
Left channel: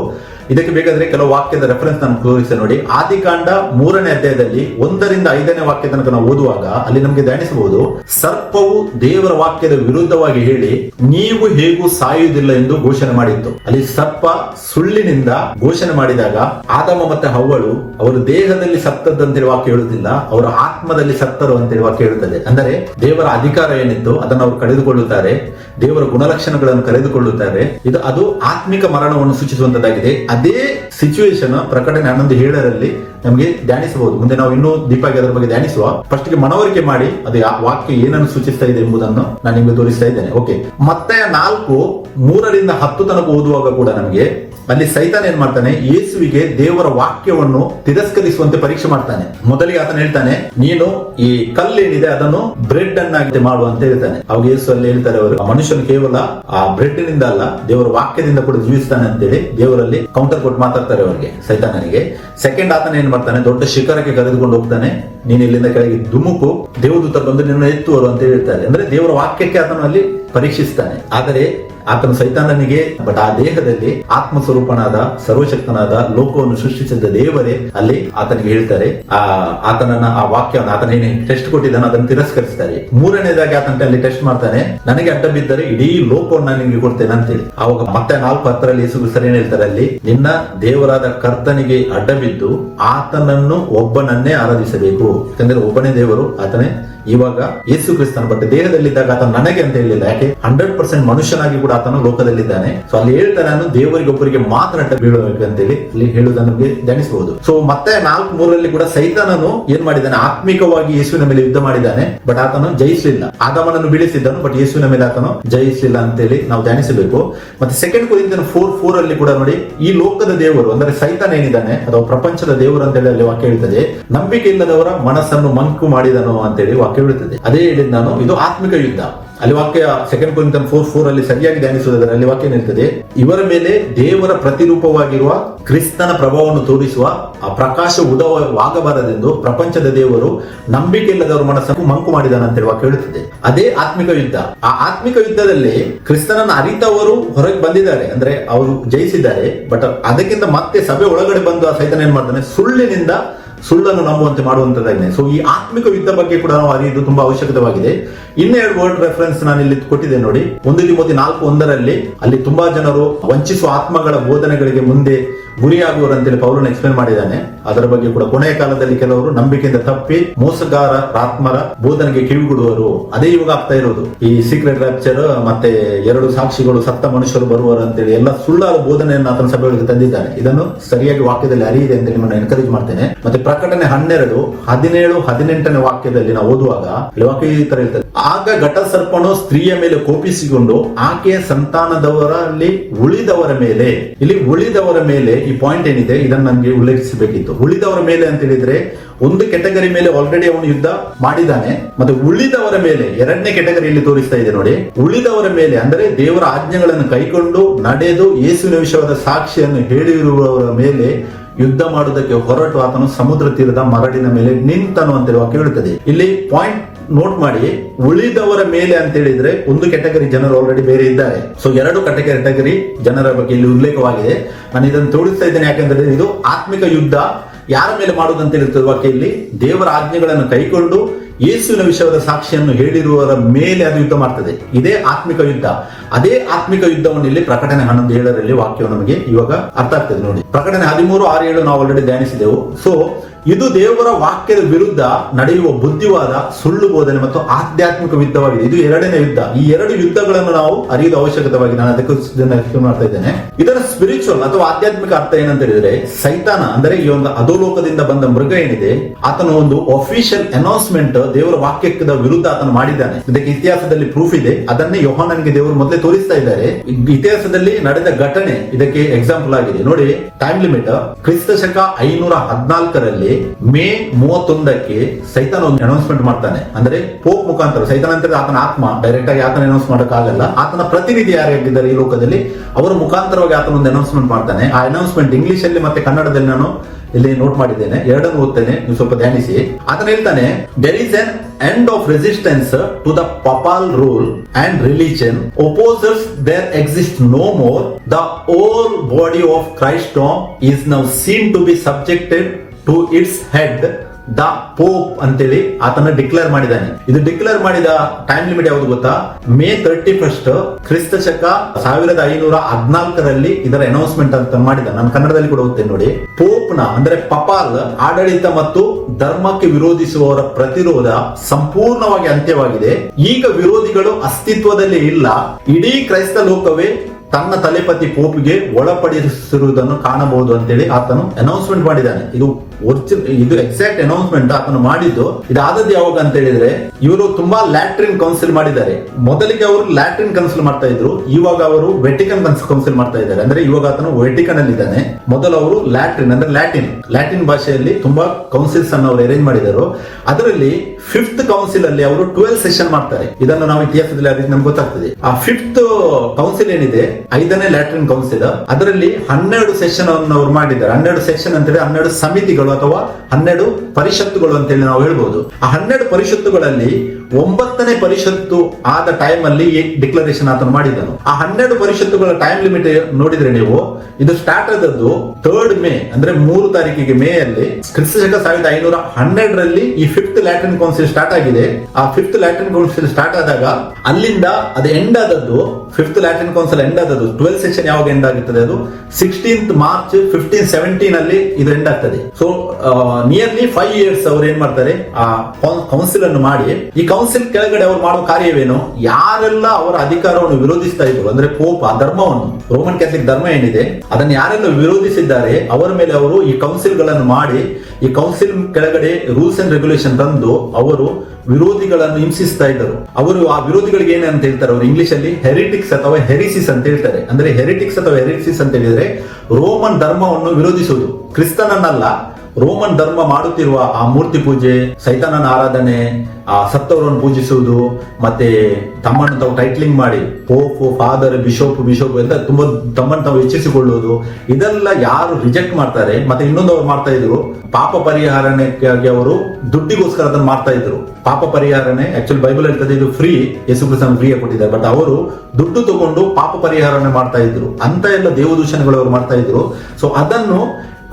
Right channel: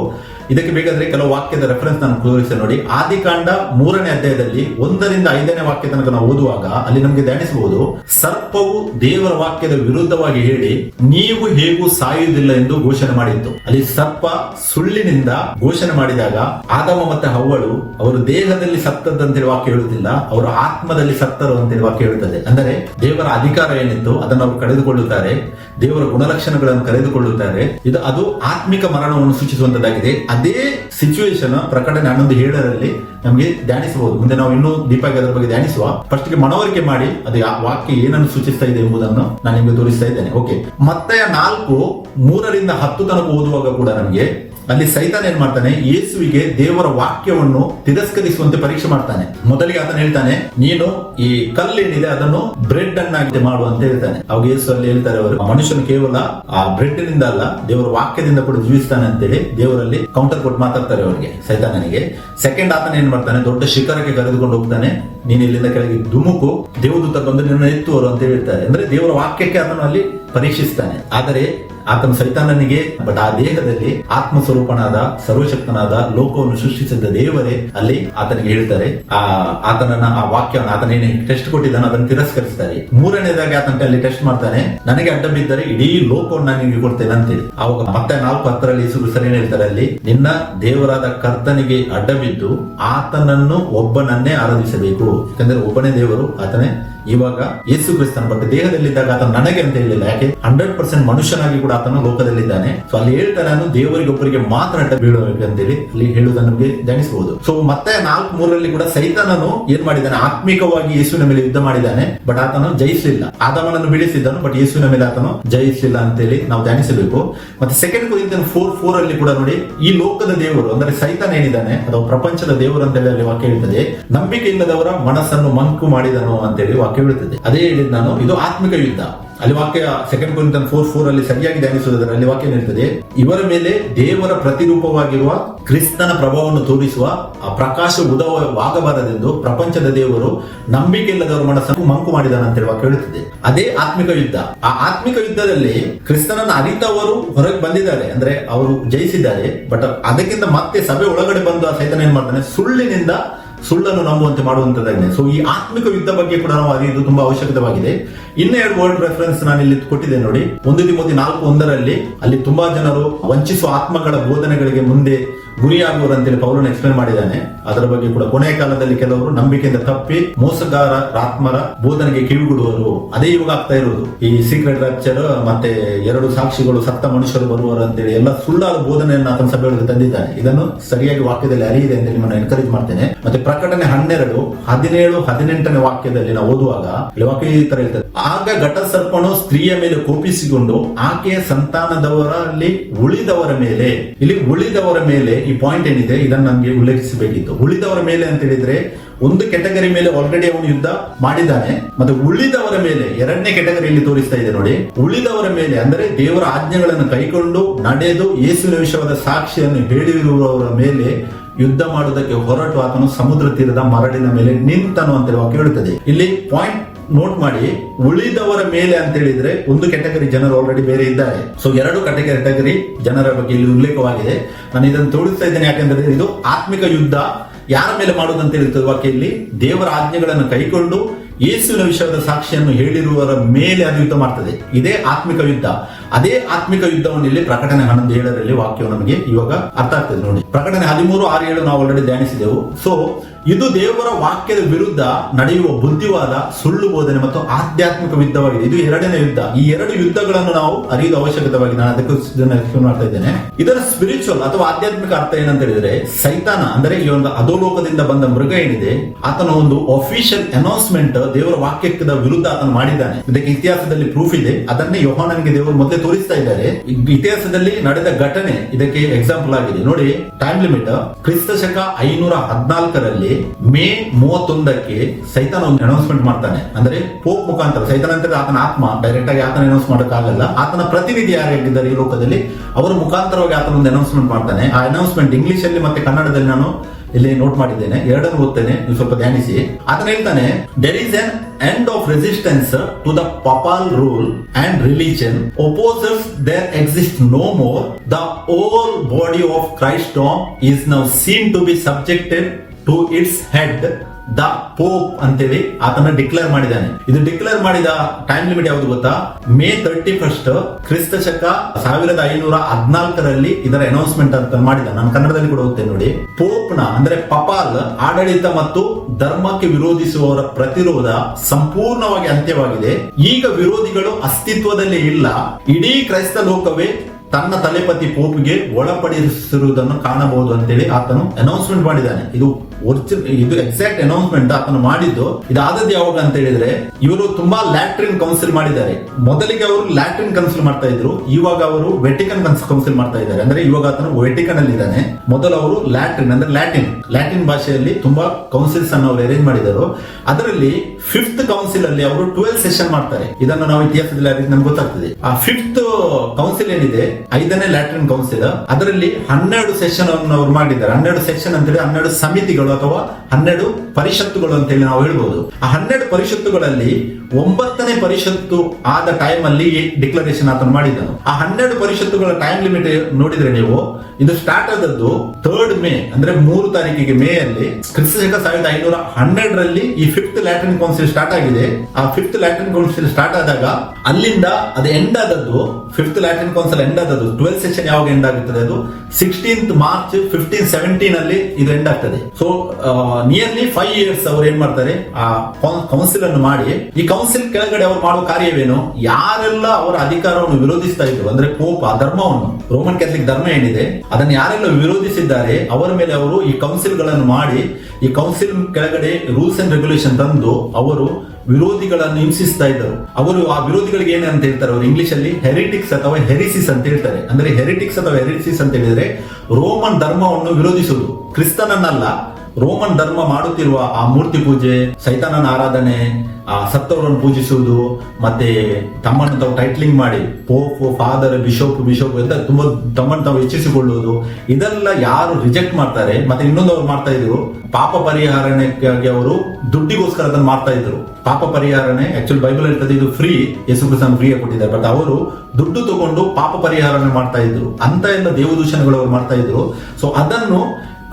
ಇದಕ್ಕೆ ಬೇಕಾದ್ರೆ ಕೆಲವು ವಾಕ್ಯದ ರೆಫರೆನ್ಸ್ ನಾನು ತೋರಿಸಿ ನೋಡಿ. ಆದಿಕಾಂಡ 3ನೇ ಅಧ್ಯಾಯದಲ್ಲಿ 1ರಿಂದ 5ನೇ ವಾಕ್ಯ ತನಕ ನಾವು ಓದುವಾಗ ಅಲ್ಲಿ ನಮಗೆ ಧ್ಯಾನಿಸಬಹುದು, ಸರ್ಪವು ದೇವರ ವಾಕ್ಯದ ವಿರುದ್ಧವಾಗಿ ಹೇಳಿ ನೀವು ಹೇಗೂ ಸಾಯುವುದಿಲ್ಲ ಎಂದು ಘೋಷಣೆ ಮಾಡಿತ್ತು. ಅಲ್ಲಿ ಸರ್ಪ ಸುಳ್ಳಿನಿಂದ ಘೋಷಣೆ ಮಾಡಿದಾಗ ಆದಾಮ ಮತ್ತೆ ಹವ್ವಳು ಅವರು ದೇಹದಲ್ಲಿ ಸತ್ತದಂತೆ ವಾಕ್ಯ ಹೇಳುತ್ತಿಲ್ಲ, ಅವರು ಆತ್ಮದಲ್ಲಿ ಸತ್ತರು ಅಂತೇಳಿ ವಾಕ್ಯ ಹೇಳುತ್ತದೆ. ಅಂದರೆ ದೇವರ ಅಧಿಕಾರ ಏನಿತ್ತು ಅದನ್ನು ಅವರು ಕಳೆದುಕೊಳ್ಳುತ್ತಾರೆ, ದೇವರ ಗುಣಲಕ್ಷಣಗಳನ್ನು ಕಳೆದುಕೊಳ್ಳುತ್ತಾರೆ. ಅದು ಆತ್ಮಿಕ ಮರಣವನ್ನು ಸೂಚಿಸುವಂತದ್ದಾಗಿದೆ. ಅದೇ ಸಿಚುವೇಶನ್ ಪ್ರಕಟಣೆ 11:7 ನಮಗೆ ಧ್ಯಾನಿಸಬಹುದು. ಮುಂದೆ ನಾವು ಇನ್ನೂ ದೀಪಾಗಿ ಅದರ ಬಗ್ಗೆ ಧ್ಯಾನಿಸುವ. ಫಸ್ಟ್ ಗೆ ಮನವರಿಕೆ ಮಾಡಿ ಅದು ವಾಕ್ಯ ಏನನ್ನು ಸೂಚಿಸ್ತಾ ಇದೆ ಎಂಬುದನ್ನು ನಾನು ನಿಮಗೆ ತೋರಿಸ್ತಾ ಇದ್ದೇನೆ. ಓಕೆ, ಮತ್ತೆ 4:3ರಿಂದ 10 ತನಕ ಓದುವಾಗ ಕೂಡ ನಮಗೆ ಅಲ್ಲಿ ಸೈತಾನ ಏನ್ ಮಾಡ್ತಾನೆ, ಯೇಸುವಿಗೆ ದೇವರ ವಾಕ್ಯವನ್ನು ತಿರಸ್ಕರಿಸುವಂತೆ ಪರೀಕ್ಷೆ ಮಾಡ್ತಾನೆ. ಮೊದಲಿಗೆ ಆತನ ಹೇಳ್ತಾನೆ, ನೀನು ಈ ಕಲ್ಲೇನಿದೆ ಅದನ್ನು ಬ್ರೆಡ್ ಅನ್ನಾಗಿ ಮಾಡುವಂತ ಹೇಳ್ತಾನೆ. ಅವಾಗ ಯೇಸು ಅಲ್ಲಿ ಹೇಳ್ತಾರೆ, ಅವರು ಮನುಷ್ಯನು ಕೇವಲ ಆ ಬ್ರೆಡ್ ನಿಂದ ಅಲ್ಲ ದೇವರ ವಾಕ್ಯದಿಂದ ಕೂಡ ಜೀವಿಸ್ತಾನೆ ಅಂತೇಳಿ ದೇವರಲ್ಲಿ ಕೌಂಟರ್ ಕೊಟ್ಟು ಮಾತಾಡ್ತಾರೆ ಅವರಿಗೆ, ಸೈತಾನನಿಗೆ. ಸೆಕೆಂಡ್ ಆತನ ಏನ್ ಮಾಡ್ತಾನೆ, ದೊಡ್ಡ ಶಿಖರಕ್ಕೆ ಕರೆದುಕೊಂಡು ಹೋಗ್ತಾನೆ, ನೀನು ಇಲ್ಲಿಂದ ಕೆಳಗೆ ಧುಮುಕು, ದೇವದೂತ ಬಂದು ನಿನ್ನ ಎತ್ತುವರು ಅಂತ ಹೇಳ್ತಾರೆ. ಅಂದ್ರೆ ದೇವರ ವಾಕ್ಯಕ್ಕೆ ಆತನು ಅಲ್ಲಿ ಪರೀಕ್ಷಿಸ್ತಾನೆ. ಆದರೆ ಆತನು ಸೈತಾನನಿಗೆ ಬಟ್ ಆ ದೇಹದಲ್ಲಿ ಆತ್ಮ ಸ್ವರೂಪನಾದ ಸರ್ವಶಕ್ತನಾದ ಲೋಕವನ್ನು ಸೃಷ್ಟಿಸಿದ ದೇವರೇ ಅಲ್ಲಿ ಆತನಿಗೆ ಹೇಳ್ತಾರೆ, ಆತನನ್ನ ಆ ವಾಕ್ಯವನ್ನು ಆತನೇನು ಟೆಸ್ಟ್ ಕೊಟ್ಟಿದ್ದಾನೆ ಅದನ್ನು ತಿರಸ್ಕರಿಸ್ತಾರೆ. 3ನೇದಾಗಿ ಆತನಲ್ಲಿ ಟೆಸ್ಟ್ ಮಾಡ್ತಾನೆ, ನನಗೆ ಅಡ್ಡ ಬಿದ್ದರೆ ಇಡೀ ಲೋಕವನ್ನು ನಾನು ನಿಮಗೆ ಕೊಡ್ತೇನೆ ಅಂತೇಳಿ. ಅವಾಗ ಮತ್ತೆ 4:10 ಯೇಸು ಕ್ರಿಸ್ತರು ಏನ್ ಹೇಳ್ತಾರೆ, ಅಲ್ಲಿ ನಿನ್ನ ದೇವರಾದ ಕರ್ತನಿಗೆ ಅಡ್ಡ ಬಿದ್ದು ಆತನನ್ನು ಒಬ್ಬನನ್ನೇ ಆರಾಧಿಸಬೇಕು. ಯಾಕಂದ್ರೆ ಒಬ್ಬನೇ ದೇವರು ಆತನೇ. ಇವಾಗ ಯೇಸು ಕ್ರಿಸ್ತನ ಬಟ್ ದೇಹದಲ್ಲಿದ್ದಾಗ ಆತ ನನಗೆ ಅಂತ ಹೇಳಿಲ್ಲ, ಯಾಕೆ 100% ಮನುಷ್ಯನಾಗಿ ಕೂಡ ಆತನು ಲೋಕದಲ್ಲಿದ್ದಾನೆ. ಸೊ ಅಲ್ಲಿ ಹೇಳ್ತಾನೆ, ನಾನು ದೇವರಿಗೊಬ್ಬರಿಗೆ ಮಾತನಾಟ ಬೀಳಬೇಕು ಅಂತೇಳಿ ಅಲ್ಲಿ ಹೇಳುತ್ತಾ ನಮಗೆ ಧ್ಯಾನಿಸಬಹುದು. ಸೊ ಮತ್ತೆ 4:3 ಕೂಡ ಸೈತಾನನು ಏನ್ ಮಾಡಿದ್ದಾನೆ, ಆತ್ಮಿಕವಾಗಿ ಯೇಸುವಿನ ಮೇಲೆ ಯುದ್ಧ ಮಾಡಿದ್ದಾನೆ, ಬಟ್ ಆತನು ಜಯಿಸಲಿಲ್ಲ. ಆದಾಮನನ್ನು ಬಿಡಿಸಿದ್ದನು, ಬಟ್ ಯೇಸುವಿನ ಮೇಲೆ ಆತನು ಜಯಿಸಲಿಲ್ಲ ಅಂತೇಳಿ ನಾವು ಧ್ಯಾನಿಸಬೇಕು. ಮತ್ತೆ 2 ಕೊರಿಂಥಿಯರ್ 4:4 ಕೂಡ ನೋಡಿ, ಈ ಲೋಕದ ದೇವರು ಅಂದ್ರೆ ಸೈತಾನ ಏನಿದ್ದಾನೆ ಅಥವಾ ಪ್ರಪಂಚದ ದೇವರು ಅಂತೇಳಿ ಅಲ್ಲಿ ವಾಕ್ಯ ಹೇಳ್ತದೆ, ನಂಬಿಕೆ ಇಲ್ಲದವರ ಮನಸ್ಸನ್ನು ಮಂಕು ಮಾಡಿದನು ಅಂತೇಳಿ ವಾಕ್ಯ ಹೇಳ್ತದೆ. ಅದೇ ಹೇಳಿದ್ ನಾನು, ಇದು ಆತ್ಮಿಕ ಯುದ್ಧ. ಅಲ್ಲಿ ವಾಕ್ಯ 2 ಕೊರಿಂಥಿಯರ್ 4:4 ಸರಿಯಾಗಿ ಧ್ಯಾನಿಸುವುದರಲ್ಲಿ ಅಲ್ಲಿ ವಾಕ್ಯ ಹೇಳ್ತದೆ, ಇವರ ಮೇಲೆ ದೇವರ ಪ್ರತಿರೂಪವಾಗಿರುವ ಕ್ರಿಸ್ತನ ಪ್ರಭಾವವನ್ನು ತೋರಿಸುವ ಆ ಪ್ರಕಾಶ ಉದಯವಾಗಬಾರದೆಂದು ಪ್ರಪಂಚದ ದೇವರು ನಂಬಿಕೆ ಇಲ್ಲದವರ ಮನಸ್ಸನ್ನು ಮಂಕು ಮಾಡಿದಾನ ಅಂತ ವಾಕ್ಯ ಹೇಳುತ್ತದೆ. ಅದೇ ಆತ್ಮಿಕ ಯುದ್ಧ. ಆ ಆತ್ಮಿಕ ಯುದ್ಧದಲ್ಲಿ ಕ್ರಿಸ್ತನನ್ನು ಅರಿತವರು ಹೊರಗೆ ಬಂದಿದ್ದಾರೆ, ಅಂದ್ರೆ ಅವರು ಜಯಿಸಿದ್ದಾರೆ. ಬಟ್ ಅದಕ್ಕಿಂತ ಮತ್ತೆ ಸಭೆ ಒಳಗಡೆ ಬಂದು ಆ ಸೈತಾನ ಏನ್ ಮಾಡ್ತಾನೆ, ಸುಳ್ಳಿನಿಂದ ಸುಳ್ಳನ್ನು ನಂಬುವಂತೆ ಮಾಡುವಂತದ್ದಾಗಿದೆ. ಸೊ ಈ ಆತ್ಮಿಕ ಯುದ್ಧ ಬಗ್ಗೆ ಕೂಡ ನಾವು ಅರಿಯುವುದು ತುಂಬಾ ಅವಶ್ಯಕವಾಗಿದೆ. ಇನ್ನೆರಡು ವರ್ಡ್ ರೆಫರೆನ್ಸ್ ನಾನು ಇಲ್ಲಿ ಕೊಟ್ಟಿದ್ದೇನೆ ನೋಡಿ. 1 ತಿಮೋಥಿ 4:1 ಅಲ್ಲಿ ತುಂಬಾ ಜನರು ವಂಚಿಸುವ ಆತ್ಮಗಳ ಬೋಧನೆಗಳಿಗೆ ಮುಂದೆ ಗುರಿಯಾಗುವರು ಅಂತೇಳಿ ಪೌಲನು ಎಕ್ಸ್ಪ್ಲೇನ್ ಮಾಡಿದ್ದಾನೆ. ಅದರ ಬಗ್ಗೆ ಕೂಡ ಕೊನೆಯ ಕಾಲದಲ್ಲಿ ಕೆಲವರು ನಂಬಿಕೆಯಿಂದ ತಪ್ಪಿ ಮೋಸಗಾರ ಆತ್ಮರ ಬೋಧನೆಗೆ ಕಿವಿಗೊಡುವರು. ಅದೇ ಇವಾಗ ಆಗ್ತಾ ಇರುವುದು. ಈ ಸೀಕ್ರೆಟ್ ರ್ಯಾಪ್ಚರ್ ಮತ್ತೆ 2 ಸಾಕ್ಷಿಗಳು, ಸತ್ತ ಮನುಷ್ಯರು ಬರುವರು ಅಂತೇಳಿ ಎಲ್ಲ ಸುಳ್ಳಾದ ಬೋಧನೆಯನ್ನು ಆತನ ಸಭೆಗಳಿಗೆ ತಂದಿದ್ದಾರೆ. ಇದನ್ನು ಸರಿಯಾಗಿ ವಾಕ್ಯದಲ್ಲಿ ಅರಿಯಿದೆ ಅಂತ ನಿಮ್ಮನ್ನು ಎನ್ಕರೇಜ್ ಮಾಡ್ತೇನೆ. ಮತ್ತೆ ಪ್ರಕಟಣೆ 12, 17, 18ನೇ ವಾಕ್ಯದಲ್ಲಿ ನಾವು ಓದುವಾಗ ವಾಕ್ಯ ಈ ತರ ಹೇಳ್ತಾರೆ, ಆಗ ಘಟಸರ್ಪಣು ಸ್ತ್ರೀಯ ಮೇಲೆ ಕೋಪಿಸಿಕೊಂಡು ಆಕೆಯ ಸಂತಾನದವರಲ್ಲಿ ಉಳಿದವರ ಮೇಲೆ, ಇಲ್ಲಿ ಉಳಿದವರ ಮೇಲೆ ಈ ಪಾಯಿಂಟ್ ಏನಿದೆ ಇದನ್ನು ನನಗೆ ಉಲ್ಲೇಖಿಸಬೇಕಿತ್ತು. ಉಳಿದವರ ಮೇಲೆ ಅಂತ ಹೇಳಿದ್ರೆ ಒಂದು ಕೆಟಗರಿ ಮೇಲೆ ಆಲ್ರೆಡಿ ಅವನು ಯುದ್ಧ ಮಾಡಿದ್ದಾನೆ, ಮತ್ತೆ ಉಳಿದವರ ಮೇಲೆ 2ನೇ ಕೆಟಗರಿಯಲ್ಲಿ ತೋರಿಸ್ತಾ ಇದೆ ನೋಡಿ. ಉಳಿದವರ ಮೇಲೆ ಅಂದ್ರೆ ದೇವರ ಆಜ್ಞೆಗಳನ್ನು ಕೈಕೊಂಡು ನಡೆದು ಯೇಸುವಿನ ವಿಷಯವಾದ ಸಾಕ್ಷಿಯನ್ನು ಹೇಳಿರುವವರ ಮೇಲೆ ಯುದ್ಧ ಮಾಡುವುದಕ್ಕೆ ಹೊರಟು ಆತನು ಸಮುದ್ರ ತೀರದ ಮರಳಿನ ಮೇಲೆ ನಿಂತನು ಅಂತ ವಾಕ್ಯ ಹೇಳುತ್ತದೆ. ಇಲ್ಲಿ ಪಾಯಿಂಟ್ ನೋಟ್ ಮಾಡಿ, ಉಳಿದವರ ಮೇಲೆ ಅಂತ ಹೇಳಿದ್ರೆ ಒಂದು ಕೆಟಗರಿ ಜನರು ಆಲ್ರೆಡಿ ಬೇರೆ ಇದ್ದಾರೆ. ಸೊ 2 ಕೆಟಗರಿ ಜನರ ಬಗ್ಗೆ ಇಲ್ಲಿ ಉಲ್ಲೇಖವಾಗಿದೆ. ನಾನು ಇದನ್ನು ತೋರಿಸ್ತಾ ಇದ್ದೇನೆ ಯಾಕಂದ್ರೆ ಇದು ಆತ್ಮಿಕ ಯುದ್ಧ ಯಾರ ಮೇಲೆ ಮಾಡುವುದಂತ ಹೇಳ್ತದೆ ವಾಕ್ಯ. ಇಲ್ಲಿ ದೇವರ ಆಜ್ಞೆಗಳನ್ನು ಕೈಗೊಂಡು ಯೇಸುವಿನ ವಿಷಯದ ಸಾಕ್ಷಿಯನ್ನು ಹೇಳಿರುವವರ ಮೇಲೆ ಅದು ಯುದ್ಧ ಮಾಡ್ತದೆ. ಇದೇ ಆತ್ಮಿಕ ಯುದ್ಧ. ಅದೇ ಆತ್ಮಿಕ ಯುದ್ಧವನ್ನು ಇಲ್ಲಿ ಪ್ರಕಟಣೆ 11:7 ವಾಕ್ಯವು ನಮಗೆ ಇವಾಗ ಅರ್ಥ ಆಗ್ತದೆ ನೋಡಿ. ಪ್ರಕಟಣೆ 13:6-7 ನಾವು ಆಲ್ರೆಡಿ ಧ್ಯಾನಿಸಿದೆವು. ಸೊ ಇದು ದೇವರ ವಾಕ್ಯದ ವಿರುದ್ಧ ನಡೆಯುವ ಬುದ್ಧಿವಾದ, ಸುಳ್ಳು ಬೋಧನೆ ಮತ್ತು ಆಧ್ಯಾತ್ಮಿಕ ಯುದ್ಧವಾಗಿದೆ. ಇದು 2ನೇ ಯುದ್ಧ. ಈ 2 ಯುದ್ಧಗಳನ್ನು ನಾವು ಅರಿಯುವ ಅವಶ್ಯಕತೆವಾಗಿ ನಾನು ಅದಕ್ಕೂ ಎಕ್ಸ್ಪ್ಲೇನ್ ಮಾಡ್ತಾ ಇದ್ದೇನೆ. ಇದರ ಸ್ಪಿರಿಚುವಲ್ ಅಥವಾ ಆಧ್ಯಾತ್ಮಿಕ ಅರ್ಥ ಏನಂತ ಹೇಳಿದ್ರೆ, ಸೈತಾನ ಅಂದ್ರೆ ಈ ಒಂದು ಅಧೋಲೋಕದಿಂದ ಬಂದ ಮೃಗ ಏನಿದೆ, ಆತನ ಒಂದು ಒಫಿಷಿಯಲ್ ಅನೌನ್ಸ್ಮೆಂಟ್ ದೇವರ ವಾಕ್ಯದ ವಿರುದ್ಧ ಆತನು ಮಾಡಿದ್ದಾನೆ. ಇದಕ್ಕೆ ಇತಿಹಾಸದಲ್ಲಿ ಪ್ರೂಫ್ ಇದೆ. ಅದನ್ನೇ ಯೋಹಾನನಿಗೆ ದೇವರು ಮೊದಲೇ ತೋರಿಸ್ತಾ ಇದ್ದಾರೆ. ಇತಿಹಾಸದಲ್ಲಿ ನಡೆದ ಘಟನೆ ಇದಕ್ಕೆ ಎಕ್ಸಾಂಪಲ್ ಆಗಿದೆ ನೋಡಿ. ಟೈಮ್ ಲಿಮಿಟ್ ಕ್ರಿಸ್ತ ಶಕ 514 ಅಲ್ಲಿ ಮೇ 31ಕ್ಕೆ ಸೈತಾನ ಅನೌನ್ಸ್ಮೆಂಟ್ ಮಾಡ್ತಾನೆ. ಅಂದ್ರೆ ಪೋಪ್ ಮುಖಾಂತರ. ಸೈತಾನ ಅಂತ ಆತನ ಆತ್ಮ ಡೈರೆಕ್ಟ್ ಆಗಿ ಆತನ ಅನೌನ್ಸ್ ಮಾಡಕ್ಕಾಗಲ್ಲ. ಆತನ ಪ್ರತಿನಿಧಿ ಯಾರಾಗಿದ್ದಾರೆ ಈ ಲೋಕದಲ್ಲಿ ಅವರ ಮುಖಾಂತರವಾಗಿ ಆತನ ಒಂದು ಅನೌನ್ಸ್ಮೆಂಟ್ ಮಾಡ್ತಾನೆ. ಆ ಅನೌನ್ಸ್ಮೆಂಟ್ ಇಂಗ್ಲಿಷ್ ಅಲ್ಲಿ ಮತ್ತೆ ಕನ್ನಡದಲ್ಲಿ ನಾನು ಇಲ್ಲಿ ನೋಟ್ ಮಾಡಿದ್ದೇನೆ, ಎರಡನ್ನು ಓದ್ತೇನೆ, ನೀವು ಸ್ವಲ್ಪ ಧ್ಯಾನಿಸಿ. ಆತನ ಹೇಳ್ತಾನೆ, there is an end of resistance to the papal rule and religion, opposers there exist no more, the whole body of Christ law is now seen to be subjected to its head, the pope ಅಂತೇಳಿ ಆತನ declare ಮಾಡಿದ್ದಾನೆ. ಇದು declare ಮಾಡಿದ time limit ಯಾವುದು ಗೊತ್ತಾ? ಮೇ 31 ಕ್ರಿಸ್ತ ಶಕ 1514 ಇದರ ಅನೌನ್ಸ್ಮೆಂಟ್ ಅಂತ ಮಾಡಿದ. ನಾನು ಕನ್ನಡದಲ್ಲಿ ಕೂಡ ಓದ್ತೇನೆ ನೋಡಿ. ಪೋಪ್ ನ ಅಂದ್ರೆ ಪಪಾಲ್ ಆಡಳಿತ ಮತ್ತು ಧರ್ಮಕ್ಕೆ ವಿರೋಧಿಸುವವರ ಪ್ರತಿರೋಧ ಸಂಪೂರ್ಣವಾಗಿ ಅಂತ್ಯವಾಗಿದೆ. ಈಗ ವಿರೋಧಿಗಳು ಅಸ್ತಿತ್ವದಲ್ಲಿ ಇಲ್ಲ. ಇಡೀ ಕ್ರೈಸ್ತ ಲೋಕವೇ ತನ್ನ ತಲೆಪತಿ ಪೋಪ್ಗೆ ಒಳಪಡಿಸಿರುವುದನ್ನು ಕಾಣಬಹುದು ಅಂತೇಳಿ ಆತನು ಅನೌನ್ಸ್ಮೆಂಟ್ ಮಾಡಿದ್ದಾನೆ. ಇದು ಎಕ್ಸಾಕ್ಟ್ ಅನೌನ್ಸ್ಮೆಂಟ್ ಆತನು ಮಾಡಿದ್ದು. ಇದಾದದ್ದು ಯಾವಾಗ ಅಂತ ಹೇಳಿದ್ರೆ, ಇವರು ತುಂಬಾ ಲ್ಯಾಟ್ರಿನ್ ಕೌನ್ಸಿಲ್ ಮಾಡಿದ್ದಾರೆ. ಮೊದಲಿಗೆ ಅವರು ಲ್ಯಾಟ್ರಿನ್ ಕೌನ್ಸಿಲ್ ಮಾಡ್ತಾ ಇದ್ರು, ಇವಾಗ ಅವರು ವೆಟಿಕನ್ ಕೌನ್ಸಿಲ್ ಮಾಡ್ತಾ ಇದ್ದಾರೆ. ಅಂದ್ರೆ ಇವಾಗ ಆತನು ವೆಟಿಕನ್ ಅಲ್ಲಿ ಇದ್ದಾನೆ. ಮೊದಲು ಅವರು ಲ್ಯಾಟ್ರಿನ್ ಅಂದ್ರೆ ಲ್ಯಾಟಿನ್ ಭಾಷೆಯಲ್ಲಿ ತುಂಬಾ ಕೌನ್ಸಿಲ್ಸ್ ಅನ್ನು ಅವರು ಅರೇಂಜ್ ಮಾಡಿದರು. ಅದರಲ್ಲಿ 5th ಕೌನ್ಸಿಲ್ ಅಲ್ಲಿ ಅವರು 12 ಸೆಷನ್ ಮಾಡ್ತಾರೆ. ಇದನ್ನು ನಾವು ಇತಿಹಾಸದಲ್ಲಿ ನಮ್ಗೆ ಗೊತ್ತಾಗ್ತದೆ. ಆ 5th ಕೌನ್ಸಿಲ್ ಏನಿದೆ, 5ನೇ ಲ್ಯಾಟ್ರಿನ್ ಕೌನ್ಸಿಲ್, ಅದರಲ್ಲಿ 12 ಸೆಷನ್ ಅನ್ನು ಅವರು ಮಾಡಿದ್ದಾರೆ. 12 ಸೆಷನ್ ಅಂತೇಳಿ 12 ಸಮಿತಿಗಳು ಅಥವಾ 12 ಪರಿಷತ್ತುಗಳು ಅಂತೇಳಿ ನಾವು ಹೇಳ್ಬಹುದು. ಆ 12 ಪರಿಷತ್ತುಗಳಲ್ಲಿ 9ನೇ ಪರಿಷತ್ತು ಆದ ಟೈಮ್ ಅಲ್ಲಿ ಈ ಡಿಕ್ಲರೇಷನ್ ಆತನು ಮಾಡಿದನು. ಆ 12 ಪರಿಷತ್ತುಗಳ ಟೈಮ್ ಲಿಮಿಟ್ ನೋಡಿದ್ರೆ ನೀವು, ಇದು ಸ್ಟಾರ್ಟ್ ಆದದ್ದು 3rd ಮೇ ಅಂದ್ರೆ 3 ತಾರೀಕಿಗೆ ಮೇ ಅಲ್ಲಿ ಕ್ರಿಸ್ತ ಶಕ 1512 ಈ 5th ಲ್ಯಾಟ್ರಿನ್ ಕೌನ್ಸಿಲ್ ಸ್ಟಾರ್ಟ್ ಆಗಿದೆ. ಆ 5th ಲ್ಯಾಟ್ರಿನ್ ಕೌನ್ಸಿಲ್ ಸ್ಟಾರ್ಟ್ ಆದಾಗ ಅಲ್ಲಿಂದ ಅದು ಎಂಡ್ ಆದದ್ದು 5th ಲ್ಯಾಟ್ರಿನ್ ಕೌನ್ಸಿಲ್ ಎಂಡ್ ಆದದ್ದು 12 ಸೆಷನ್ ಯಾವಾಗ ಎಂಡ್ ಆಗುತ್ತದೆ, ಅದು 16th ಮಾರ್ಚ್ 1517 ಅಲ್ಲಿ ಇದು ಎಂಡ್ ಆಗ್ತದೆ. ಸೊ ನಿಯರ್ಲಿ 5 years ಅವರು ಏನ್ ಮಾಡ್ತಾರೆ, ಆ ಕೌನ್ಸಿಲ್ ಅನ್ನು ಮಾಡಿ, ಈ ಕೌನ್ಸಿಲ್ ಕೆಳಗಡೆ ಅವರು ಮಾಡುವ ಕಾರ್ಯವೇನು, ಯಾರೆಲ್ಲ ಅವರ ಅಧಿಕಾರವನ್ನು ವಿರೋಧಿಸ್ತಾ ಇದ್ರು ಅಂದ್ರೆ ಪೋಪ್ ಆ ಧರ್ಮವನ್ನು, ರೋಮನ್ ಕ್ಯಾಥಲಿಕ್ ಧರ್ಮ ಏನಿದೆ ಅದನ್ನು ಯಾರೆಲ್ಲ ವಿರೋಧಿಸಿದ್ದಾರೆ ಅವರ ಮೇಲೆ ಅವರು ಈ ಕೌನ್ಸಿಲ್ ಗಳನ್ನು ಮಾಡಿ, ಈ ಕೌನ್ಸಿಲ್ ಕೆಳಗಡೆ ರೂಲ್ಸ್ ಅಂಡ್ ರೆಗ್ಯುಲೇಷನ್ ತಂದು ಅವರು ವಿರೋಧಿಗಳನ್ನು ಹಿಂಸಿಸ್ತಾ ಇದ್ದರು. ಅವರು ಆ ವಿರೋಧಿಗಳಿಗೆ ಏನಂತ ಹೇಳ್ತಾರೆ, ಅವರು ಇಂಗ್ಲಿಷ್ ಅಲ್ಲಿ ಹೆರಿಟಿಕ್ಸ್ ಅಥವಾ ಹೆರಿಸಿಸ್ ಅಂತ ಹೇಳ್ತಾರೆ. ಅಂದ್ರೆ ಹೆರಿಟಿಕ್ಸ್ ಅಥವಾ ಹೆರಿಸಿಸ್ ಅಂತ ಹೇಳಿದ್ರೆ ರೋಮನ್ ಧರ್ಮವನ್ನು ವಿರೋಧಿಸುವುದು, ಕ್ರಿಸ್ತನನ್ನಲ್ಲ, ರೋಮನ್ ಧರ್ಮ ಮಾಡುತ್ತಿರುವ ಆ ಮೂರ್ತಿ ಪೂಜೆ, ಸೈತಾನನ ಆರಾಧನೆ, ಆ ಸತ್ತವರನ್ನು ಪೂಜಿಸುವುದು, ಮತ್ತೆ ತಮ್ಮನ್ನು ತಾವು ಟೈಟ್ಲಿಂಗ್ ಮಾಡಿ ಪೋಪ್, ಫಾದರ್, ಬಿಷಪ್ ಅಂತ ತುಂಬಾ ತಮ್ಮನ್ನು ತಾವು ಹೆಚ್ಚಿಸಿಕೊಳ್ಳುವುದು, ಇದೆಲ್ಲ ಯಾರು ರಿಜೆಕ್ಟ್ ಮಾಡ್ತಾರೆ. ಮತ್ತೆ ಇನ್ನೊಂದು ಅವ್ರು ಮಾಡ್ತಾ ಇದ್ರು, ಪಾಪ ಪರಿಹಾರಕ್ಕಾಗಿ ಅವರು ದುಡ್ಡಿಗೋಸ್ಕರ ಅದನ್ನು ಮಾಡ್ತಾ ಇದ್ರು. ಪಾಪ ಪರಿಹಾರನೆ ಆಕ್ಚುಲಿ ಬೈಬಲ್ ಹೇಳ್ತದೆ ಇದು ಫ್ರೀ, ಯೇಸು ಕ್ರಿಸ್ತನ ಫ್ರೀ ಆಗಿ ಕೊಟ್ಟಿದ್ದಾರೆ. ಬಟ್ ಅವರು ದುಡ್ಡು ತಗೊಂಡು ಪಾಪ ಪರಿಹಾರನೆ ಮಾಡ್ತಾ ಇದ್ರು. ಅಂತ ಎಲ್ಲ ದೇವದೂಷಣೆಗಳು ಅವರು ಮಾಡ್ತಾ ಇದ್ರು. ಸೊ ಅದನ್ನು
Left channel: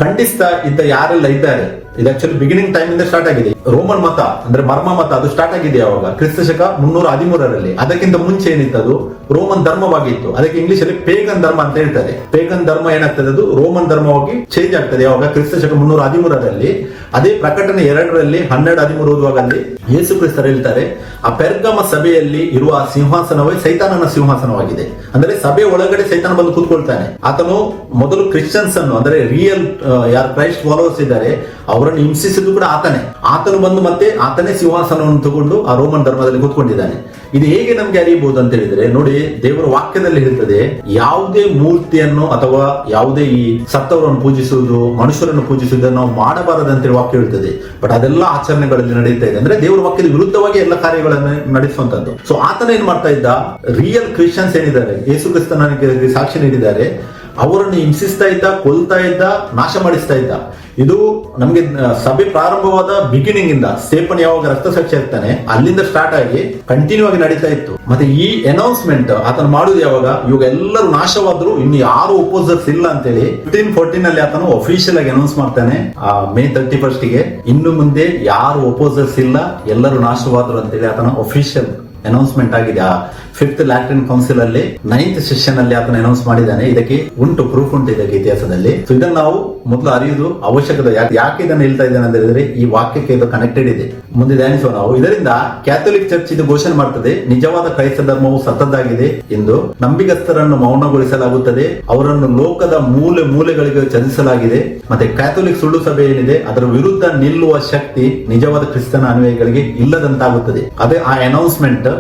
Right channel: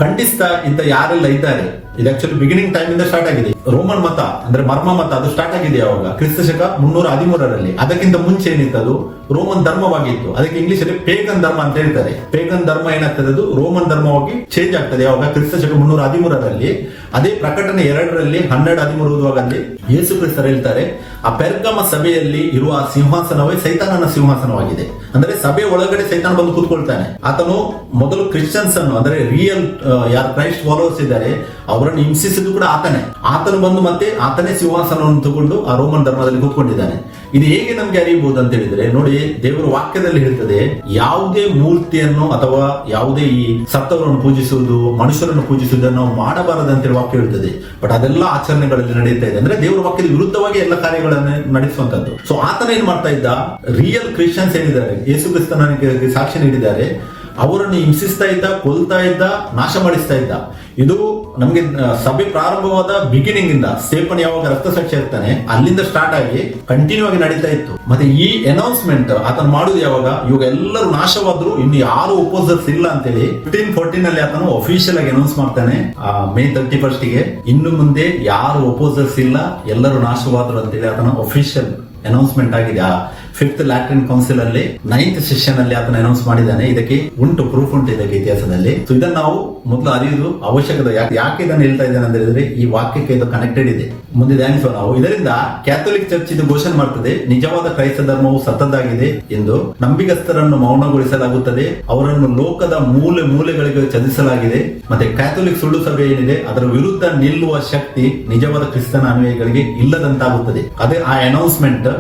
ಖಂಡಿಸ್ತಾ ಇದ್ದ ಯಾರೆಲ್ಲ ಇದ್ದಾರೆ, ಇದು ಆಕ್ಚುಲಿ ಬಿಗಿನಿಂಗ್ ಟೈಮ್ ಇಂದ ಸ್ಟಾರ್ಟ್ ಆಗಿದೆ. ರೋಮನ್ ಮತ ಅಂದ್ರೆ ಮರ್ಮ ಮತ ಅದು ಸ್ಟಾರ್ಟ್ ಆಗಿದೆ ಯಾವಾಗ, ಕ್ರಿಸ್ತ ಶಕ 313. ಅದಕ್ಕಿಂತ ಮುಂಚೆ ಏನಿತ್ತು, ಅದು ರೋಮನ್ ಧರ್ಮವಾಗಿತ್ತು. ಅದಕ್ಕೆ ಇಂಗ್ಲಿಷ್ ಅಲ್ಲಿ ಪೇಗನ್ ಧರ್ಮ ಅಂತ ಹೇಳ್ತಾರೆ. ಪೇಗನ್ ಧರ್ಮ ಏನಾಗ್ತದೆ, ಅದು ರೋಮನ್ ಧರ್ಮವಾಗಿ ಚೇಂಜ್ ಆಗ್ತದೆ ಯಾವಾಗ, ಕ್ರಿಸ್ತ ಶಕ 313. ಅದೇ ಪ್ರಕಟಣೆ 2ರಲ್ಲಿ 12-13 ಓದುವಾಗ ಯೇಸು ಕ್ರಿಸ್ತರು ಹೇಳ್ತಾರೆ, ಆ ಪೆರ್ಗಮ ಸಭೆಯಲ್ಲಿ ಇರುವ ಸಿಂಹಾಸನವೇ ಸೈತಾನನ ಸಿಂಹಾಸನವಾಗಿದೆ. ಅಂದ್ರೆ ಸಭೆ ಒಳಗಡೆ ಸೈತಾನ ಬಂದು ಕೂತ್ಕೊಳ್ತಾನೆ. ಆತನು ಮೊದಲು ಕ್ರಿಶ್ಚಿಯನ್ಸ್ ಅನ್ನು ಅಂದ್ರೆ ರಿಯಲ್ ಯಾರು ಕ್ರೈಸ್ಟ್ ಫಾಲೋವರ್ಸ್ ಇದ್ದಾರೆ ಅವರನ್ನು ಹಿಂಸಿಸಿದ್ದು ಕೂಡ ಆತನು ಬಂದು ಮತ್ತೆ ಆತನೇ ಸಿಂಹಾಸನವನ್ನು ತಗೊಂಡು ಆ ರೋಮನ್ ಧರ್ಮದಲ್ಲಿ ಕೂತ್ಕೊಂಡಿದ್ದಾನೆ. ಇದು ಹೇಗೆ ನಮ್ಗೆ ಅರಿಯಬಹುದು ಅಂತ ಹೇಳಿದ್ರೆ, ನೋಡಿ ದೇವರ ವಾಕ್ಯದಲ್ಲಿ ಹೇಳ್ತದೆ, ಯಾವುದೇ ಮೂರ್ತಿಯನ್ನು ಅಥವಾ ಯಾವುದೇ ಈ ಸತ್ತವರನ್ನು ಪೂಜಿಸುವುದು, ಮನುಷ್ಯರನ್ನು ಪೂಜಿಸುವುದನ್ನು ನಾವು ಮಾಡಬಾರದಂತೇಳಿ ವಾಕ್ಯ ಹೇಳ್ತದೆ. ಬಟ್ ಅದೆಲ್ಲ ಆಚರಣೆಗಳಲ್ಲಿ ನಡೀತಾ ಇದೆ. ಅಂದ್ರೆ ದೇವರ ವಾಕ್ಯದ ವಿರುದ್ಧವಾಗಿ ಎಲ್ಲ ಕಾರ್ಯಗಳನ್ನು ನಡೆಸುವಂತದ್ದು. ಸೊ ಆತನ ಏನ್ ಮಾಡ್ತಾ ಇದ್ದ, ರಿಯಲ್ ಕ್ರಿಶ್ಚಿಯನ್ಸ್ ಏನಿದ್ದಾರೆ, ಯೇಸು ಕ್ರಿಸ್ತನಿಗೆ ಸಾಕ್ಷಿ ನೀಡಿದ್ದಾರೆ, ಅವರನ್ನು ಹಿಂಸಿಸ್ತಾ ಇದ್ದ, ಕೊಲ್ತಾ ಇದ್ದ, ನಾಶ ಮಾಡಿಸ್ತಾ ಇದ್ದ. ಇದು ನಮ್ಗೆ ಸಭೆ ಪ್ರಾರಂಭವಾದ ಬಿಗಿನಿಂಗ್ ಇಂದ ಸ್ಟೇಫನ್ ಯಾವಾಗ ರಕ್ತಸಾಕ್ಷಿ ಆಗ್ತಾನೆ ಅಲ್ಲಿಂದ ಸ್ಟಾರ್ಟ್ ಆಗಿ ಕಂಟಿನ್ಯೂ ಆಗಿ ನಡೀತಾ ಇತ್ತು. ಮತ್ತೆ ಈ ಅನೌನ್ಸ್ಮೆಂಟ್ ಆತನು ಮಾಡುದು ಯಾವಾಗ, ಇವಾಗ ಎಲ್ಲರೂ ನಾಶವಾದ್ರು, ಇನ್ನು ಯಾರು ಒಪೋಸರ್ಸ್ ಇಲ್ಲ ಅಂತೇಳಿ 1514 ಅಲ್ಲಿ ಆತನು ಅಫಿಷಿಯಲ್ ಆಗಿ ಅನೌನ್ಸ್ ಮಾಡ್ತಾನೆ ಮೇ 31ಗೆ. ಇನ್ನು ಮುಂದೆ ಯಾರು ಒಪೋಸರ್ಸ್ ಇಲ್ಲ, ಎಲ್ಲರೂ ನಾಶವಾದ್ರು ಅಂತೇಳಿ ಆತನ ಅಫಿಷಿಯಲ್ ಅನೌನ್ಸ್ಮೆಂಟ್ ಆಗಿದೆ. ಆ 5th ಲ್ಯಾಟ್ರಿನ್ ಕೌನ್ಸಿಲ್ ಅಲ್ಲಿ 9th ಸೆಷನ್ ಅಲ್ಲಿ ಆತನ ಅನೌನ್ಸ್ ಮಾಡಿದ್ದಾನೆ. ಇದಕ್ಕೆ ಪ್ರೂಫ್ ಉಂಟು ಇದಕ್ಕೆ ಇತಿಹಾಸದಲ್ಲಿ. ಸೊ ಇದನ್ನು ನಾವು ಮೊದಲು ಅರಿಯುವುದು ಅವಶ್ಯಕತೆ. ಯಾಕೆ ಇದನ್ನು ಹೇಳ್ತಾ ಇದ್ದೇನೆ ಅಂತ ಹೇಳಿದ್ರೆ, ಈ ವಾಕ್ಯಕ್ಕೆ ಇದು ಕನೆಕ್ಟೆಡ್ ಇದೆ. ಮುಂದೆ ಧ್ಯಾನಿಸೋಣ ನಾವು. ಇದರಿಂದ ಕ್ಯಾಥೋಲಿಕ್ ಚರ್ಚ್ ಇದು ಘೋಷಣೆ ಮಾಡ್ತದೆ, ನಿಜವಾದ ಕ್ರೈಸ್ತ ಧರ್ಮವು ಸತ್ತದ್ದಾಗಿದೆ ಎಂದು. ನಂಬಿಗಸ್ತರನ್ನು ಮೌನಗೊಳಿಸಲಾಗುತ್ತದೆ, ಅವರನ್ನು ಲೋಕದ ಮೂಲೆ ಮೂಲೆಗಳಿಗೆ ಚಲಿಸಲಾಗಿದೆ. ಮತ್ತೆ ಕ್ಯಾಥೋಲಿಕ್ ಸುಳ್ಳು ಸಭೆ ಏನಿದೆ ಅದರ ವಿರುದ್ಧ ನಿಲ್ಲುವ ಶಕ್ತಿ ನಿಜವಾದ ಕ್ರಿಸ್ತನ ಅನುಯಾಯಿಗಳಿಗೆ ಇಲ್ಲದಂತಾಗುತ್ತದೆ. ಅದೇ ಆ ಅನೌನ್ಸ್ಮೆಂಟ್,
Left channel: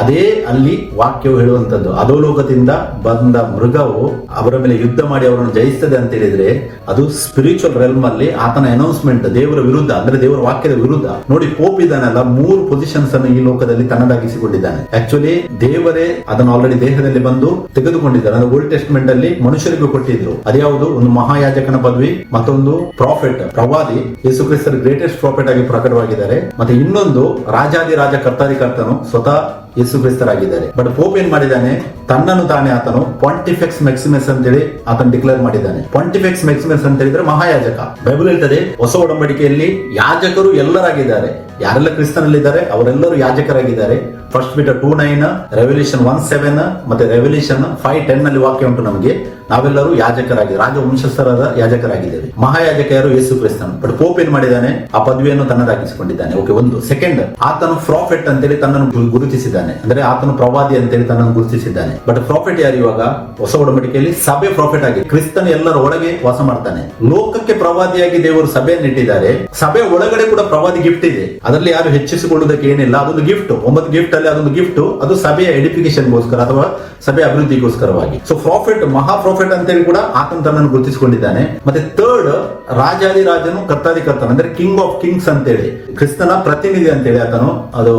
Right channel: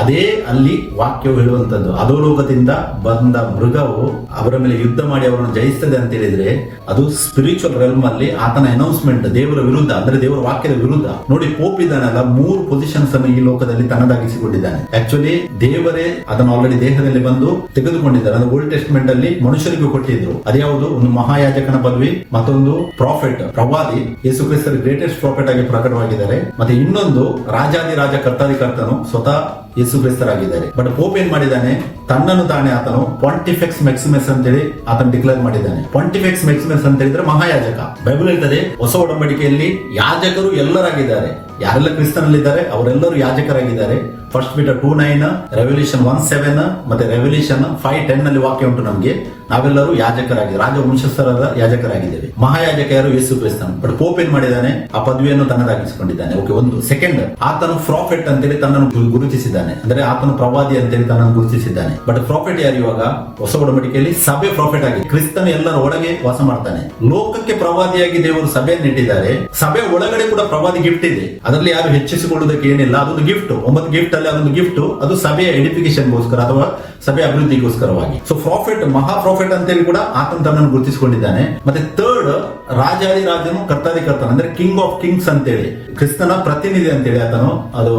ಅದೇ ಅಲ್ಲಿ ವಾಕ್ಯವು ಹೇಳುವಂತದ್ದು. ಅಧೋಲೋಕದಿಂದ ಬಂದ ಮೃಗವು ಅವರ ಮೇಲೆ ಯುದ್ಧ ಮಾಡಿ ಅವರನ್ನು ಜಯಿಸ್ತದೆ ಅಂತ ಹೇಳಿದ್ರೆ ಅದು ಸ್ಪಿರಿಚುವಲ್ ರೆಲ್ಮ್ ಅಲ್ಲಿ ಆತನ ಅನೌನ್ಸ್ಮೆಂಟ್ ದೇವರ ವಿರುದ್ಧ, ಅಂದ್ರೆ ದೇವರ ವಾಕ್ಯದ ವಿರುದ್ಧ. ನೋಡಿ, ಪೋಪ್ ಇದ್ದಾನಲ್ಲ, 3 ಪೊಸಿಷನ್ಸ್ ಅನ್ನು ಈ ಲೋಕದಲ್ಲಿ ತನ್ನದಾಗಿಸಿಕೊಂಡಿದ್ದಾನೆ. ಆಕ್ಚುಲಿ ದೇವರೇ ಅದನ್ನು ಆಲ್ರೆಡಿ ದೇಹದಲ್ಲಿ ಬಂದು ತೆಗೆದುಕೊಂಡಿದ್ದಾನೆ. ಅದು ಓಲ್ಡ್ ಟೆಸ್ಟ್ಮೆಂಟ್ ಅಲ್ಲಿ ಮನುಷ್ಯರಿಗೂ ಕೊಟ್ಟಿದ್ರು. ಅದ್ಯಾವುದು? ಒಂದು ಮಹಾಯಾಜಕನ ಪದವಿ, ಮತ್ತೊಂದು ಪ್ರಾಫೆಟ್, ಪ್ರವಾದಿ. ಯೇಸು ಕ್ರಿಸ್ತರ ಗ್ರೇಟೆಸ್ಟ್ ಪ್ರಾಫೆಟ್ ಆಗಿ ಪ್ರಕಟವಾಗಿದ್ದಾರೆ. ಮತ್ತೆ ಇನ್ನೊಂದು ರಾಜಾದಿರಾಜ ಕರ್ತಾದಿಕರ್ತನು ಸ್ವತಃ ಯೇಸು ಕ್ರಿಸ್ತರಾಗಿದ್ದಾರೆ. ಬಟ್ ಪೋಪ್ ಏನ್ ಮಾಡಿದ್ದಾನೆ? ತನ್ನನ್ನು ತಾನೇ ಆತನು ಪಾಂಟಿಫೆಕ್ಸ್ ಮ್ಯಾಕ್ಸಿಮಸ್ ಅಂತ ಹೇಳಿ ಆತನು ಡಿಕ್ಲೇರ್ ಮಾಡಿದ್ದಾನೆ. ಪಾಂಟಿಫೆಕ್ಸ್ ಮ್ಯಾಕ್ಸಿಮಸ್ ಅಂತ ಹೇಳಿದ್ರೆ ಮಹಾಯಾಜಕ. ಬೈಬಲ್ ಹೇಳ್ತದೆ ಹೊಸ ಒಡಂಬಡಿಕೆಯಲ್ಲಿ ಯಾಜಕರು ಎಲ್ಲರಾಗಿದ್ದಾರೆ. ಯಾರೆಲ್ಲ ಕ್ರಿಸ್ತನಲ್ಲಿದ್ದಾರೆ ಅವರೆಲ್ಲರೂ ಯಾಜಕರಾಗಿದ್ದಾರೆ. ಫಸ್ಟ್ ಪೀಟರ್ 2:9, ರೆವಲ್ಯೂಷನ್ 1:7 ಮತ್ತೆ ರೆವಲ್ಯೂಷನ್ 5:10 ನಲ್ಲಿ ವಾಕ್ಯ ಉಂಟು ನಮಗೆ. ನಾವೆಲ್ಲರೂ ಯಾಜಕರಾಗಿದ್ದೇವೆ, ರಾಜ ವಂಶಸ್ಥರಾದ ಯಾಜಕರಾಗಿದ್ದೇವೆ. ಮಹಾಯಾಜಕ ಯಾರು? ಯೇಸು ಕ್ರಿಸ್ತನು. ಬಟ್ ಪೋಪ್ ಏನ್ ಮಾಡಿದ್ದಾನೆ? ಆ ಪದವಿಯನ್ನು ತನ್ನದಾಗಿಸಿಕೊಂಡಿದ್ದಾನೆ. ಓಕೆ, ಒಂದು. ಸೆಕೆಂಡ್, ಆತನು ಪ್ರಾಫೆಟ್ ಅಂತೇಳಿ ತನ್ನನ್ನು ಗುರುತಿಸಿದ್ದಾನೆ. ಅಂದ್ರೆ ಆತನು ಪ್ರವಾದಿ ಅಂತೇಳಿ ತನ್ನನ್ನು ಗುರುತಿಸಿದ್ದಾನೆ. ಬಟ್ ಪ್ರಾಫೆಟ್ ಯಾರು? ಇವಾಗ ಹೊಸ ಒಡಂಬಡಿಕೆಯಲ್ಲಿ ಸಭೆ ಪ್ರಾಫೆಟ್ ಆಗಿ ಕ್ರಿಸ್ತನ ಎಲ್ಲರ ಒಳಗೆ ವಾಸ ಮಾಡ್ತಾನೆ. ಲೋಕಕ್ಕೆ ಪ್ರವಾದಿಯಾಗಿ ದೇವರು ಸಭೆಯನ್ನು ಇಟ್ಟಿದ್ದಾರೆ. ಸಭೆ ಒಳಗಡೆ ಕೂಡ ಪ್ರವಾದಿ ಗಿಫ್ಟ್ ಇದೆ. ಅದರಲ್ಲಿ ಯಾರು ಹೆಚ್ಚಿಸಿಕೊಳ್ಳುವುದಕ್ಕೆ ಏನಿಲ್ಲ. ಅದೊಂದು ಗಿಫ್ಟ್. 9 ಗಿಫ್ಟ್ ಅಲ್ಲಿ ಅದೊಂದು ಗಿಫ್ಟ್. ಅದು ಸಭೆಯ ಎಡಿಫಿಕೇಶನ್ಗೋಸ್ಕರ ಅಥವಾ ಸಭೆ ಅಭಿವೃದ್ಧಿಗೋಸ್ಕರವಾಗಿ. ಸೊ ಪ್ರಾಫಿಟ್, ಮಹಾ ಪ್ರಾಫಿಟ್ ಅಂತ ಹೇಳಿ ಕೂಡ ಆತನ ತನ್ನನ್ನು ಗುರುತಿಸಿಕೊಂಡಿದ್ದಾನೆ. ಮತ್ತೆ ಥರ್ಡ್, ರಾಜಾದಿರಾಜನು ಕರ್ತಾದಿಕರ್ತನು, ಅಂದ್ರೆ ಕಿಂಗ್ ಆಫ್ ಕಿಂಗ್ಸ್ ಅಂತೇಳಿ, ಕ್ರಿಸ್ತನ ಪ್ರತಿನಿಧಿ ಅಂತೇಳಿ ಆತನು. ಅದು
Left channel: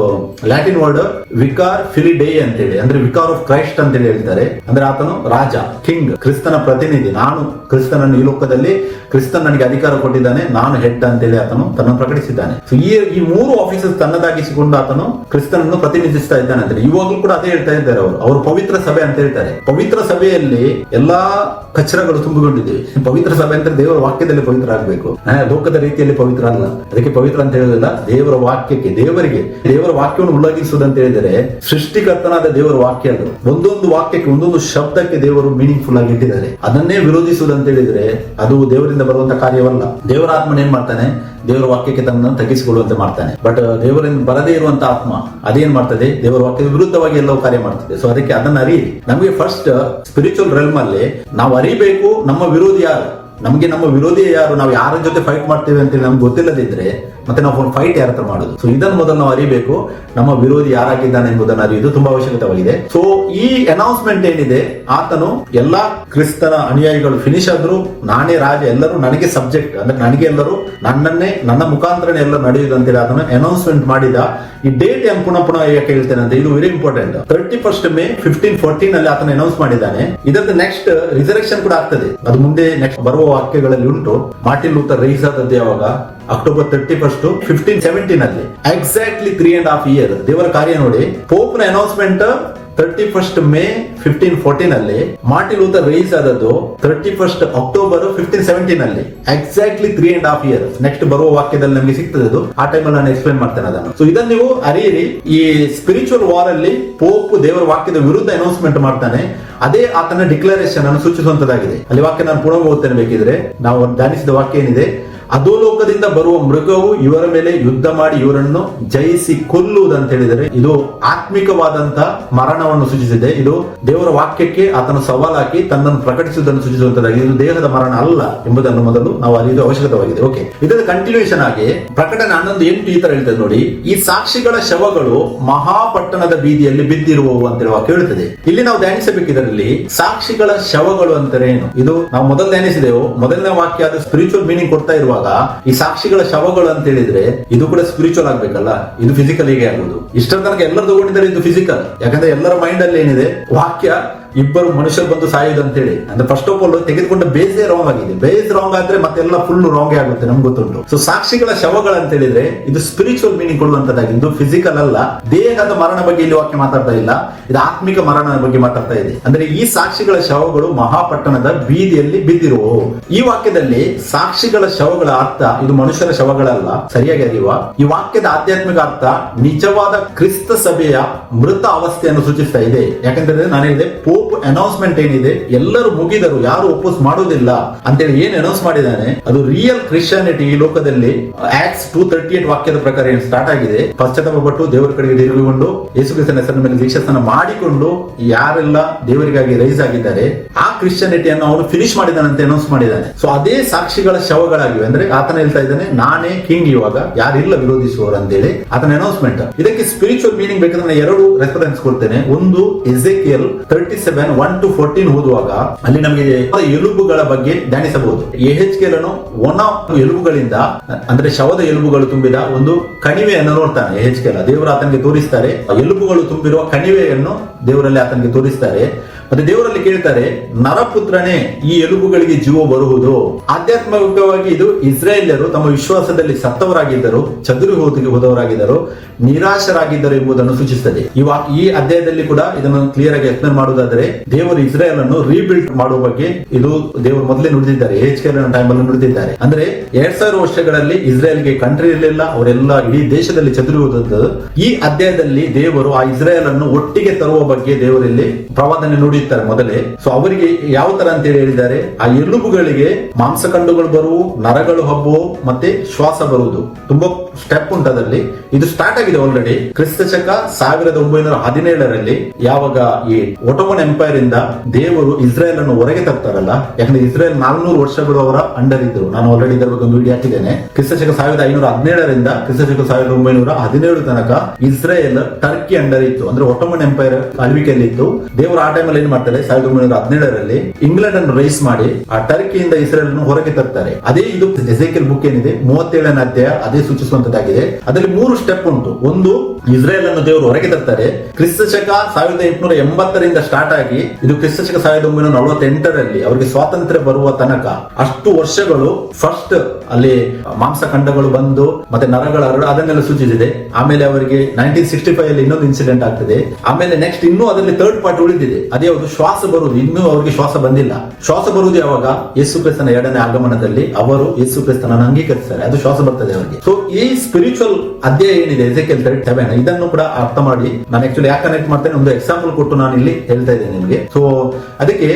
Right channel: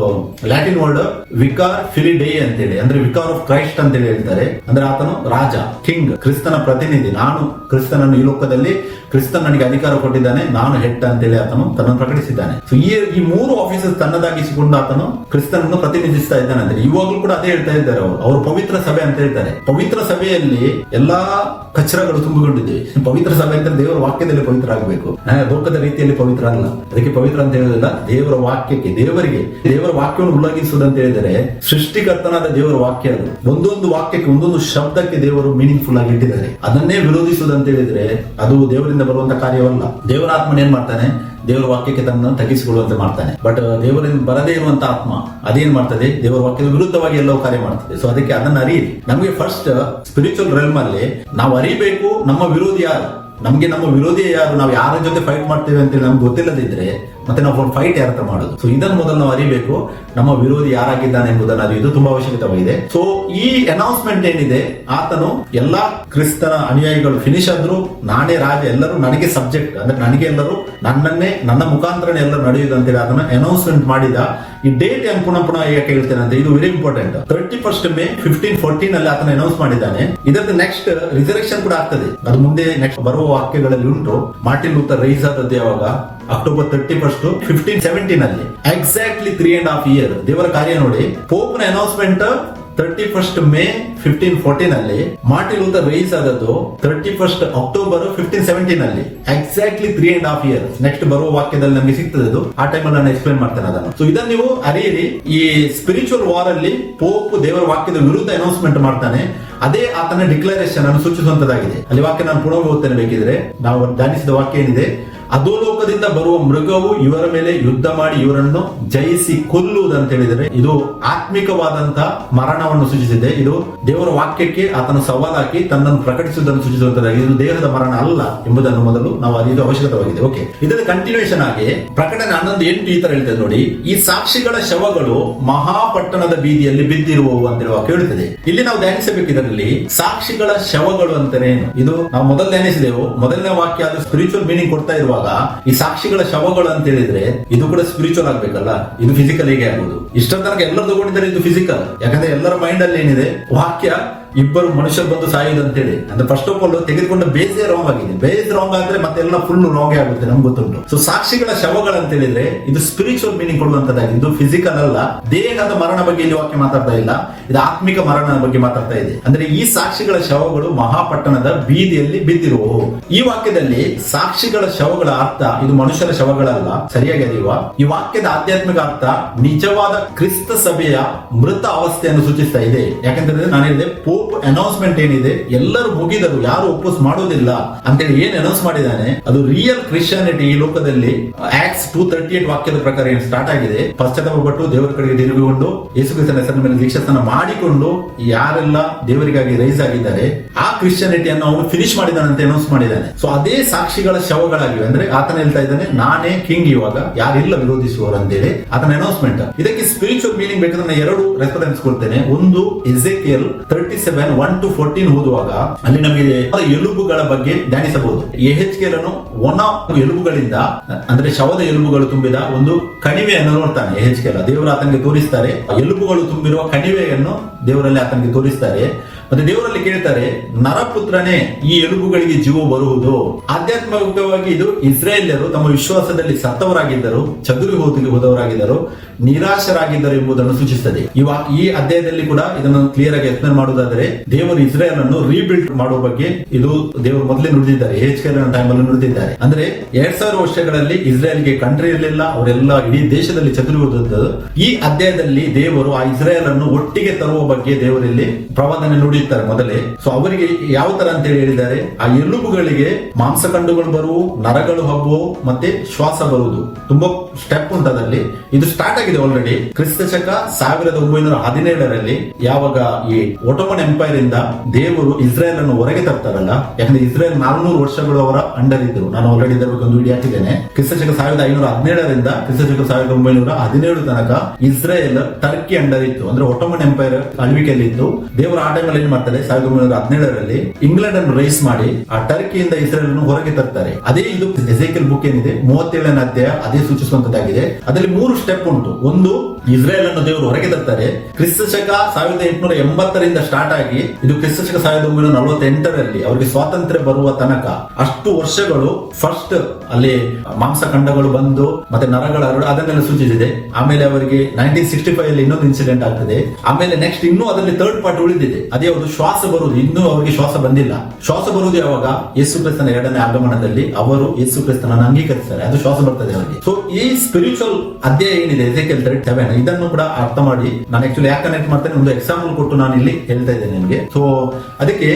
ಲ್ಯಾಟಿನ್ ವರ್ಡ್ ವಿಕಾರ್ ಫಿಲಿಡೇ ಅಂತೇಳಿ, ಅಂದ್ರೆ ವಿಕಾರ್ ಆಫ್ ಕ್ರೈಸ್ಟ್ ಅಂತೇಳಿ ಹೇಳ್ತಾರೆ. ಅಂದ್ರೆ ಆತನು ರಾಜ, ಕಿಂಗ್, ಕ್ರಿಸ್ತನ ಪ್ರತಿನಿಧಿ. ನಾನು ಕ್ರಿಸ್ತನನ್ನು ಈ ಲೋಕದಲ್ಲಿ, ಕ್ರಿಸ್ತನ್ ನನಗೆ ಅಧಿಕಾರ ಕೊಟ್ಟಿದ್ದಾನೆ, ನಾನು ಹೆಡ್ ಅಂತೇಳಿ ಆತನು ತನ್ನನ್ನು ಪ್ರಕಟಿಸಿದ್ದಾನೆ. ಸೊ ಈ 3 ಆಫೀಸಸ್ ತನ್ನದಾಗಿಸಿಕೊಂಡು ಆತನು ಕ್ರಿಸ್ತನನ್ನು ಪ್ರತಿನಿಧಿಸ್ತಾ ಇದ್ದಾನೆ. ಅಂದ್ರೆ ಇವಾಗಲೂ ಕೂಡ ಅದೇ ಹೇಳ್ತಾ ಇದ್ದಾರೆ ಅವರು ಪವಿತ್ರ ಸಭೆ ಅಂತ ಹೇಳ್ತಾರೆ. ಪವಿತ್ರ ಸಭೆಯಲ್ಲಿ ಎಲ್ಲಾ ಕಚರಗಳು ತುಂಬಿಕೊಂಡಿದೆ. ಪವಿತ್ರ ಸಭೆ ಅಂದ್ರೆ ದೇವರ ವಾಕ್ಯದಲ್ಲಿ ಪವಿತ್ರ ಆಗಬೇಕು, ಲೋಕದ ರೀತಿಯಲ್ಲಿ ಪವಿತ್ರ ಅಲ್ಲ. ಅದಕ್ಕೆ ಪವಿತ್ರ ಅಂತ ಹೇಳೋದಿಲ್ಲ, ದೇವರ ವಾಕ್ಯಕ್ಕೆ, ದೇವರ ವಾಕ್ಯವನ್ನು ಉಲ್ಲಂಘಿಸುವುದು ಅಂತ ಹೇಳಿದರೆ ಸೃಷ್ಟಿಕರ್ತನಾದ ದೇವರ ವಾಕ್ಯ. ಅದು ಒಂದೊಂದು ವಾಕ್ಯಕ್ಕೆ, ಒಂದೊಂದು ಶಬ್ದಕ್ಕೆ ದೇವರು ಮೀನಿಂಗ್ಫುಲ್ ಆಗಿ ಇಟ್ಟಿದ್ದಾರೆ. ಅದನ್ನೇ ವಿರೋಧಿಸುವುದು ಅಂತ ಹೇಳಿದ್ರೆ ಅದು ದೇವರಿಂದ ಬರುವಂತ ಕಾರ್ಯವಲ್ಲ. ದೇವರ ಆತ್ಮನ ಏನ್ ಮಾಡ್ತಾನೆ? ದೇವರ ವಾಕ್ಯಕ್ಕೆ ತನ್ನ ತಗ್ಗಿಸಿಕೊಳ್ಳುವಂತೆ ಮಾಡ್ತಾನೆ. ಬಟ್ ದೇವರಿಂದ ಬರದೇ ಇರುವಂತ ಆತ್ಮ ಅದೇನ್ ಮಾಡ್ತದೆ? ದೇವರ ವಾಕ್ಯದ ವಿರುದ್ಧವಾಗಿ ಎಲ್ಲವೂ ಕಾರ್ಯ ಮಾಡ್ತದೆ. ಸೊ ಅದಕ್ಕೆ ಅದನ್ನ ಅರಿಯಿರಿ. ನಮಗೆ ಫಸ್ಟ್ ಸ್ಪಿರಿಚುವಲ್ ರೆಲ್ಮ್ ಅಲ್ಲಿ ನಾವು ಅರಿಬೇಕು ನಮ್ಮ ವಿರೋಧಿ ಯಾರು, ನಮ್ಗೆ ನಮ್ಮ ವಿರೋಧಿ ಯಾರು, ನಾವು ಯಾರ ಜೊತೆ ಫೈಟ್ ಮಾಡ್ತೇವೆ ಅಂತ ನಮ್ಗೆ ಗೊತ್ತಿಲ್ಲದಿದ್ರೆ ಮತ್ತೆ ನಾವು ಫೈಟ್ ಯಾರ ಹತ್ರ ಮಾಡೋದು? ಸೊ ಇದನ್ನು ಮೊದಲು ನಾವು ಅರಿಬೇಕು, ನಮ್ಮ ವಿರೋಧಿ ಯಾರಾಗಿದ್ದಾನೆ ಎಂಬುದನ್ನು ಅರಿಯುವುದು ತುಂಬಾ ಅವಶ್ಯಕತೆಯಾಗಿದೆ. ಸೊ ಈ ಅನೌನ್ಸ್ಮೆಂಟ್ ಏನಿದೆ, ಆತನು ಎಲ್ಲಾ ಕ್ರಿಸ್ತನ ಅನುಯಾಯಿಗಳು ಫಿನಿಶ್ ಆದ್ರು, ನಾನೇ ರಾಜ, ಎಲ್ಲರೂ ನನಗೆ ಸಬ್ಜೆಕ್ಟ್, ಅಂದ್ರೆ ನನಗೆ ಎಲ್ಲರೂ ನನ್ನ ಮುಖಾಂತರನೇ ಎಲ್ಲರೂ ನಡೆಯುವುದು ಅಂತೇಳಿ ಅದನ್ನು ಅನೌನ್ಸ್ಮೆಂಟ್ ಮಾಡಿದ. ಈ ಡೇಟ್ ಯಾಕೆ ಪುನಃ ಯಾಕೆ ಹೇಳ್ತೇನೆ ಅಂದ್ರೆ ಇದು ವೆರಿ ಇಂಪಾರ್ಟೆಂಟ್. 31st May 1514 ಅಲ್ಲಿ ಆತನ ಅನೌನ್ಸ್ ಮಾಡಿದ್ದಾನೆ. ಇದರದ್ದು ನೆಕ್ಸ್ಟ್ ರಿಸರೆಕ್ಷನ್ ಕೂಡ ಆಗ್ತದೆ. ಅದು ಮುಂದೆ ನೆಕ್ಸ್ಟ್ ಬರುವ ವಾಕ್ಯಗಳಲ್ಲಿ ಉಂಟು. ಮಾರ್ಟಿನ್ ಲೂಥರ್ ರೈಸ್ ಆದದ್ದು ಯಾವಾಗ? October 31st 1517 ಅಲ್ಲಿ. ಎಕ್ಸಾಕ್ಟ್ಲಿ 3.5 years ದೇವರ ಕಾರ್ಯ ನೋಡಿ. ಪೋಪ್ನ ಅನೌನ್ಸ್ಮೆಂಟ್ 31st May 1514 ಅಲ್ಲಿ, ಮಾರ್ಟಿನ್ ಲೂಥರ್ ರೈಸ್ ಆದದ್ದು 31st October 1517 ಅಲ್ಲಿ. Exactly 3.5 years. ನೆಕ್ಸ್ಟ್ ಬರುವ ವಾಕ್ಯದಲ್ಲಿ ನಮಗೆ ಸಿಗ್ತದೆ ಅದು. ಆ ಟೈಮ್ ಅಲ್ಲಿ ನಾನು ಎಕ್ಸ್ಪ್ಲೇನ್ ಮಾಡ್ತೇನೆ ಅದನ್ನು. ಸೊ ಇದನ್ನು ನೀವು ಅರಿಯಿರಿ. ಈ ಸ್ಪಿರಿಚುವಲ್ ವಾರ್ ಅಲ್ಲಿ ಪೋಪ್ ದೇವರ ವಾಕ್ಯದ ವಿರುದ್ಧ ಅನೌನ್ಸ್ಮೆಂಟ್ ಮಾಡ್ತಾನೆ. ಅದೇ ಆತನ ಡಿಕ್ಲರೇಷನ್ ಅನ್ನು ಸೂಚಿಸುವಂತದ್ದಾಗಿದೆ. ಅಲ್ಲಿ ವಾಕ್ಯ ನಾನು ಪುನಃ ಓದ್ತೇನೆ ಬೇಕಿದ್ರೆ. ನಾವು ಧ್ಯಾನಿಸಿದ ವಾಕ್ಯ ಏನಿದೆ? ಅಧೋಲೋಕದಿಂದ ಬರುವ ಮೃಗವು ಇವರ ಮೇಲೆ ಯುದ್ಧ ಮಾಡಿ ಇವರನ್ನು ಜಯಿಸಿ ಕೊಲ್ಲುವುದಂತ ಹೇಳಿದರೆ ಇದು ಆತ್ಮಿಕವಾದಂತ ಮರಣವನ್ನು ಸೂಚಿಸಿದೆ. ಇದು ದೇವರ ವಾಕ್ಯಕ್ಕೆ ಆತನ ಸವಾಲಾಕಿ ತನ್ನನ್ನು ಪ್ರಕಟಿಸುವುದನ್ನು ಸೂಚಿಸುವಂತದ್ದಾಗಿದೆ. ಇದು ದೇಹದ ಮರಣ ಅಲ್ಲ ಎಂಬುದನ್ನು ಮೊದಲು ನಾವು ಅರಿಯುವ ಅವಶ್ಯಕತೆಯಾಗಿದೆ. ಓಕೆ, ಇದರ ಕಂಟಿನ್ಯೂಷನ್ ಆಗಿ ಪ್ರಕಟಣೆ 11:8 ಈ ತರ ಹೇಳ್ತದೆ ನೋಡಿ. ಈ ಸಾಕ್ಷಿಗಳ ಶವಗಳು ಮಹಾಪಟ್ಟಣದ ಬೀದಿಯಲ್ಲಿ ಬಿದ್ದಿರುವವು ಅಂತೇಳಿ ವಾಕ್ಯ ಹೇಳ್ತದೆ. ಇಲ್ಲಿ ನಾವು ಧ್ಯಾನಿಸಬೇಕು. ಇದರಲ್ಲಿ ಸಾಕ್ಷಿಗಳ ಶವಗಳು ಅಂತಾರೆ ಏನು? ಇದು ನಾವು ಮೊದಲು ಧ್ಯಾನಿಸಿದೆವು. ಮೊದಲನೇ ವಾಕ್ಯ ಅದು ಸ್ಪಿರಿಚುವಲ್ ಮೀನಿಂಗ್ ಕೊಡ್ತಾ ಇರುವಾಗ ಈ ಸಾಕ್ಷಿಗಳ ಶವಗಳು ಅಂತ ಹೇಳಿದ್ರೆ ಇದು ಕೂಡ ಸ್ಪಿರಿಚುವಲ್ ಆಗ್ಬೇಕಲ್ಲ, ಇದು ಫಿಸಿಕಲ್ ಹೇಗೆ ಆಗುದು? ಇಷ್ಟರ ತನಕ ಎಲ್ಲರೂ ತಗೊಂಡಿದ್ದಾರೆ ಇದು ಫಿಸಿಕಲ್. ಯಾಕಂದ್ರೆ ಎಲ್ಲರ ಮೈಂಡ್ ಅಲ್ಲಿ ಏನಿದೆ? ವಾಕ್ಯ ಇಬ್ಬರು ಮನುಷ್ಯರು ಬಂದು ಸಾಯೋದು ಅಂತೇಳಿ. ಅಂದ್ರೆ ಫಸ್ಟ್ ಆಫ್ ಆಲ್ ತೆಗೆದುಕೊಂಡ ಬೇಸೇ ರಾಂಗ್ ಆಗಿದೆ. ಬೇಸ್ ರಾಂಗ್ ಆದ್ರೆ ಮತ್ತೆಲ್ಲ ಫುಲ್ ರಾಂಗ್ ಆಗುತ್ತೆ, ನಮ್ಗೆ ಗೊತ್ತುಂಟು. ಸೊ ಸಾಕ್ಷಿಗಳ ಶವಗಳು ಅಂತ ಹೇಳಿದ್ರೆ ಇದು ಸ್ಪಿರಿಚುವಲ್ ಮೀನಿಂಗ್ ಕೊಡುವಂತದ್ದಾಗಿದ್ದು ಫಿಸಿಕಲ್ ಅಲ್ಲ. ದೇಹದ ಮರಣ ಬಗ್ಗೆ ಇಲ್ಲಿ ವಾಕ್ಯ ಮಾತಾಡ್ತಾ ಇಲ್ಲ, ಇದು ಆತ್ಮಿಕ ಮರಣ ಬಗ್ಗೆ ಮಾತಾಡ್ತಾ ಇದೆ. ಅಂದ್ರೆ ಈ ಸಾಕ್ಷಿಗಳ ಶವಗಳು ಮಹಾಪಟ್ಟಣದ ಬೀದಿಯಲ್ಲಿ ಬಿದ್ದಿರುವು. ಈ ವಾಕ್ಯದಲ್ಲಿ ಸಾಕ್ಷಿಗಳ ಶವಗಳ ಅರ್ಥ ಇದು ಮನುಷ್ಯರ ಶವಗಳಲ್ಲ, ಸರಿಯಾಗಿ ಅರಿಯುವ. ಈ ವಾಕ್ಯದ ಆಧ್ಯಾತ್ಮಿಕ ಅರ್ಥ ನಿಜವಾದ ಕ್ರಿಸ್ತ ಸಭೆಯ ಮೃತ ಅವಸ್ಥೆಯನ್ನು ಸೂಚಿಸ್ತಾ ಇದೆ. ಯಾಕಂದ್ರೆ ನಾನು ಹೇಳಿದೆ ಪೋಪ್ ಪೋಪ್ ಅನೌನ್ಸ್ಮೆಂಟ್ ಏನಿದೆ, ಎಲ್ಲರೂ ಮುಗಿದರು, ಯಾರು ಒಪ್ಪೋಸ್ ಮಾಡುವುದಿಲ್ಲ ಅಂತೇಳಿ ಏನ್ ಅನೌನ್ಸ್ ಮಾಡಿದ್ದಾನೆ, ಅದು ರಿಯಲ್ ಕ್ರಿಶ್ಚಿಯಾನಿಟಿ ಈ ಲೋಕದಲ್ಲಿ ಆಕ್ಟ್ಸ್ 2:38 ವಾಕ್ಯದ ಪ್ರಕಾರ ಏನ್ ಸ್ಟಾರ್ಟ್ ಆಗಿದೆ. ಪಶ್ಚಾತ್ತಾಪಪಟ್ಟು ದೇವರ ಕಡೆಗೆ ತಿರುಗಿಕೊಂಡು ಯೇಸು ಕ್ರಿಸ್ತನ ಹೆಸರಿನ ಮೇಲೆ ದೀಕ್ಷಾಸ್ನಾನ ಮಾಡಿಕೊಂಡು ಯಾರೆಲ್ಲ ದೇವರಿಗಾಗಿ ರೈಸ್ ಆಗಿದ್ದಾರೆ ಆ ಕ್ರಿಶ್ಚಿಯಾನಿಟಿಯನ್ನು ಅವನು ಫಿನಿಶ್ ಮಾಡಿದ್ದಾನೆ ಅಂತ ಅನೌನ್ಸ್ ಮಾಡಿದ್ದಾನೆ. ಸೊ ಅದೇ ಸಾಕ್ಷಿಗಳ ಶವಗಳಾಗಿವೆ. ಅಂದ್ರೆ ಆತನ ಹೇಳ್ತಾ ಇದ್ದಾನೆ, ನಾನೇ ಕಿಂಗ್, ಇವಾಗ ಯಾರಿಲ್ಲ ವಿರೋಧಿಸುವವರು ಅಂತೇಳಿ ಆತನ ಅನೌನ್ಸ್ಮೆಂಟ್. ಇದಕ್ಕೆ ಸ್ಪಿರಿಚುವಲ್ ಮೀನಿಂಗ್ ಬೇಕಾದ್ರೆ ನಾನು ಎರಡು ರೆಫರೆನ್ಸ್ ಕೊಡ್ತೇನೆ. ಒಂದು ಎಜೆಕಿಯಲ್ 37:1-14 ಓದುವಾಗ ಅಲ್ಲಿ ನಮಗೆ ಎಲುಬುಗಳ ಬಗ್ಗೆ ಧ್ಯಾನಿಸಬಹುದು. ಯೆಹೆಜ್ಕೇಲನು ಒಣ ಎಲುಬುಗಳಿಂದ, ಅಂದ್ರೆ ಶವದ ಎಲುಬುಗಳು ತುಂಬಿದ ಒಂದು ಕಣಿವೆಯನ್ನು ನೋಡ್ತಾನೆ. ಯೆಹೆಜ್ಕೇಲ ದೇವರು ಆತನಿಗೆ ತೋರಿಸ್ತಾರೆ, ಎಲುಬುಗಳು ತುಂಬಿರುವ ಕಣಿವೆಯನ್ನು ದೇವರಲ್ಲಿ ಆತನಿಗೆ ತೋರಿಸ್ತಾರೆ. ಮತ್ತೆ ದೇವರಲ್ಲಿ ಕೇಳ್ತಾರೆ, ನರಪುತ್ರನೇ, ಈ ಎಲುಬುಗಳಿಗೆ ಜೀವ ಬರುವುದು. ಆಧ್ಯಾತ್ಮಿಕವಾಗಿ ಇದು ಇಸ್ರಾಯೇಲ್ಯರು ತಮ್ಮ ವಿಶ್ವಾಸದಲ್ಲಿ ಸತ್ತವರಾಗಿದ್ದರು, ಚದುರಿ ಹೋದವರಾಗಿದ್ದರು, ನಿರಾಶರಾಗಿದ್ದರು ಎಂಬುದನ್ನು ಸೂಚಿಸುತ್ತದೆ. ಈ ಅಧ್ಯಾಯದಲ್ಲಿ ಕೂಡ ಇದನ್ನು ಕ್ಲಿಯರ್ ಆಗಿ ಎಕ್ಸ್ಪ್ಲೇನ್ ಮಾಡುವುದಾದರೆ, ದೇವರು ಇಸ್ರಾಯೇಲ್ ಅನ್ನು ರೀಬಿಲ್ಡ್ ಮಾಡುವ ಬಗ್ಗೆ ಇದು ದೇವರು ಮೊದಲೇ ನುಡಿದಿದ್ದಾರೆ, ಯೆಹೆಜ್ಕೇಲನ ಟೈಮ್ ಅನ್ನು ನುಡಿದಿದ್ದಾರೆ. ಅಂದ್ರೆ 2000 ವರ್ಷಗಳಲ್ಲಿ ಇಸ್ರಾಯೇಲ್ಗೆ ಕಂಟ್ರಿ ಇರಲಿಲ್ಲ, ಅವರೆಲ್ಲ ಇಡೀ ದೇಶದಲ್ಲಿ ಚದುರಿ ಹೋದದ್ದು. ಈ ಅಧ್ಯಾಯದಲ್ಲಿ ದೇವರು ಆ ಇಸ್ರಾಯೇಲ್ ಅನ್ನು ಒಟ್ಟಿಗೆ ತರುವ ಬಗ್ಗೆ ದೇವರಲ್ಲಿ ಪ್ರವಾದನೆ ನುಡಿಯುತ್ತಾರೆ ಮೊದಲೇ. ಸೊ ಅವರಿಗೆ ಯಾವ ತರ ಅಂತ ಹೇಳಿದ್ದಾರೆ, ಆ ಎಲುಬುಗಳಿಗೆ ಮಾಂಸಖಂಡಗಳು ಬರುವು, ನರಗಳು ಹಬ್ಬುವು, ಮತ್ತೆ ಶ್ವಾಸ ಬರುವುದು. ತುಂಬಾ ಸ್ಟೆಪ್ ಉಂಟದಲ್ಲಿ. ಇದು ಸ್ಟಾರ್ಟ್ ಆಗಿದೆ ಆಲ್ರೆಡಿ ಕ್ರಿಸ್ತ ಶಕ 1917 ಯಾವಾಗ ಈ ಒಟೋಮನ್ ಎಂಪೈರ್ ಇಂದ ದೇವರು ಇಸ್ರಾಯೇಲ್ ಅನ್ನು ಹೊರಗೆ ತರ್ತಾರಲ್ಲ. ಯಾಕಂದ್ರೆ ಇಸ್ರಾಯೇಲ್ 400 ವರ್ಷಗಳು ಅವರ ಅಂಡರ್ ಇದ್ರು. ನಾನು ಆಲ್ರೆಡಿ ಇದರ ಬಗ್ಗೆ ಒಂದು ವಿಡಿಯೋ ಹಾಕಿದ್ದೇನೆ. ಕ್ರಿಸ್ತ ಶಕ 1517 ಕ್ರಿಸ್ತ ಶಕ 1917 ತನಕ ಇಸ್ರಾಯೇಲ್ ಟರ್ಕಿ ಅಂಡರ್ ಇತ್ತು. ಅಂದ್ರೆ ಒಟೋಮನ್ ಎಂಪೈರ್ ಆಳ್ವಿಕೆಯಲ್ಲಿತ್ತು. ದೇವರು ಆ ಟೈಮಲ್ಲಿ ಏನ್ ಮಾಡ್ತಾರೆ, 1917 ಇಂಗ್ಲೆಂಡ್ ಅನ್ನು ರೈಸ್ ಮಾಡಿ ಆ ಟರ್ಕಿಯಿಂದ ಇಸ್ರೇಲ್ ಅನ್ನು ಹೊರಗೆ ತರ್ತಾರೆ. ಅದೇ ಇದು ಎಜೆಕಿಯಲ್ ಬುಕ್ ಏನಿದೆ 37ನೇ ಅಧ್ಯಾಯ ಅದೇ ಸೂಚಿಸುವಂತದ್ದಾಗಿದೆ. ಅದರಲ್ಲಿ 3 ಸ್ಟೆಪ್ ಉಂಟು. ಒಂದು, ಇಸ್ರೇಲ್ ಅನ್ನು ದೇವರು ಹೊರಗೆ ತರ್ತಾರೆ. ಕ್ರಿಸ್ತ ಶಕ 1880 ಸ್ಟಾರ್ಟ್ ಆಗಿ ಇದು ಕ್ರಿಸ್ತ ಶಕ 1948 ಅವರಿಗೆ ಸ್ವಾತಂತ್ರ್ಯ ಬರುವ ತನಕ ಅಷ್ಟು ವರ್ಷಗಳು ಫಸ್ಟ್ ಅಲ್ಲಿ ಮಾಂಸಖಂಡಗಳು ಬಂದು ಮತ್ತೆ ನರಗಳ ಅದನ್ನೆಲ್ಲ ಸೂಚಿಸಿದೆ. ಆಮೇಲೆ ಅವರಿಗೆ 1965 ಇನ್ನೊಂದು ಇನ್ಸಿಡೆಂಟ್ ಆಗ್ತದೆ. ಆಮೇಲೆ ನೆಕ್ಸ್ಟ್ ಇನ್ನೂ ಅದರಲ್ಲಿ ಥರ್ಡ್ ಪಾರ್ಟ್ ಉಳಿದಿದೆ. ಅದೇ ಒಂದು ಶ್ವಾಸ ಬರುವುದು. ಇನ್ನೂ ಅವರಿಗೆ ಶ್ವಾಸ ಬಂದಿಲ್ಲ. ಶ್ವಾಸ ಬರುವುದು ಯಾವಾಗ, ಯೇಸು ಕ್ರಿಸ್ತನ 2ನೇ ಆಗಮನದಲ್ಲಿ ಅವರು ಯೇಸು ಕ್ರಿಸ್ತನನ್ನು ಅಂಗೀಕರಿಸ್ತಾರೆ, ಅದು ಶ್ವಾಸ ಬರ್ತದೆ ಅವರಿಗೆ. ಸೊ ಈ ಸ್ಪಿರಿಚುವಲ್ ಅಧ್ಯಾಯ ಏನಿದೆ ಎಜೆಕಿಯಲ್ 37 ಇದನ್ನು ಕೂಡ ಅರ್ಥ ಮಾಡಿ, ನಾನು ಆಕ್ಚುಲಿ ಯಾಕೆ ಕನೆಕ್ಟ್ ಮಾಡ್ತೇನೆ, ಒಂದು ಎಕ್ಸಾಂಪಲ್ ಕೊಟ್ಟು ನಾನು ಇಲ್ಲಿ ಹೇಳ್ತಾ ಇದ್ದೇನೆ ನಿಮಗೆ. ಸೊ ಅದಕ್ಕೆ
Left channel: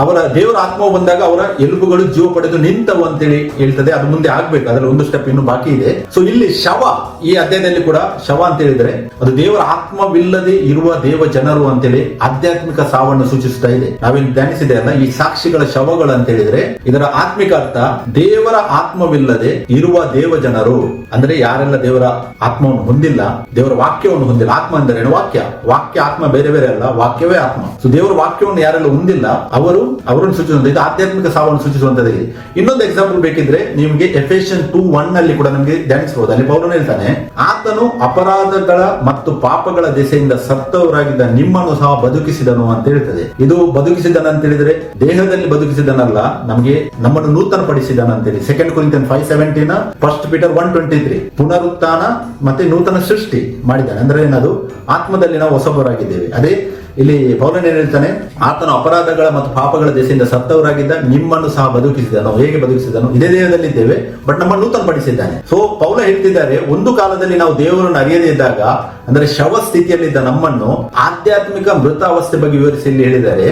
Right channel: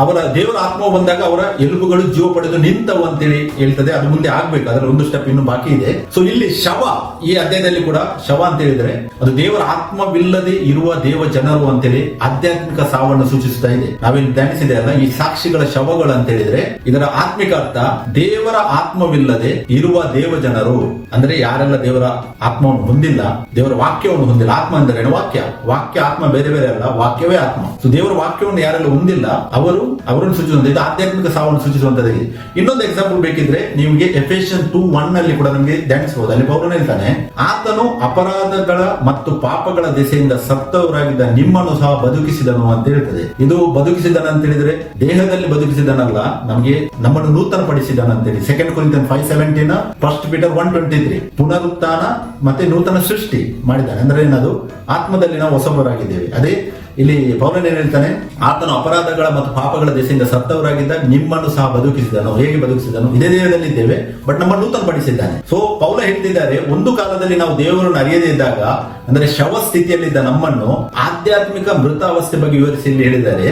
ಅವರ ದೇವರ ಆತ್ಮ ಬಂದಾಗ ಅವರ ಎಲುಬುಗಳು ಜೀವ ಪಡೆದು ನಿಂತವು ಅಂತೇಳಿ ಹೇಳ್ತದೆ. ಅದು ಮುಂದೆ ಆಗ್ಬೇಕು, ಅದ್ರಲ್ಲಿ ಒಂದು ಸ್ಟೆಪ್ ಇನ್ನು ಬಾಕಿ ಇದೆ. ಸೊ ಇಲ್ಲಿ ಶವ, ಈ ಅಧ್ಯಾಯದಲ್ಲಿ ಕೂಡ ಶವ ಅಂತ ಹೇಳಿದ್ರೆ ಅದು ದೇವರ ಆತ್ಮವಿಲ್ಲದೆ ಇರುವ ದೇವ ಜನರು ಅಂತೇಳಿ ಆಧ್ಯಾತ್ಮಿಕ ಸಾವನ್ನು ಸೂಚಿಸ್ತಾ ಇದೆ. ನಾವೇನು ಧ್ಯಾನಿಸಿದೆ ಅಲ್ಲ, ಈ ಸಾಕ್ಷಿಗಳ ಶವಗಳು ಅಂತ ಹೇಳಿದ್ರೆ ಇದರ ಆತ್ಮಿಕ ಅರ್ಥ ದೇವರ ಆತ್ಮವಿಲ್ಲದೆ ಇರುವ ದೇವ ಜನರು. ಅಂದ್ರೆ ಯಾರೆಲ್ಲ ದೇವರ ಆತ್ಮವನ್ನು ಹೊಂದಿಲ್ಲ, ದೇವರ ವಾಕ್ಯವನ್ನು ಹೊಂದಿಲ್ಲ. ಆತ್ಮ ಅಂದ್ರೆ ವಾಕ್ಯ ಆತ್ಮ ಬೇರೆ ಬೇರೆ ಅಲ್ಲ, ವಾಕ್ಯವೇ ಆತ್ಮ. ಸೊ ದೇವರ ವಾಕ್ಯವನ್ನು ಯಾರೆಲ್ಲ ಹೊಂದಿಲ್ಲ ಅವರನ್ನು ಸೂಚಿಸುವಂತ ಇದು ಆಧ್ಯಾತ್ಮಿಕ ಸಾವನ್ನು ಸೂಚಿಸುವಂತದ್ದು. ಇನ್ನೊಂದು ಎಕ್ಸಾಂಪಲ್ ಬೇಕಿದ್ರೆ ನಿಮ್ಗೆ ಎಫೆಷಿಯನ್ 2:1 ಕೂಡ ನಮಗೆ ಧ್ಯಾನಿಸಬಹುದು. ಅಲ್ಲಿ ಪೌಲನು ಹೇಳ್ತಾನೆ, ಆತನು ಅಪರಾಧಗಳ ಮತ್ತು ಪಾಪಗಳ ದೆಸೆಯಿಂದ ಸತ್ತವರಾಗಿದ್ದ ನಿಮ್ಮನ್ನು ಸಹ ಬದುಕಿಸಿದನು ಅಂತ ಹೇಳ್ತದೆ. ಇದು ಬದುಕಿಸಿದನ ಅಂತ ಹೇಳಿದ್ರೆ ದೇಹದಲ್ಲಿ ಬದುಕಿಸಿದನಲ್ಲ, ನಮಗೆ ನಮ್ಮನ್ನು ನೂತನ ಪಡಿಸಿದನ ಅಂತೇಳಿ 2 ಕೊರಿಂಥಿಯನ್ 5:17, 1 ಪೀಟರ್ 1:23 ಪುನರುತ್ಥಾನ ಮತ್ತೆ ನೂತನ ಸೃಷ್ಟಿ ಮಾಡಿದ್ದಾನೆ. ಅಂದ್ರೆ ಏನದು, ಆತ್ಮದಲ್ಲಿ ನಾವು ಹೊಸಬರಾಗಿದ್ದೇವೆ. ಅದೇ ಇಲ್ಲಿ ಪೌಲನು ಏನ್ ಹೇಳ್ತಾನೆ, ಆತನು ಅಪರಾಧಗಳ ಮತ್ತು ಪಾಪಗಳ ದೆಸೆಯಿಂದ ಸತ್ತವರಾಗಿದ್ದ ನಿಮ್ಮನ್ನು ಸಹ ಬದುಕಿಸಿದನು. ಹೇಗೆ ಬದುಕಿಸಿದನು, ಇದೇ ದೇಹದಲ್ಲಿ ಇದ್ದೇವೆ ಬಟ್ ನಮ್ಮನ್ನು ನೂತನ ಪಡಿಸಿದ್ದಾನೆ. ಸೊ ಪೌಲ ಹೇಳ್ತಿದ್ದಾರೆ, ಒಂದು ಕಾಲದಲ್ಲಿ ನಾವು ದೇವರನ್ನು ಅರಿಯದೇ ಇದ್ದಾಗ, ಅಂದ್ರೆ ಶವ ಸ್ಥಿತಿಯಲ್ಲಿದ್ದ ನಮ್ಮನ್ನು ಆಧ್ಯಾತ್ಮಿಕ ಮೃತಾವಸ್ಥೆ ಬಗ್ಗೆ ವಿವರಿಸಿ ಹೇಳಿದ್ದಾರೆ.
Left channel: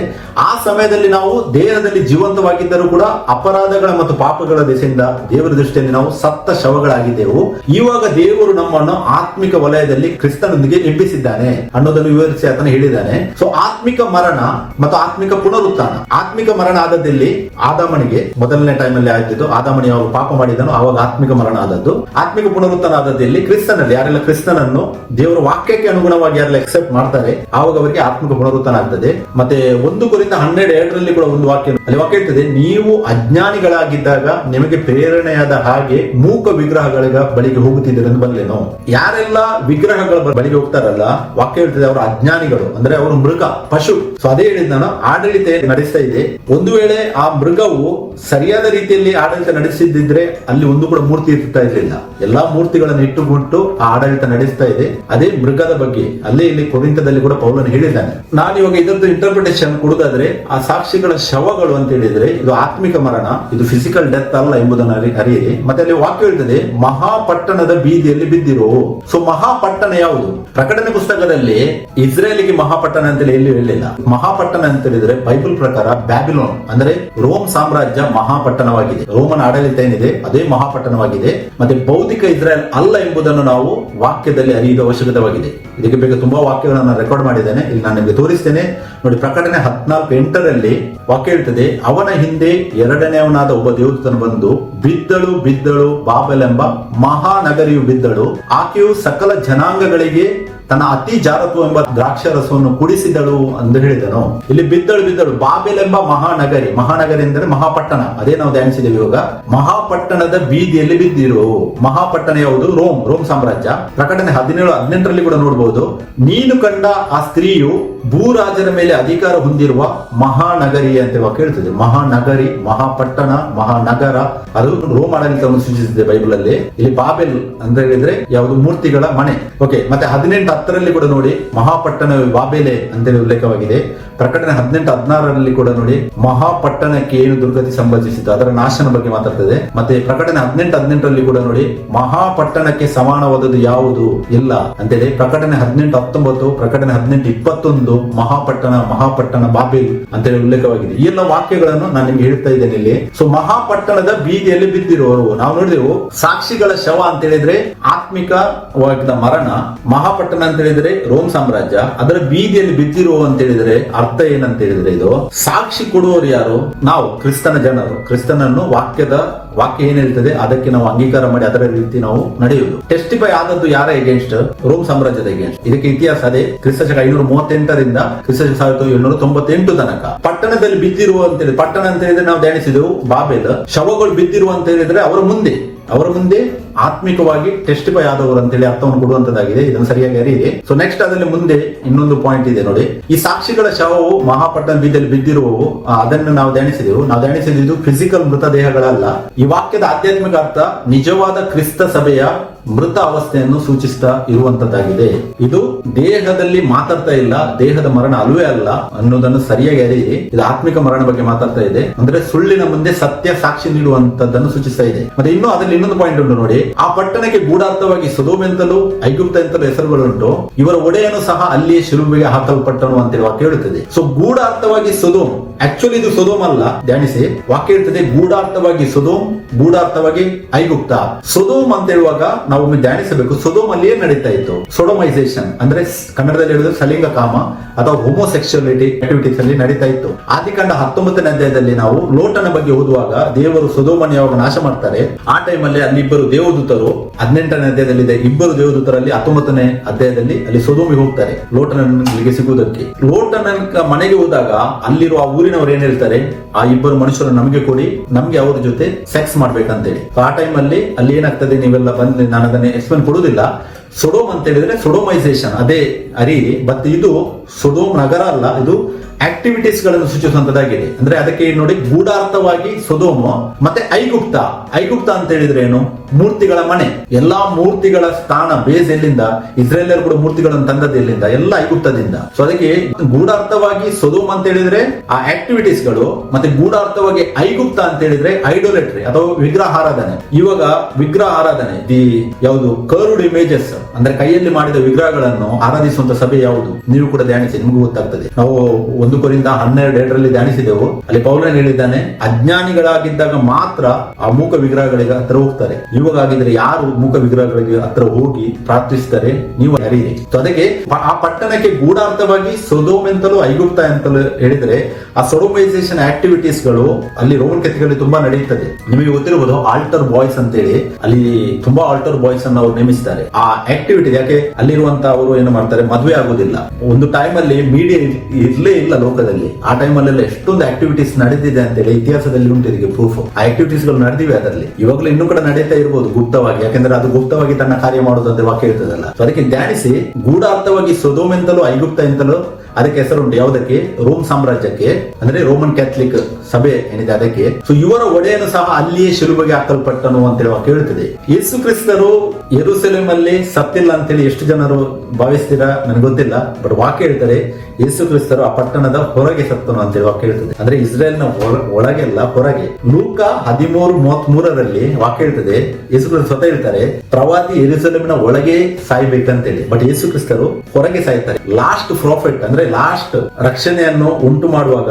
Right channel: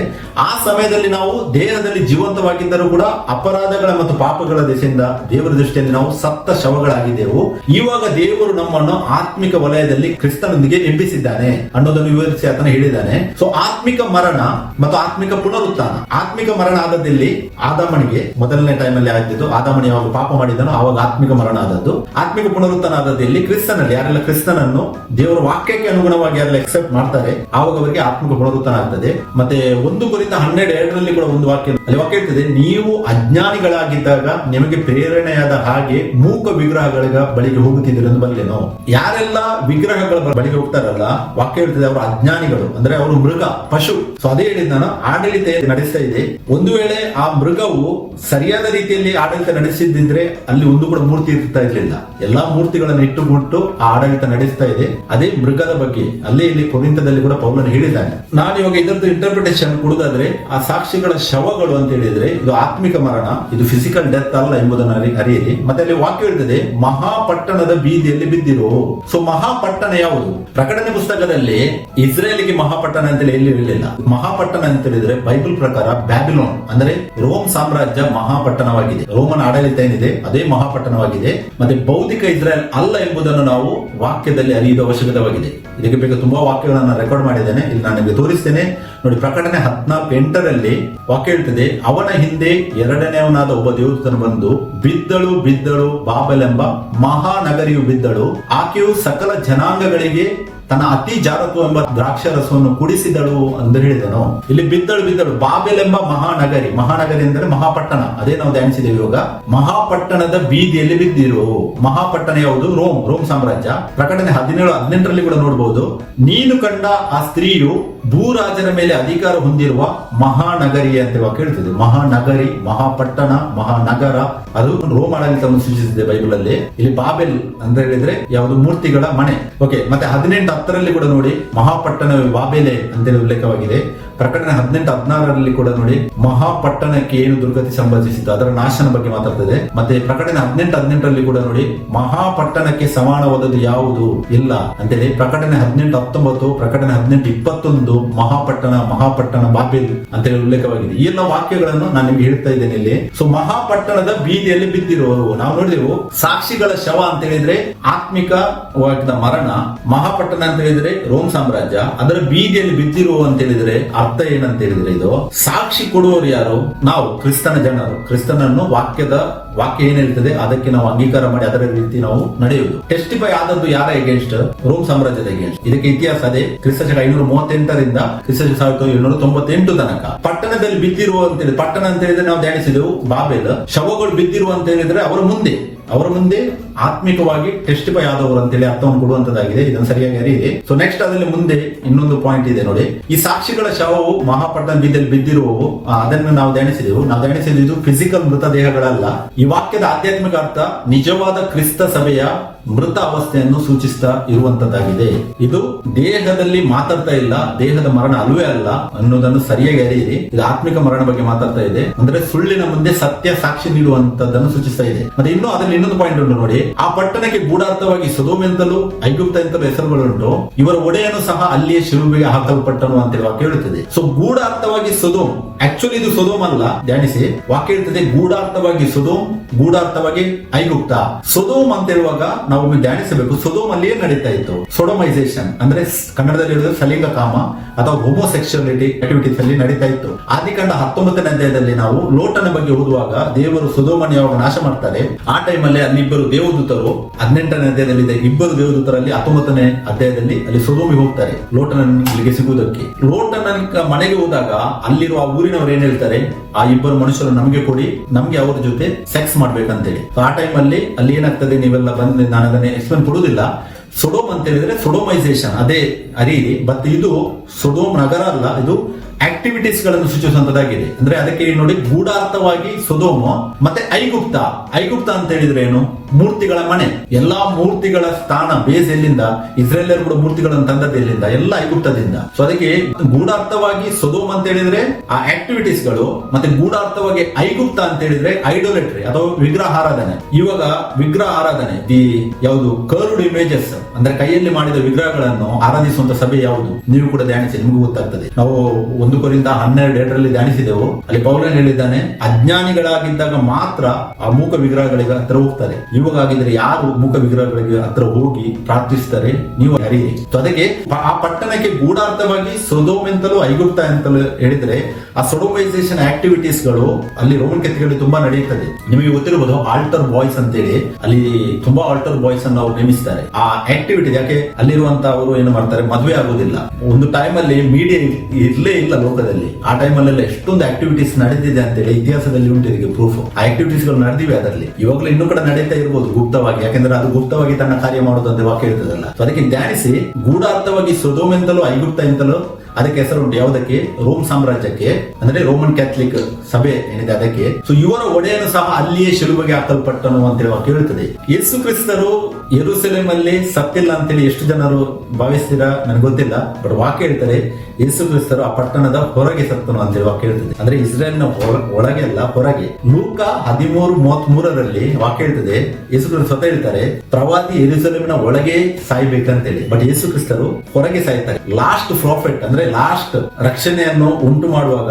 ಆ ಸಮಯದಲ್ಲಿ ನಾವು ದೇಹದಲ್ಲಿ ಜೀವಂತವಾಗಿದ್ದರೂ ಕೂಡ ಅಪರಾಧಗಳ ಮತ್ತು ಪಾಪಗಳ ದೆಸೆಯಿಂದ ದೇವರ ದೃಷ್ಟಿಯಲ್ಲಿ ನಾವು ಸತ್ತ ಶವಗಳಾಗಿದ್ದೆವು. ಇವಾಗ ದೇವರು ನಮ್ಮನ್ನು ಆತ್ಮಿಕ ವಲಯದಲ್ಲಿ ಕ್ರಿಸ್ತನೊಂದಿಗೆ ಎಬ್ಬಿಸಿದ್ದಾನೆ ಅನ್ನೋದನ್ನು ವಿವರಿಸಿ ಆತನ ಹೇಳಿದ್ದಾನೆ. ಸೊ ಆತ್ಮಿಕ ಮರಣ ಮತ್ತು ಆತ್ಮಿಕ ಪುನರುತ್ಥಾನ. ಆತ್ಮಿಕ ಮರಣ ಆದದ್ದಲ್ಲಿ ಆದಾಮನಿಗೆ ಮೊದಲನೇ ಟೈಮ್ ಅಲ್ಲಿ ಆಗಿದ್ದು, ಆದಾಮನಿ ಯಾವಾಗ ಪಾಪ ಮಾಡಿದನು ಆವಾಗ ಆತ್ಮಿಕ ಮರಣ ಆದದ್ದು. ಆತ್ಮಿಕ ಪುನರುತ್ಥಾನ ಆದದ್ದಲ್ಲಿ ಕ್ರಿಸ್ತನಲ್ಲಿ ಯಾರೆಲ್ಲ ಕ್ರಿಸ್ತನನ್ನು ದೇವರ ವಾಕ್ಯಕ್ಕೆ ಅನುಗುಣವಾಗಿ ಯಾರೆಲ್ಲ ಎಕ್ಸೆಪ್ಟ್ ಮಾಡ್ತಾರೆ ಆವಾಗ ಅವರಿಗೆ ಆತ್ಮಿಕ ಪುನರುತ್ಥಾನ ಆಗ್ತದೆ. ಮತ್ತೆ 1 ಕೊರಿಂಥ 12:2 ಕೂಡ ಒಂದು ವಾಕ್ಯ ಇರ್ತದೆ, ನೀವು ಅಜ್ಞಾನಿಗಳಾಗಿದ್ದಾಗ ನಿಮಗೆ ಪ್ರೇರಣೆಯಾದ ಹಾಗೆ ಮೂಕ ವಿಗ್ರಹಗಳ ಬಳಿಗೆ ಹೋಗುತ್ತಿದ್ದೀರಿ ಎಂದು ಬಂದ್ಲೇನು. ಯಾರೆಲ್ಲ ವಿಗ್ರಹಗಳ ಬಳಿಗೆ ಹೋಗ್ತಾರಲ್ಲ, ವಾಕ್ಯ ಹೇಳ್ತದೆ ಅವರು ಅಜ್ಞಾನಿಗಳು, ಅಂದ್ರೆ ಅವರು ಮೃಗ, ಪಶು. ಸೊ ಅದೇ ಹೇಳಿದ ನಾನು, ಆಡಳಿತ ನಡೆಸ್ತಾ ಇದೆ. ಒಂದು ವೇಳೆ ಆ ಮೃಗವು ಸರಿಯಾದ ರೀತಿಯಲ್ಲಿ ಆಡಳಿತ ನಡೆಸಿದ್ರೆ ಅಲ್ಲಿ ಒಂದು ಕೂಡ ಮೂರ್ತಿ ಇರ್ತಾ ಇರಲಿಲ್ಲ. ಎಲ್ಲಾ ಮೂರ್ತಿಗಳನ್ನು ಇಟ್ಟುಕೊಟ್ಟು ಆ ಆಡಳಿತ ನಡೆಸ್ತಾ ಇದೆ. ಅದೇ ಮೃಗದ ಬಗ್ಗೆ ಅಲ್ಲಿ ಇಲ್ಲಿ ಕೊರಿಂಥದಲ್ಲಿ ಕೂಡ ಪೌಲನು ಹೇಳಿದ್ದಾನೆ. ನಾನು ಇವಾಗ ಇದರದ್ದು ಇಂಟರ್ಪ್ರಿಟೇಷನ್ ಕೊಡುದಾದ್ರೆ, ಆ ಸಾಕ್ಷಿಗಳ ಶವಗಳು ಅಂತ ಹೇಳಿದ್ರೆ ಇದು ಆತ್ಮಿಕ ಮರಣ, ಇದು ಫಿಸಿಕಲ್ ಡೆತ್ ಅಲ್ಲ ಎಂಬುದನ್ನು ಅರಿಯಿರಿ. ಮತ್ತೆ ಅಲ್ಲಿ ವಾಕ್ಯ ಹೇಳ್ತದೆ, ಮಹಾಪಟ್ಟಣದ ಬೀದಿಯಲ್ಲಿ ಬಿದ್ದಿರು. ಸೊ ಮಹಾಪಟ್ಟಣ ಯಾವುದು, ಪ್ರಕಟಣೆ ಪುಸ್ತಕದಲ್ಲಿ ಇಸ್ರೇಲಿಗೆ ಮಹಾಪಟ್ಟಣ ಅಂತ ಎಲ್ಲಿ ಹೇಳಿಲ್ಲ. ಮಹಾಪಟ್ಟಣ ಅಂತ ಹೇಳಿದ್ರೆ ಬೈಬಲ್ ಪ್ರಕಾರ ಬ್ಯಾಬಿಲೋನ್ ಅಂದ್ರೆ ರೋಮ್ ಸಾಮ್ರಾಜ್ಯ ಮಹಾಪಟ್ಟಣವಾಗಿದೆ. ರೋಮನ್ ಆಡಳಿತ ಏನಿದೆ ಅದೇ ಮಹಾಪಟ್ಟಣವಾಗಿದೆ. ಮತ್ತೆ ಭೌತಿಕ ಇಸ್ರೇಲ್ ಅಲ್ಲ ಎಂಬುದನ್ನು ನಾವು ವಾಕ್ಯದಲ್ಲಿ ಅರಿಯುವ ಅವಶ್ಯಕತೆವಾಗಿದೆ. ಇದಕ್ಕೆ ಬೇಕಾದ ತುಂಬಾ ವಾಕ್ಯಗಳನ್ನು ರೆಕಾರ್ಡ್ ಮಾಡಿದ್ದೇನೆ, ಇಲ್ಲಿ ನಾನು ನಿಮಗೆ ತೋರಿಸ್ತೇನೆ ನೋಡಿ. ಪ್ರಕಟಣೆ 14:8 ವಾಕ್ಯ ಹೇಳ್ತದೆ, ಅವನ ಹಿಂದೆ ಎರಡನೆಯವನಾದ ಒಬ್ಬ ದೇವದೂತನು ಬಂದು ಬಿದ್ದಳು ಬಾಬೆಲ್ ಎಂಬ ಮಹಾನಗರಿಯು ಬಿದ್ದಳು, ಆಕೆಯು ಸಕಲ ಜನಾಂಗಗಳಿಗೆ ತನ್ನ ಅತಿ ಜಾರತ್ವ ಎಂಬ ದ್ರಾಕ್ಷಾರಸವನ್ನು ಕುಡಿಸಿದಳು ಎಂದು ಹೇಳಿದನು. ಇಲ್ಲಿ ಬಿದ್ದಳು ಬಾಬೆಲ್ ಎಂಬ ಮಹಾನಗರಿ ಅಂದರೆ ಮಹಾಪಟ್ಟಣ, ಅದೇ ನಾವು ಧ್ಯಾನಿಸಿದ್ದೇವೆ ಇವಾಗ. ಮಹಾಪಟ್ಟಣದ ಬೀದಿಯಲ್ಲಿ ಬಿದ್ದಿರು. ಮಹಾಪಟ್ಟಣ ಯಾವುದು? ರೋಮ್ ಸಾಮ್ರಾಜ್ಯ. ಪ್ರಕಟಣೆ 17:18 ಕೂಡ ನೋಡಬಹುದು, ನೀನು ಕಂಡ ಆ ಸ್ತ್ರೀಯು ಭೂರಾಜನ ಮೇಲೆ ಅಧಿಕಾರ ಹೊಂದಿರುವ ಮಹಾನಗರಿ ಅಂತ ವಾಕ್ಯ ಹೇಳ್ತದೆ. ಮಹಾನಗರಿ, ಮಹಾಪಟ್ಟಣ, ಮಹಾನಗರ, ಅದು ರೋಮ್ ಆಡಳಿತವನ್ನು ಸೂಚಿಸಿದೆ ಬೈಬಲ್ ಅಲ್ಲಿ. ಇಲ್ಲಿ ಬಾಬೆಲ್ ಅಂತ ಹೇಳಿದ್ರೆ ಯಾವುದು? ಮೂರ್ತಿಗಳ ಮನೆ. ಓಕೆ, ಮತ್ತೆ 18:10 ಕೂಡ ನೋಡಿ ಮಹಾಪಟ್ಟಣ ಬಾಬೆಲೆ ಅಂತ ಉಲ್ಲೇಖವಾಗಿದೆ. ಪ್ರಕಟಣೆ 18:16 ಕೂಡ ನೋಡಿ ಮಹಾಪಟ್ಟಣಕ್ಕೆ ಏನು ದುರ್ಗತಿ ಸಂಭವಿಸಿತು ಅದರ ನಾಶನ ಬಗ್ಗೆ ಮಾತಾಡ್ತದೆ. ಮತ್ತೆ ಪ್ರಕಟಣೆ 18:18 ಕೂಡ ನೋಡಿ ಮಹಾಪಟ್ಟಣಕ್ಕೆ ಸಮಾನವಾದದ್ದು ಯಾವುದು ಇಲ್ಲ ಅಂತೇಳಿ. ಪ್ರಕಟಣೆ 18:19, ಪ್ರಕಟಣೆ 18:21 ಮಹಾಪಟ್ಟಣ ಬಾಬೆಲ್ ಅಂತ ಹೇಳಿ ಉಲ್ಲೇಖವಾಗಿದೆ. ಈ ಎಲ್ಲ ವಾಕ್ಯಗಳನ್ನು ನಾನು ನಿಮ್ಗೆ ಹೇಳ್ತಾ ಇದ್ದೇನೆ ಇಲ್ಲಿ. ಸೊ ಮಹಾಪಟ್ಟಣದ ಬೀದಿಯಲ್ಲಿ ಬಿದ್ದಿರುವವರು ನಾವು ನೋಡಿದೆವು. ಸಾಕ್ಷಿಗಳ ಶವ ಅಂತ ಹೇಳಿದ್ರೆ ಆತ್ಮಿಕವಾದ ಮರಣ. ಮಹಾಪಟ್ಟಣ ಅಂತ ಹೇಳಿದ್ರೆ ರೋಮ್ ಸಾಮ್ರಾಜ್ಯ, ಅದರ ಬೀದಿಯಲ್ಲಿ ಬಿದ್ದಿರುವ ಅಂತ ಹೇಳಿದ್ರೆ ಅರ್ಥ ಏನಂತ ಹೇಳಿದ್ರೆ, ಇದು ಸಾಕ್ಷಿ ಕೊಡುವವರು ಯಾರು? ನಾವು ಕ್ರಿಸ್ತನ ಜನರು. ಕ್ರಿಸ್ತನನ್ನು ವಾಕ್ಯ ಏನ್ ಹೇಳ್ತದೆ ಅದಕ್ಕೆ ನಾವು ಅಂಗೀಕಾರ ಮಾಡಿ ಅದರ ರೀತಿ ನಾವು ನಡೆಯುವುದು. ಟೆಸ್ಟಿಫೈ ಆದದ್ದು ಯಾರ ಎಗೇನ್ಸ್ಟ್? ರೋಮ್ ಸಾಮ್ರಾಜ್ಯದ ಎಗೇನ್ಸ್ಟ್. ಇದಕ್ಕೆ ಇತಿಹಾಸ ಅದೇ. ಕ್ರಿಸ್ತ ಶಕ 538 ಕ್ರಿಸ್ತ 1798 ತನಕ ಪಟ್ಟಣದಲ್ಲಿ ಬಿದ್ದಿರುವ ಅಂತೇಳಿ. ಪಟ್ಟಣ ಅಂತ ಹೇಳಿದ್ರೆ ನಾವು ಧ್ಯಾನಿಸಿದೆವು ಬಾಬೆಲ್. ಶವಗಳು ಬಿದ್ದಿರುವ ಅಂತ ಹೇಳಿದ್ರೆ ಅವರ ಮುಂದೆ ಆತ್ಮಿಕವಾಗಿ ಟೆಸ್ಟಿಫೈ ಆದವರು ಅಂತೇಳಿ ಅರ್ಥವನ್ನು ಕೊಡುವಂತದ್ದಾಗಿದೆ. ಇದನ್ನು ಸರಿಯಾಗಿ ಅರಿಯಿರಿ. ಸೊ ನೆಕ್ಸ್ಟ್ ಅದರಲ್ಲಿ ಮುಂದೆ ಇನ್ನೊಂದು ಪಾಯಿಂಟ್ ಇದೆ ನೋಡಿ. ಈ ಸಾಕ್ಷಿಗಳ ಶವವು ಮಹಾಪಟ್ಟಣ ಬೀದಿಯಲ್ಲಿ ಬಿದ್ದಿರುವವು, ಅದನ್ನು ನಾವು ಧ್ಯಾನಿಸಿದೆವು. ಇದು ಫಿಸಿಕಲ್ ಮೃತದೇಹಗಳಲ್ಲ. ಈ ವಾಕ್ಯದ ಆಧ್ಯಾತ್ಮಿಕ ಅರ್ಥ ನಿಜವಾದ ಕ್ರಿಸ್ತ ಸಭೆಯ ಮೃತ ಅವಸ್ಥೆಯನ್ನು ಸೂಚಿಸ್ತಾ ಇರುವಂತದ್ದಾಗಿದೆ. ಇದು ದೇಹದಲ್ಲಿ ಮಾತಾಡ್ತಾ ಇಲ್ಲ, ದೇಹದ ಮರಣ ಅಲ್ಲವೇ ಅಲ್ಲ ಅನ್ನೋದನ್ನು ಸರಿಯಾಗಿ ಅರಿಯಿರಿ. ಇದು ಆತ್ಮಿಕ ಮರಣ ಬಗ್ಗೆ ಮಾತಾಡ್ತಾ ಇದೆ. ಅಂದ್ರೆ ಸುಳ್ಳಿನ ಮುಂದೆ ಸತ್ಯ ಸಾಕ್ಷಿ ನೀಡುವಂತದ್ದನ್ನು ಸೂಚಿಸ್ತಾ ಇದೆ. ಮತ್ತೆ ಇನ್ನು ಅದರಲ್ಲಿ ಇನ್ನೊಂದು ಪಾಯಿಂಟ್ ಉಂಟು ನೋಡಿ. ಆ ಪಟ್ಟಣಕ್ಕೆ ಗೂಢಾರ್ಥವಾಗಿ ಸೊದೋಮ್ ಎಂತಲೂ ಐಗುಪ್ತ ಎಂತಲೂ ಹೆಸರುಗಳುಂಟು. ಇವರ ಒಡೆಯನು ಸಹ ಅಲ್ಲಿಯೇ ಶಿಲುಬೆಗೆ ಹಾಕಲ್ಪಟ್ಟನು ಅಂತ ವಾಕ್ಯ ಹೇಳುತ್ತದೆ. ಸೊ ಗೂಢಾರ್ಥವಾಗಿ ಸೊದೋಮ್, ಆಕ್ಚುಲಿ ಇದು ಸೊದೋಮ್ ಅಲ್ಲ. ಧ್ಯಾನಿಸಿ, ವಾಕ್ಯ ಹೇಳ್ತದೆ ಗೂಢಾರ್ಥವಾಗಿ ಸೊದೋಮ್, ಗೂಢಾರ್ಥವಾಗಿ ಐಗುಪ್ತ. ಸೊದೋಮ್ ಅಂತ ಹೇಳುವಾಗ ನಾವು ಧ್ಯಾನಿಸಬೇಕು, ಸೊದೋಮ್ ಅಲ್ಲಿ ಏನ್ ನಡೀತಾ ಇತ್ತು? ಸೊಡೋಮೈಸೇಷನ್ ಅಂದ್ರೆ ಕನ್ನಡದಲ್ಲಿ ಹೇಳಿದ್ರೆ ಸಲಿಂಗ ಕಾಮ ಅಥವಾ ಹೋಮೋಸೆಕ್ಸುಯಾಲಿಟಿ ಆಕ್ಟಿವಿಟೀಸ್ ಅಲ್ಲಿ ನಡೀತಾ ಇತ್ತು. ಆದಿಕಾಂಡ 19ನೇ ಅಧ್ಯಾಯದಲ್ಲಿ ನಾವು ಲೋಟನ ಬಗ್ಗೆ ಓದುವಾಗ ದೇವರು ಸೊದೋಮನ್ನು ಯಾವಾಗ ನಾಶ ಮಾಡ್ತಾರೆ ಆ ಟೈಮಲ್ಲಿ ಅಲ್ಲಿ ಇಬ್ಬರು ದೇವದೂತರು, 18ನೇ ಅಧ್ಯಾಯದಲ್ಲಿ ಇಬ್ಬರು ದೇವದೂತರಲ್ಲಿ 19ನೇ ಅಧ್ಯಾಯದಲ್ಲಿ ಅಲ್ಲಿ ಸೊದೋಮಿಗೆ ಹೋಗ್ತಾರೆ ಲೋಟನಿಗೆ ಸಿಗುವುದಕ್ಕೆ. ಲೋಟನ ಮನೆಗೆ ಹೋದಾಗ ಅಲ್ಲಿರುವ ಆ ಊರಿನವರು ಏನ್ ಹೇಳ್ತಾರೆ, ಆ ಇಬ್ಬರು ಮನುಷ್ಯರು ನಮಗೆ ಕೊಡಿ, ನಮ್ಗೆ ಅವ್ರ ಜೊತೆ ಸೆಕ್ಸ್ ಮಾಡ್ಬೇಕಂತೇಳಿ. ಆ ಟೈಮ್ ಅಲ್ಲಿ ಏನಾಗ್ತದೆ ನೀವೆಲ್ಲ ಬಂದು ನಾನು ಅದನ್ನೇ ಎಕ್ಸ್ಪ್ಲೇನ್ ಕೊಡುವುದಿಲ್ಲ. ಸೊಡೋಮ್ ಅಂತ ಹೇಳಿದ್ರೆ ಸೊಡೋಮೈಸೇಷನ್ ಅದೇ ಅರಿಯಿರಿ. ಬಟ್ ಇದು ಸೊಡೋಮ್ ನಗರ ಅಲ್ಲ, ಇದು ಆಕ್ಟಿವಿಟೀಸ್ ಗಳನ್ನು ಸೂಚಿಸುವಂತದ್ದಾಗಿದೆ. ಅಂದ್ರೆ ಅದಕ್ಕೆ ನೋಡಿ ಗೂಢಾರ್ಥವಾಗಿ ಸೊದೋಮ್ ಮತ್ತೆ ಐಗುಪ್ತ ಅಂತ ಹೇಳಿದ್ರೆ ಏನು? ಮೂರ್ತಿಗಳ ಮನೆ. ಎಲ್ಲಾ ಮೂರ್ತಿಗಳ ಸ್ಥಾನ ಬೇಸ್ ಎಲ್ಲಿಂದ? ಇಸ್ರೇಲಿಯರು ಕೂಡ ಮೂರ್ತಿಗಳನ್ನು ತಂದದ್ದು ಎಲ್ಲಿಂದ? ಎಲ್ಲ ಐಗುಪ್ತದಿಂದ. ಸೊ ಅದಕ್ಕೆ ಗೂಢಾರ್ಥವಾಗಿ ಸೊದೋಮ್ ಅಂತ ಹೇಳಿದ್ರೆ ಆ ಆಕ್ಟಿವಿಟೀಸ್ ಗಳು, ಮತ್ತೆ ಗೂಢಾರ್ಥವಾಗಿ ಐಗುಪ್ತ ಅಂತ ಹೇಳಿದ್ರೆ ಐಡೋಲೆಟ್ರಿ ಅಥವಾ ವಿಗ್ರಹ ಆರಾಧನೆ. ಇವಾಗ ವಿಗ್ರಹ ಆರಾಧನೆ ಯಾವುದು? ಕರ್ವ್ಡ್ ಇಮೇಜಸ್ ಅಂದ್ರೆ ಕೈಯಲ್ಲಿ ಮಾಡಿದ ವಿಗ್ರಹಗಳನ್ನು ಆರಾಧಿಸುವಂತ ಸಭೆ ಯಾವುದು? ನೀವು ಕೂಡ ಧ್ಯಾನಿಸಿ, ನಿಮಗೂ ಗೊತ್ತಾಗ್ತದೆ. ನಾವು 1 ಕೊರಿಂಥ 12:2 ಧ್ಯಾನಿಸಿದೆವು. ಅಲ್ಲಿ ಪೌಲನು ಹೇಳಿದ್ದಾನೆ, ಅಜ್ಞಾನಿಗಳಾಗಿದ್ದಾಗ ಮಾತ್ರ ಆ ಮೂಕ ವಿಗ್ರಹಗಳಿಗೆ ಹತ್ರ ಹೋಗ್ತಾರೆ. ಇವಾಗ ಆಗಿದ್ರೆ ಯಾರು ಮೂಕ ವಿಗ್ರಹಗಳಿಗೆ ಹತ್ರ ಹೋಗಿ ಪ್ರಾರ್ಥಿಸ್ತಾರೆ? ನೀವು ಅರಿಯಿರಿ. ಅದಕ್ಕೆ ಆ ಪಟ್ಟಣಕ್ಕೆ ಗೂಢಾರ್ಥವಾಗಿ ಸೊದೋಮ್ ಎಂತಲೂ ಐಗುಪ್ತ ಎಂತಲೂ ಹೇಳಿದ್ರೆ ಆ ಸೊಡೋಮೈಸೇಷನ್ ಆಕ್ಟಿವಿಟೀಸ್ ಗಳು ಅಲ್ಲಿ ರೋಮನ್ ಕೆತ್ತಗಳಲ್ಲಿ ತುಂಬಾ ನಡೆಯುತ್ತದೆ. ನಿಮಗೆ ಗೊತ್ತಿರಬಹುದು ಆಲ್ಟರ್ ಬಾಯ್ಸ್ ಅಂತೇಳಿ, ಅಲ್ಲಿ ತುಂಬಾ ಆಲ್ಟರ್ ಬಾಯ್ಸ್ ಅನ್ನು ಅವರು ನೇಮಿಸಿದ್ದಾರೆ. ಆ ಆಕ್ಟಿವಿಟಿ ಯಾಕೆ ಅಲ್ಲಿರುವಂತ ಅವರು ಏನು ಮಾಡ್ತಾರೆ, ಮದುವೆ ಆಗೋದಿಲ್ಲ. ಒಂದು ಟೈಮ್ ಅಲ್ಲಿ ಮೀಡಿಯಾ ಇರ್ಲೇ ಇಲ್ಲ ಲೋಕದಲ್ಲಿ. ಆ ಟೈಮ್ ಅಲ್ಲೆಲ್ಲ ಎಷ್ಟೊಂದು ಆಕ್ಟಿವಿಟೀಸ್ ನಡೆದಿದೆ ಅಂತೇಳಿ ಇತಿಹಾಸದಲ್ಲಿ ಉಂಟು ಇದಕ್ಕೆ ಪ್ರೂಫ್. ಆ ಆಕ್ಟಿವಿಟೀಸ್ ಗಳು ನಡೆದಿವೆ ಅದರಲ್ಲಿ. ಇವಾಗಲೂ ಇನ್ನೂ ಕೂಡ ನಡೀತಾ ಇರಬಹುದು ಗುಪ್ತವಾಗಿ, ಯಾಕಂದ್ರೆ ಅದು ಗುಪ್ತವಾಗಿ ತನ್ನ ಕಾರ್ಯ ಮಾಡುವುದು ಅಂತ ವಾಕ್ಯ ಇರ್ತದಲ್ಲ. ಸೊ ಅದಕ್ಕೆ ಧ್ಯಾನಿಸಿ, ಗೂಢಾರ್ಥವಾಗಿ ಸೊದೋಮ್ ಎಂತಲೂ ಐಗುಪ್ತ ಎಂತಲೂ ಅದಕ್ಕೆ ಹೆಸರುಂಟು. ಯಾವುದಕ್ಕೆ? ರೋಮ್ ಸಾಮ್ರಾಜ್ಯಕ್ಕೆ, ಅಂದ್ರೆ ರೋಮನ್ ಕ್ಯಾಥಲಿಕ್ ಸಭೆ ಏನಿದೆ ಅದಕ್ಕೆ. ಸೊ ಇವರ ಒಡೆಯನು ಸಹ ಅಲ್ಲಿಯೇ ಶಿಲುಬೆಗೆ ಹಾಕಲ್ಪಟ್ಟನು ಅಂತೇಳಿ ವಾಕ್ಯ ಹೇಳ್ತದೆ. ಯೇಸು ಕ್ರಿಸ್ತರು ಯೆರೂಸಲೇಮ್ ಅಲ್ಲಿ ಸತ್ತಿಲ್ಲ ಅಂತೇಳಿ ಎಷ್ಟು ಜನರು ಭಾವಿಸ್ತೀರಾ ನನಗೆ ಗೊತ್ತಿಲ್ಲ. ಬಟ್ ವಾಕ್ಯ ಹೇಳ್ತಾರೆ ಯೇಸು ಕ್ರಿಸ್ತರು ಆ ಪಟ್ಟಣದ ಹೊರಗೆ ಸತ್ತನು ಅಂತೇಳಿ ವಾಕ್ಯ ಹೇಳ್ತದೆ. ಅಂದ್ರೆ ಇಸ್ರೇಲ್ ನ ಒಳಗೆಲ್ಲ ಹೊರಗೆ. ಲೂಕ 13:33 ವಾಕ್ಯ ಹೇಳ್ತದೆ, ಯೇಸು ಕ್ರಿಸ್ತರು ಸ್ವತಃ ಹೇಳ್ತಾರೆ ಪ್ರವಾದಿ ಯೆರೂಸಲೇಮಿನ ಒಳಗೆ ಸಾಯ್ಬೇಕಂತೇಳಿ. ಬಟ್ ಯೇಸು ಕ್ರಿಸ್ತರು ಹೊರಗೆ ಸಾಯ್ತಾರೆ. ಲಾಸ್ಟ್ ಪ್ರಾಫಿಟ್ ಅಂದ್ರೆ ಲಾಸ್ಟ್ ರಕ್ಷಣೆಯನ್ನು ಉಂಟು ಮಾಡುವಾಗ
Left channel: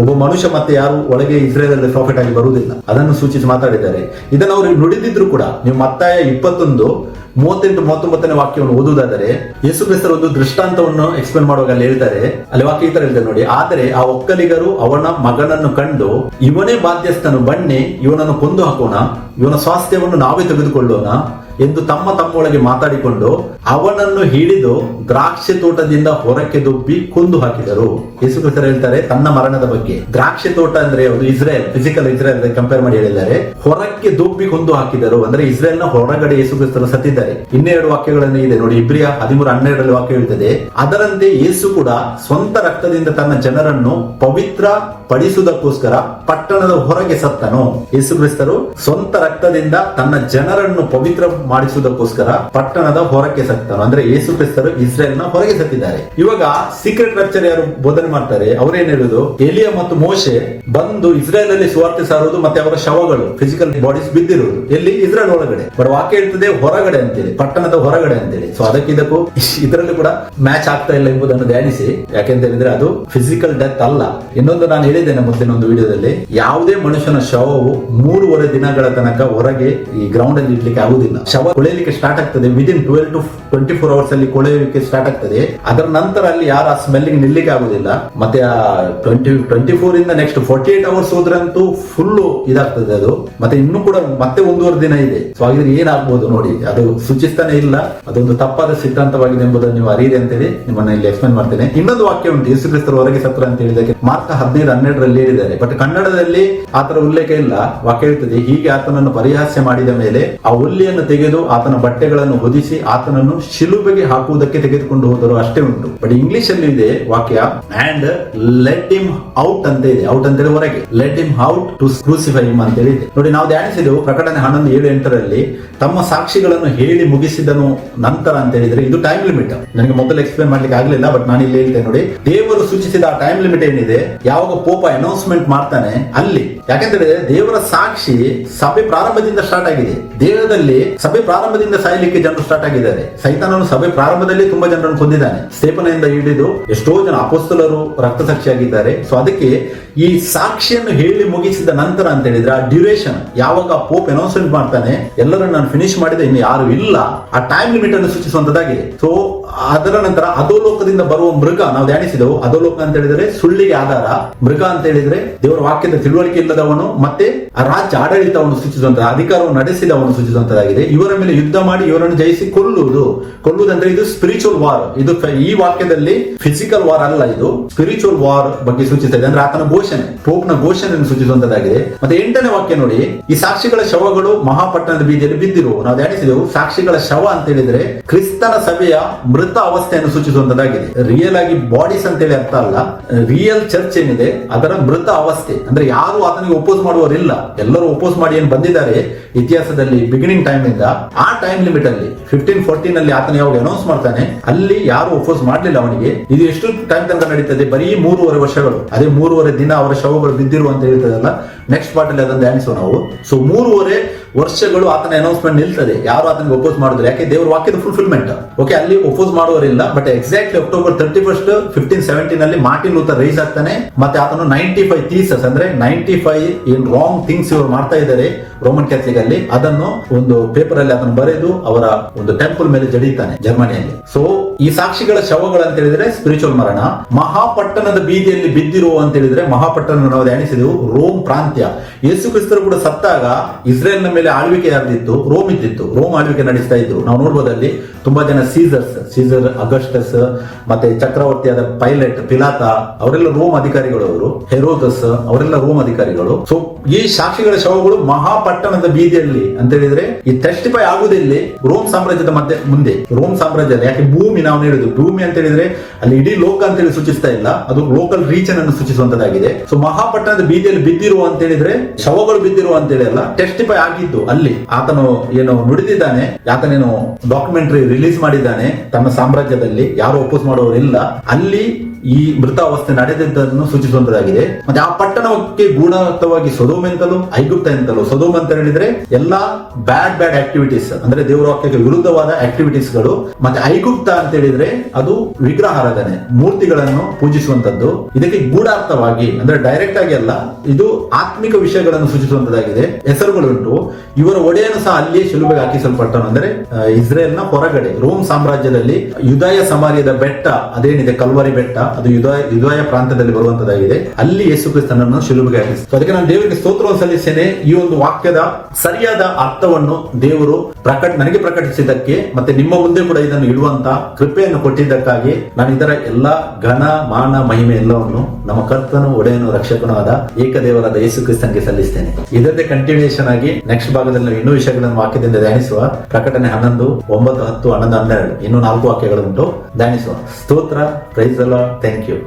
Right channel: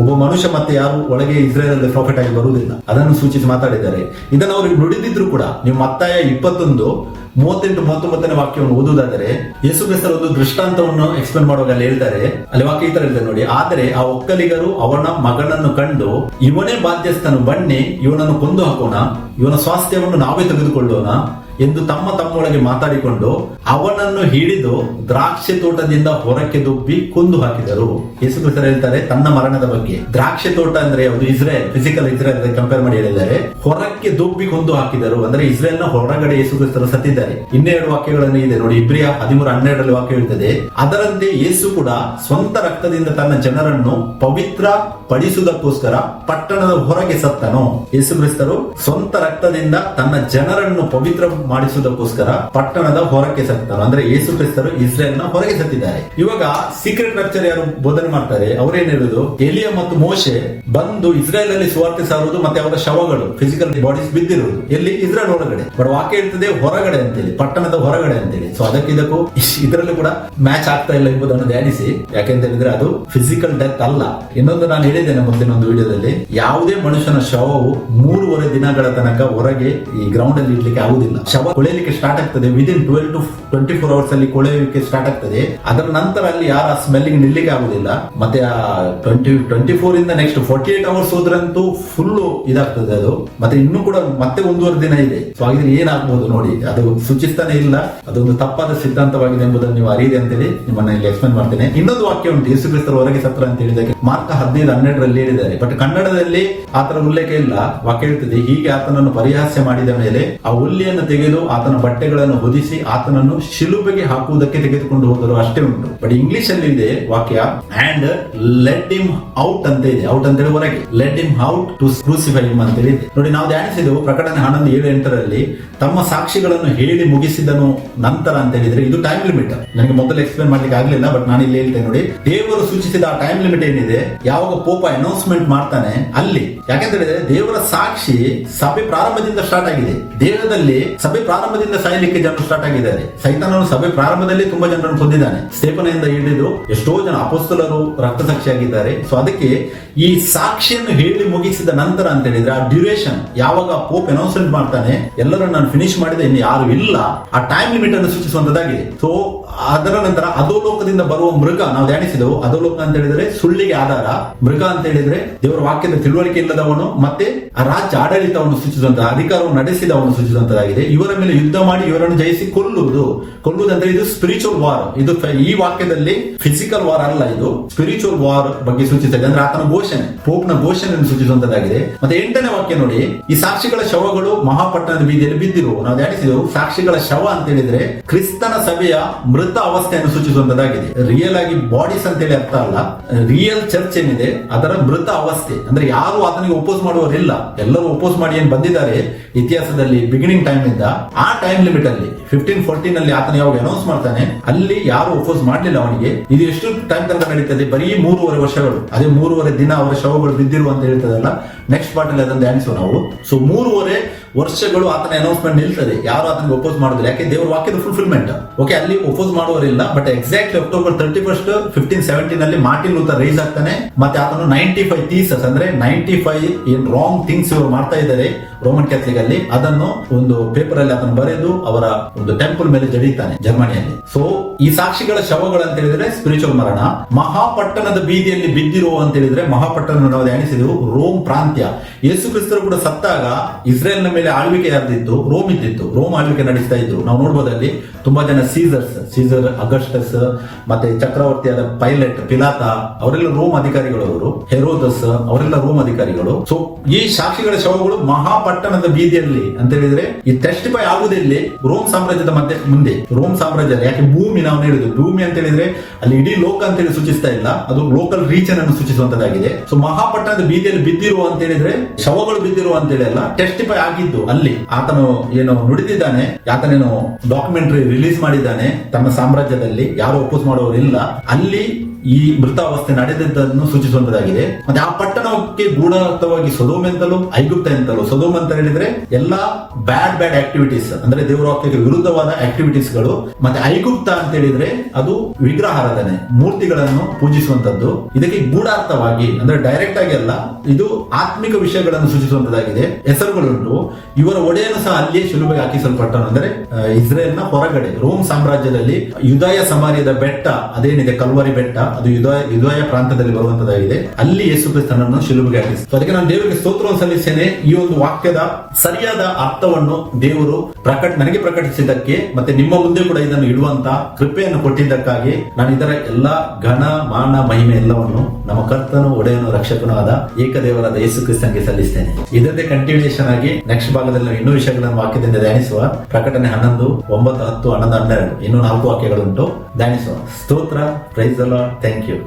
ಒಬ್ಬ ಮನುಷ್ಯ ಮತ್ತೆ ಯಾರು ಒಳಗೆ ಇಸ್ರೇಲ್ ಅಲ್ಲಿ ಪ್ರಾಫಿಟ್ ಆಗಿ ಬರುವುದಿಲ್ಲ, ಅದನ್ನು ಸೂಚಿಸಿ ಮಾತಾಡಿದ್ದಾರೆ. ಇದನ್ನು ಅವರು ನುಡಿದಿದ್ರು ಕೂಡ. ನೀವು ಮತ್ತಾಯ 21:38-39 ವಾಕ್ಯವನ್ನು ಓದುವುದಾದರೆ ಯೇಸು ಕ್ರಿಸ್ತರು ಒಂದು ದೃಷ್ಟಾಂತವನ್ನು ಎಕ್ಸ್ಪ್ಲೇನ್ ಮಾಡುವಾಗ ಅಲ್ಲಿ ಹೇಳ್ತಾರೆ, ಅಲ್ಲಿ ವಾಕ್ಯ ಈ ತರ ಹೇಳ್ತಾರೆ ನೋಡಿ. ಆದರೆ ಆ ಒಕ್ಕಲಿಗರು ಅವನ ಮಗನನ್ನು ಕಂಡು ಇವನೇ ಬಾಧ್ಯಸ್ಥನು, ಬನ್ನಿ ಇವನನ್ನು ಕೊಂದು ಹಾಕೋಣ, ಇವನ ಸ್ವಾಸ್ಥ್ಯವನ್ನು ನಾವೇ ತೆಗೆದುಕೊಳ್ಳೋಣ ಎಂದು ತಮ್ಮೊಳಗೆ ಮಾತಾಡಿಕೊಂಡು ಅವನನ್ನು ಹಿಡಿದು ದ್ರಾಕ್ಷಿ ತೋಟದಿಂದ ಹೊರಕ್ಕೆ ದುಬ್ಬಿ ಕೊಂದು ಹಾಕಿದರು. ಯೇಸು ಕ್ರಿಸ್ತರು ಹೇಳ್ತಾರೆ ತನ್ನ ಮರಣದ ಬಗ್ಗೆ. ದ್ರಾಕ್ಷಿ ತೋಟ ಅಂದ್ರೆ ಅದು ಇಸ್ರೇಲ್, ಫಿಸಿಕಲ್ ಇಸ್ರೇಲ್ ಕಂಪೇರ್ ಮಾಡಿ ಹೇಳಿದ್ದಾರೆ. ಹೊರಕ್ಕೆ ದುಬ್ಬಿ ಕೊಂದು ಹಾಕಿದರು ಅಂದ್ರೆ ಇಸ್ರೇಲ್ ನ ಹೊರಗಡೆ ಯೇಸು ಕ್ರಿಸ್ತರು ಸತ್ತಿದ್ದಾರೆ. ಇನ್ನೆರಡು ವಾಕ್ಯಗಳನ್ನು ಇದೆ ನೋಡಿ. ಇಬ್ರಿಯ 13:12 ವಾಕ್ಯ ಹೇಳ್ತದೆ, ಅದರಂತೆ ಯೇಸು ಕೂಡ ಸ್ವಂತ ರಕ್ತದಿಂದ ತನ್ನ ಜನರನ್ನು ಪವಿತ್ರ ಪಡಿಸುವುದಕ್ಕೋಸ್ಕರ ಪಟ್ಟಣದ ಹೊರಗೆ ಸತ್ತನು. ಯೇಸು ಕ್ರಿಸ್ತರು ಸ್ವಂತ ರಕ್ತದಿಂದ ತನ್ನ ಜನರನ್ನು ಪವಿತ್ರ ಮಾಡಿಸುವುದಕ್ಕೋಸ್ಕರ ಪಟ್ಟಣದ ಹೊರಕ್ಕೆ ಸತ್ತನು. ಅಂದ್ರೆ ಯೇಸು ಕ್ರಿಸ್ತರು ಇಸ್ರೇಲ್ ನ ಹೊರಗೆ ಸತ್ತಿದ್ದಾರೆ. ಇವಾಗ ಸೀಕ್ರೆಟ್ ಲೆಕ್ಚರ್ ಯಾರು ಬೋಧನೆ ಮಾಡ್ತಾರೆ, ಅವರೇನ್ ಹೇಳುದು, ಎಲಿಯ ಮತ್ತು ಮೋಶೆ ಬಂದು ಇಸ್ರೇಲ್ ಅಲ್ಲಿ ಸುವಾರ್ತೆ ಸಾರುವುದು, ಮತ್ತೆ ಅವರ ಶವಗಳು ಫಿಸಿಕಲ್ ಬಾಡೀಸ್ ಬಿದ್ದಿರುವುದು ಎಲ್ಲಿ? ಇಸ್ರೇಲ್ ಒಳಗಡೆ. ಬಟ್ ವಾಕ್ಯ ಹೇಳ್ತದೆ ಹೊರಗಡೆ ಅಂತೇಳಿ, ಪಟ್ಟಣದ ಹೊರಗಡೆ ಅಂತೇಳಿ. ಸೊ ಅದಕ್ಕೆ ಇದಕ್ಕೂ ಇದರಲ್ಲೂ ಕೂಡ ಮ್ಯಾಚ್ ಆಗ್ತಾ ಇಲ್ಲ ಎಂಬುದನ್ನು ಧ್ಯಾನಿಸಿ. ಯಾಕೆಂತ ಹೇಳಿದ್ರೆ ಅದು ಫಿಸಿಕಲ್ ಡೆತ್ ಅಲ್ಲ. ಇನ್ನೊಂದು ನಾನು ಹೇಳಿದ್ದೇನೆ ಮುಂದಿನ ಒಂದು ವಿಡಿಯೋದಲ್ಲಿ, ಯಾವುದೇ ಮನುಷ್ಯನ ಶವವು 3.5 ದಿನಗಳ ತನಕ ಹೊರಗೆ ಈ ಗ್ರೌಂಡ್ ಅಲ್ಲಿ ಇಡ್ಲಿಕ್ಕೆ ಆಗುದಿಲ್ಲ. ಶವ ಕೊಳೆಯಲಿಕ್ಕೆ ಸ್ಟಾರ್ಟ್ ಆಗ್ತದೆ ವಿದಿನ್ 12 to 24 ಅವರ್ಸ್ ಅಲ್ಲಿ ಕೊಳೆಯಲಿಕ್ಕೆ ಸ್ಟಾರ್ಟ್ ಆಗ್ತದೆ. ಅದರ ನಂತರ ಅಲ್ಲಿ ಯಾರು ಆ ಸ್ಮೆಲ್ಲಿಂಗ್ ನಿಲ್ಲಿಕ್ಕೆ ಆಗುದಿಲ್ಲ. ಮತ್ತೆ ಆ 24 ಇಂದ ನೆಕ್ಸ್ಟ್ 48 ಅವರ್ಸ್ ಹೋದ್ರಂತೂ ಫುಲ್ ಇದಾಗ್ತದೆ ಅದು. ಮತ್ತೆ ಇನ್ನೂ ಕೂಡ ಮತ್ತೆ 1.5 ದಿನ ಇದೆ. ಸೊ ಹಾಗಿದ್ರೆ ಏನಾಗ್ಬೋದು ನೋಡಿ, ಅದು ಸೂಚಿಸ್ತಾನೆ ಇಲ್ಲ. ಅದೊಂದು ತಪ್ಪಾದ ಸಿದ್ಧಾಂತವಾಗಿದೆ ಎಂಬುದನ್ನು ನೀವು ಅರಿಯಿರಿ ಅಂತೇಳಿ ನಿಮ್ಮನ್ನ ಇಲ್ಲಿ ಎಕ್ಸ್ಪ್ಲೇನ್ ಮಾಡ್ತೇನೆ. ಇನ್ನೊಂದು ವಾಕ್ಯ ಉಂಟು, ಯೇಸು ಕ್ರಿಸ್ತರು ಹೊರಗೆ ಸತ್ರ ಅಂತ ಹೇಳಿದಾಗ ಮಾರ್ಕ 15:12 ಹೇಳಿದ್ದಾರೆ. ಬಟ್ ಕನ್ನಡದಲ್ಲಿ ಆತರ ಉಲ್ಲೇಖ ಇಲ್ಲ. ವಾಕ್ಯ ಹೇಳ್ತದೆ, ಹೀಗೆ ಆತನನ್ನು ಪರಿಹಾಸ್ಯ ಮಾಡಿದ ಮೇಲೆ ಆ ಹುಲ್ಲಿಯನ್ನು ತೆಗೆದು ಆತನ ಬಟ್ಟೆಗಳನ್ನು ಹೊದಿಸಿ ಆತನನ್ನು ಶಿಲುಬೆಗೆ ಹಾಕುವುದಕ್ಕೆ ತೆಗೆದುಕೊಂಡು ಹೋದರು, ಅಷ್ಟೇ ಉಂಟು. ಬಟ್ ಇಂಗ್ಲಿಷ್ ಅಲ್ಲಿ ಇದೆ ವಾಕ್ಯ, ಅಂಡ್ ಲೆಟ್ ಹಿಮ್ ಔಟ್ ಅಂತ ಇದೆ. ಔಟ್ ಅಂತೇಳಿ ಹೊರಗೆ, let him out to crucify him ಅಂತ ಇದೆ ನೋಡಿ. ನಾವು ಧ್ಯಾನಿಸಿದೆವು ಪ್ರಕಟಣೆ 11:7-8 ತಮ್ಮ ಸಾಕ್ಷಿಗಳನ್ನು ಹೇಳಿ ಮುಗಿಸಿದನು ನಂತರ ಅಂತ ಹೇಳಿದ್ರೆ ಇದು ಟೈಮ್ ಲಿಮಿಟ್. ನನಗೆ ಮೊದಲು ಎಕ್ಸ್ಪ್ಲೇನ್ ಮಾಡ್ಲಿಕ್ಕೆ ಆಗ್ಲಿಲ್ಲ, ಬಟ್ ನಾನು ಇಲ್ಲಿ ಹೇಳ್ತೇನೆ ನೋಡಿ. ದೇವರು ಸೂಚಿಸಿದ ಆ ಟೈಮ್ ಲಿಮಿಟ್ ಏನಿದೆ, ಯಾವಾಗ ಪೋಪ ಅನೌನ್ಸ್ಮೆಂಟ್ ಮಾಡ್ತಾನೆ ಅಲ್ಲಿ. ಯಾಕೆಂತ ಹೇಳಿದ್ರೆ ದೇವರ ಸಾಕ್ಷಿ ಸಭೆ ಪ್ರಾರಂಭದಿಂದ ಸ್ಟಾರ್ಟ್ ಆಗಿದೆ. ದೇಹದಲ್ಲಿ ಸಭೆ ಪ್ರಾರಂಭದಿಂದ ಸಾಯಲಿಕ್ಕೆ ಜನರು ಸ್ಟಾರ್ಟ್ ಆಗಿದ್ದಾರೆ. ಸೈತಾನನು ಸಭೆ ಪ್ರಾರಂಭದಲ್ಲಿ ತುಂಬಾ ಜನರನ್ನು ಕೊಂದಿದ್ದಾನೆ. ಸ್ಟೇಫನಿಂದ ಹಿಡಿದು ಎಷ್ಟೋ ಜನ ಅಪೊಸ್ತಲರು ರಕ್ತ ಸಾಕ್ಷಿಯಾಗಿದ್ದಾರೆ. ಸೊ ಅದಕ್ಕೆ ಈ ಸಾಕ್ಷಿಯನ್ನು ಹೇಳಿ ಮುಗಿಸಿದ ನಂತರ ಅಂತ ಹೇಳಿದ್ರೆ ಆ ಡ್ಯೂರೇಷನ್ ಯಾವಾಗ ಪೋಪ್ ಅನೌನ್ಸ್ಮೆಂಟ್ ಮಾಡ್ತಾನೆ ಎಲ್ಲರನ್ನು ನಾನು ಫಿನಿಶ್ ಮಾಡಿದೆ, ಇನ್ನು ಯಾರು ಇಲ್ಲ, ಆ ಟೈಮ್ ಲಿಮಿಟ್ ಅನ್ನು ಸೂಚಿಸುವಂತದ್ದಾಗಿದೆ. ಸೊ ಅದರ ನಂತರ ಅಧೋಲೋಕದಿಂದ ಬರುವ ಮೃಗ, ನಾವು ಧ್ಯಾನಿಸಿದೆವು. ಅಧೋಲೋಕ ಅಂತ ಹೇಳಿದ್ರೆ ಸುಳ್ಳಿಗೆ ಆಧಾರ, ಮೃಗ ಅಂತ ಹೇಳಿದ್ರೆ ದೇವರ ವಾಕ್ಯದ ತಿಳುವಳಿಕೆ ಇಲ್ಲದವನು, ಮತ್ತೆ ಆ ರಾಜ್ಯ ಆಡಳಿತವನ್ನು ಸೂಚಿಸುವಂತಹ, ಅಧಿಕಾರವನ್ನು ನಡೆಸಿದವನು ಸೂಚಿಸುವಂತದ್ದಾಗಿದೆ. ಇವರ ಮೇಲೆ ಯುದ್ಧ ಮಾಡಿ ಇವರನ್ನು ಜಯಿಸಿ ಕೊಲ್ಲುವುದಂದ್ರೆ ಇದು ಸ್ಪಿರಿಚುವಲ್ ವಾರ್. ಇದು ಈ ವಾಕ್ಯದಲ್ಲಿ ಫಿಸಿಕಲ್ ವಾರ್ ಅಲ್ಲ, ಇದು ಸ್ಪಿರಿಚುವಲ್ ವಾರ್ ಬಗ್ಗೆ ಸೂಚಿಸುತ್ತದೆ. ಅಂದ್ರೆ ಆತನ ಘೋಷಣೆ, ಪೋಪ್ನ ಘೋಷಣೆಯನ್ನು ಸೂಚಿಸುವಂತದ್ದಾಗಿದೆ. ಮತ್ತೆ 8ನೇ ವಾಕ್ಯ ನೋಡಿ, ಈ ಸಾಕ್ಷಿಗಳ ಶವಗಳು ಮಹಾಪಟ್ಟಣದ ಬೀದಿಯಲ್ಲಿ ಬಿದ್ದಿರುವು. ನಾವು ಧ್ಯಾನಿಸಿದೆವು ಸಾಕ್ಷಿಗಳ ಶವ ಅಂತ ಹೇಳಿದ್ರೆ ಕ್ರಿಸ್ತನ ಸಭೆಯ ಮೃತ ಅವಸ್ಥೆಯನ್ನು ಸೂಚಿಸುವಂತದ್ದಾಗಿದೆ. ರಿಯಲ್ ಆಗಿ ಬಾಡೀಸ್ ಅಂತ ಹೇಳಿ ಅರ್ಥ ಅಲ್ಲ. ರಿಯಲ್ ಚರ್ಚ್ ಏನಿದೆ ಅದರ ಮೃತ ಅವಸ್ಥೆ ಅಂದ್ರೆ ಯಾರು ಆತನಿಗೆ ಒಪೋಸ್ ಮಾಡುವವರಿಲ್ಲ. ಎಲ್ಲರೂ ಒಪೋಸ್ ಮಾಡಿ ಏನ್ ಬಂದಿದ್ದಾರೆ ಇತಿಹಾಸದಲ್ಲಿ ಬಿಗಿನಿಂಗ್ ಟೈಮ್ ಇಂದ, ಆ ಟೈಮ್ ಲಿಮಿಟ್ ಅಲ್ಲಿ 1514 ಅಲ್ಲಿ ಆತನ ಯಾವಾಗ ಅನೌನ್ಸ್ ಮಾಡ್ತಾನೆ ಅಲ್ಲಿ ಯಾರು ಒಪೋಸ್ ಮಾಡಲಿಲ್ಲ ಅವನಿಗೆ. ಇದು ಎಷ್ಟು ಟೈಮ್ ತನಕ ನಡೀತದೆ? ಬರೀ 3.5 ವರ್ಷಗಳು. ಅದೇ 3.5 ದಿನ ಅವರ ಶವಗಳು ಬಿದ್ದಿರು ಅಂತ ಹೇಳ್ತದಲ್ಲ, ನೆಕ್ಸ್ಟ್ ಪಾರ್ಟ್ ಅಲ್ಲಿ ಅದನ್ನು ಧ್ಯಾನಿಸುವ ನಾವು. ಸೊ 3.5 ವರ್ಷಗಳು ಆತನ ಅನೌನ್ಸ್ಮೆಂಟ್ ನಿಲ್ತದೆ, ಯಾರು ಆತನಿಗೆ ಒಪೋಸ್ ಮಾಡಿದ್ರೆ. ಯಾಕೆ? ದೇವರ ವಾಕ್ಯದ ಫುಲ್ಫಿಲ್ಮೆಂಟ್. ಓಕೆ, ಅಲ್ಲಿ ಒಪೋಸ್ ಮಾಡುವವರಿಲ್ಲ. ಬಟ್ ಎಕ್ಸಾಕ್ಟ್ಲಿ ಅಕ್ಟೋಬರ್ 31 1517 ಅಲ್ಲಿ ಮಾರ್ಟಿನ್ ಲೂಥರ್ ರೈಸ್ ಆಗ್ತಾನೆ. ಮತ್ತೆ ಆತನು 95 ಥೀಸಸ್ ಅಂದ್ರೆ 95 ಏನ್ ರಾಂಗ್ ಥಿಂಗ್ಸ್ ಮಾಡ್ತಾ ಇದ್ದಾರೆ ರೋಮನ್ ಕ್ಯಾಥಲಿಕ್ ಅಲ್ಲಿ, ಅದನ್ನು ಒಂದು ಪೇಪರ್ ಅಲ್ಲಿ ಅದನ್ನು ಬರೆದು ಅವರ ಒಂದು ಟೆಂಪಲ್ ಮೇಲೆ ಜಡಿತಾನೆ ಜರ್ಮನಿಯಲ್ಲಿ. ಸೊ ಈ ಸಾಕ್ಷಿಗಳ ಶವಗಳು ಅಂತ ಹೇಳಿದ್ರೆ ಸ್ಪಿರಿಚುವಲ್ ಮರಣ. ಮಹಾಪಟ್ಟಣದ ಬೀದಿಯಲ್ಲಿ ಬಿದ್ದಿರುವ ಅಂತ ಹೇಳಿದ್ರೆ ಮಹಾಪಟ್ಟಣ ನಾವು ಧ್ಯಾನಿಸಿದೆವು ರೋಮ್ ಪ್ರಾಂತ್ಯ. ಯೇಸು ಕ್ರಿಸ್ತರು ಕೂಡ ಸತ್ತಾಗ ಇಸ್ರೇಲ್ ನ ಮೇಲೆ ಆಳ್ವಿಕೆ ಯಾರ್ದಿತ್ತು? ರೋಮ್ ಇದ್ದಿತ್ತು. ರೋಮ್ ಆಳ್ವಿಕೆ ನಡೆಸ್ತಾ ಇದ್ರು. ನಾವು ನೋಡ್ಬೋದಲ್ಲಿ ತುಂಬಾ ಜನ ಸೀಸರ್ ಅಗಸ್ಟಸ್, ಮತ್ತೆ ಚಕ್ರವರ್ತಿ ಅಂದ್ರೆ ಪೈಲಟ್ ಪಿಲಾತ, ಅವರೆಲ್ಲ ರೋಮ್ ಅಧಿಕಾರಿಗಳು. ಅವರು ಹೆರೋದಸ್ ಅವರೆಲ್ಲ ರೋಮ್ ಅಧಿಕಾರಿಗಳು. ಸೊ ಈ ಸಾಕ್ಷಿಗಳ ಶವಗಳು ಮಹಾಪಟ್ಟಣದ ಬೀದಿಯಲ್ಲಿ ಅಂತ ಹೇಳಿದ್ರೆ ಈ ಟೆಸ್ಟಿಫೈ ಆಗುವುದಿಲ್ಲಿ ರೋಮ್ ಸಾಮ್ರಾಜ್ಯದ ಮುಂದೆ. ರೋಮ್ ಸಾಮ್ರಾಜ್ಯ ಯಾಕೆ ಭೂಮಿ ನಾವು ಹೇಳಿದ್ದು ಭೂಮಿ ಅಂತ ಹೇಳಿದ್ರೆ ಅಲ್ಲಿ ಇಡೀ ಲೋಕ ಅಂತ ಹೇಳಿ ಸೂಚಿಸ್ತಾ ಇಲ್ಲ, ಅದು ಲೋಕಲ್ ರೀಜನ್ ಅನ್ನು ಸೂಚಿಸುವಂತದ್ದಾಗಿದೆ. ಸೊ ಮಹಾಪಟ್ಟಣದ ಬೀದಿಯಲ್ಲಿ ಬಿದ್ದಿರುವ ಅಂತ ಹೇಳಿದ್ರೆ ಶವಗಳು ಬಿದ್ದಿರುವ ಅಂತ ಹೇಳಿ ಅಲ್ಲ, ಟೆಸ್ಟಿಫೈ ಆಗಿದ್ದು ಅಲ್ಲಿ ಆತನು ಏನು ನುಡಿದಿದ್ದಾನೆ, ಆತನೇನು ಡಾಕ್ಯುಮೆಂಟರಿ ರಿಲೀಸ್ ಮಾಡಿದ್ದಾನೆ ತನ್ನ ಸಾಮ್ರಾಜ್ಯದಲ್ಲಿ, ಯಾರು ಅಪೋಸ್ ಮಾಡೋರು ಇಲ್ಲ, ಅಲ್ಲಿ ಈ ಮೃತಾವಸ್ಥೆ ನಡೆದಿದ್ದನ್ನು ಸೂಚಿಸುವಂತದ್ದಾಗಿದೆ. ಮತ್ತೆ ಆ ಪಟ್ಟಣಕ್ಕೆ ಗೂಢಾರ್ಥವಾಗಿ ಸೊದೋಮ್ ಅಂತಲೂ ಐಗುಪ್ತ ಅಂತಲೂ, ಸೊದೋಮ್ ಅಂತ ಹೇಳಿದ್ರೆ ಎಲ್ಲಾ ಬ್ಯಾಡ್ ಆಕ್ಟಿವಿಟೀಸ್ ಅಂದ್ರೆ ದೇವರ ವಾಕ್ಯಕ್ಕೆ ವಿರುದ್ಧವಾದ ಆಕ್ಟಿವಿಟೀಸ್ ಗಳು, ಮತ್ತೆ ಐಗುಪ್ತ ಅಂತ ಹೇಳಿದ್ರೆ ಅದು ವಿಗ್ರಹಾರಾಧನೆ, ಮೂರ್ತಿಗಳನ್ನು ಪೂಜಿಸುವಂತದ್ದು. ಇದಕ್ಕೆ ಗೂಢಾರ್ಥವಾಗಿ ಅಂದ್ರೆ ಡೈರೆಕ್ಟ್ ಆಗಿ ಅಲ್ಲ, ಇದು ಆತ್ಮಿಕ ವಿಷಯಗಳನ್ನು ಸೂಚಿಸುವಂತದ್ದಾಗಿದೆ. ಹೆಸರುಗಳುಂಟು. ಇವರ ಒಡೆಯನು ಸಹ ಅಲ್ಲಿಯೇ ಶಿಲುಬೆಗೆ ಹಾಕಿಸಲ್ಪಟ್ಟನು, ಅಂದ್ರೆ ಇಸ್ರೇಲ್ ನ ಹೊರಗಡೆ ರೋಮ್ ಸಾಮ್ರಾಜ್ಯದಲ್ಲಿ ಯುದಾಯ ಸಮಾರ್ಯದ ಬೆಟ್ಟ ಅದೇನಿದೆ ಕಲ್ವರಿ ಬೆಟ್ಟ, ಅದು ಯುದಾಯ ಪ್ರಾಂತ್ಯದಲ್ಲಿ ಬರುವಂತದ್ದಾಗಿದೆ. ಅಲ್ಲಿ ಯೇಸು ಕ್ರಿಸ್ತನನ್ನು ಶಿಲುಬೆಗೆ ಹಾಕಿಸಿ. ಅದಕ್ಕೆ ನಾನು ದೇವರಿಗೆ ಸ್ತೋತ್ರವನ್ನು ಸಲ್ಲಿಸ್ತೇನೆ. ಈ ಒಂದು ವಾಕ್ಯದ ಸರಿಯಾದ ಅರ್ಥವನ್ನು ದೇವರು ನನಗೆ ಪ್ರಕಟಿಸಿದ್ದಕ್ಕೆ, ಮತ್ತೆ ನಿಮ್ಮ ಮುಂದೆ ಕೂಡ ಇದನ್ನು ಇಡುವಂತ ಕೃಪೆಯನ್ನು ಕೊಟ್ಟಿದ್ದಕ್ಕಾಗಿ ನಾನು ಇದರ ಎಲ್ಲ ಘನ ಮಾನ ಮಹಿಮೆ ಎಲ್ಲವನ್ನು ನಮ್ಮ ಕರ್ತನು ಒಡೆಯನು ರಕ್ಷಕನೂ ಆದ ಏಕದೇವರಾದ ಯೇಸು ಕ್ರಿಸ್ತನಿಗೆ ಸಲ್ಲಿಸ್ತೇನೆ. ಇದರದೇ ಕಂಟಿನ್ಯೂಯೇಷನ್ ಆಗಿ ನೆಕ್ಸ್ಟ್ ಭಾಗದಲ್ಲಿ ನಾವು ಇನ್ನೂ ವಿಷಯಗಳನ್ನು ವಾಕ್ಯದಿಂದ ಧ್ಯಾನಿಸುವ. ಪ್ರಕಟಣೆ 11, 9, 10, 11, 12 ಇನ್ನೂ 4 ವಾಕ್ಯಗಳು ಉಂಟು, ಧ್ಯಾನಿಸುವ. ಸ್ತೋತ್ರ. Praise the lord. Thank you.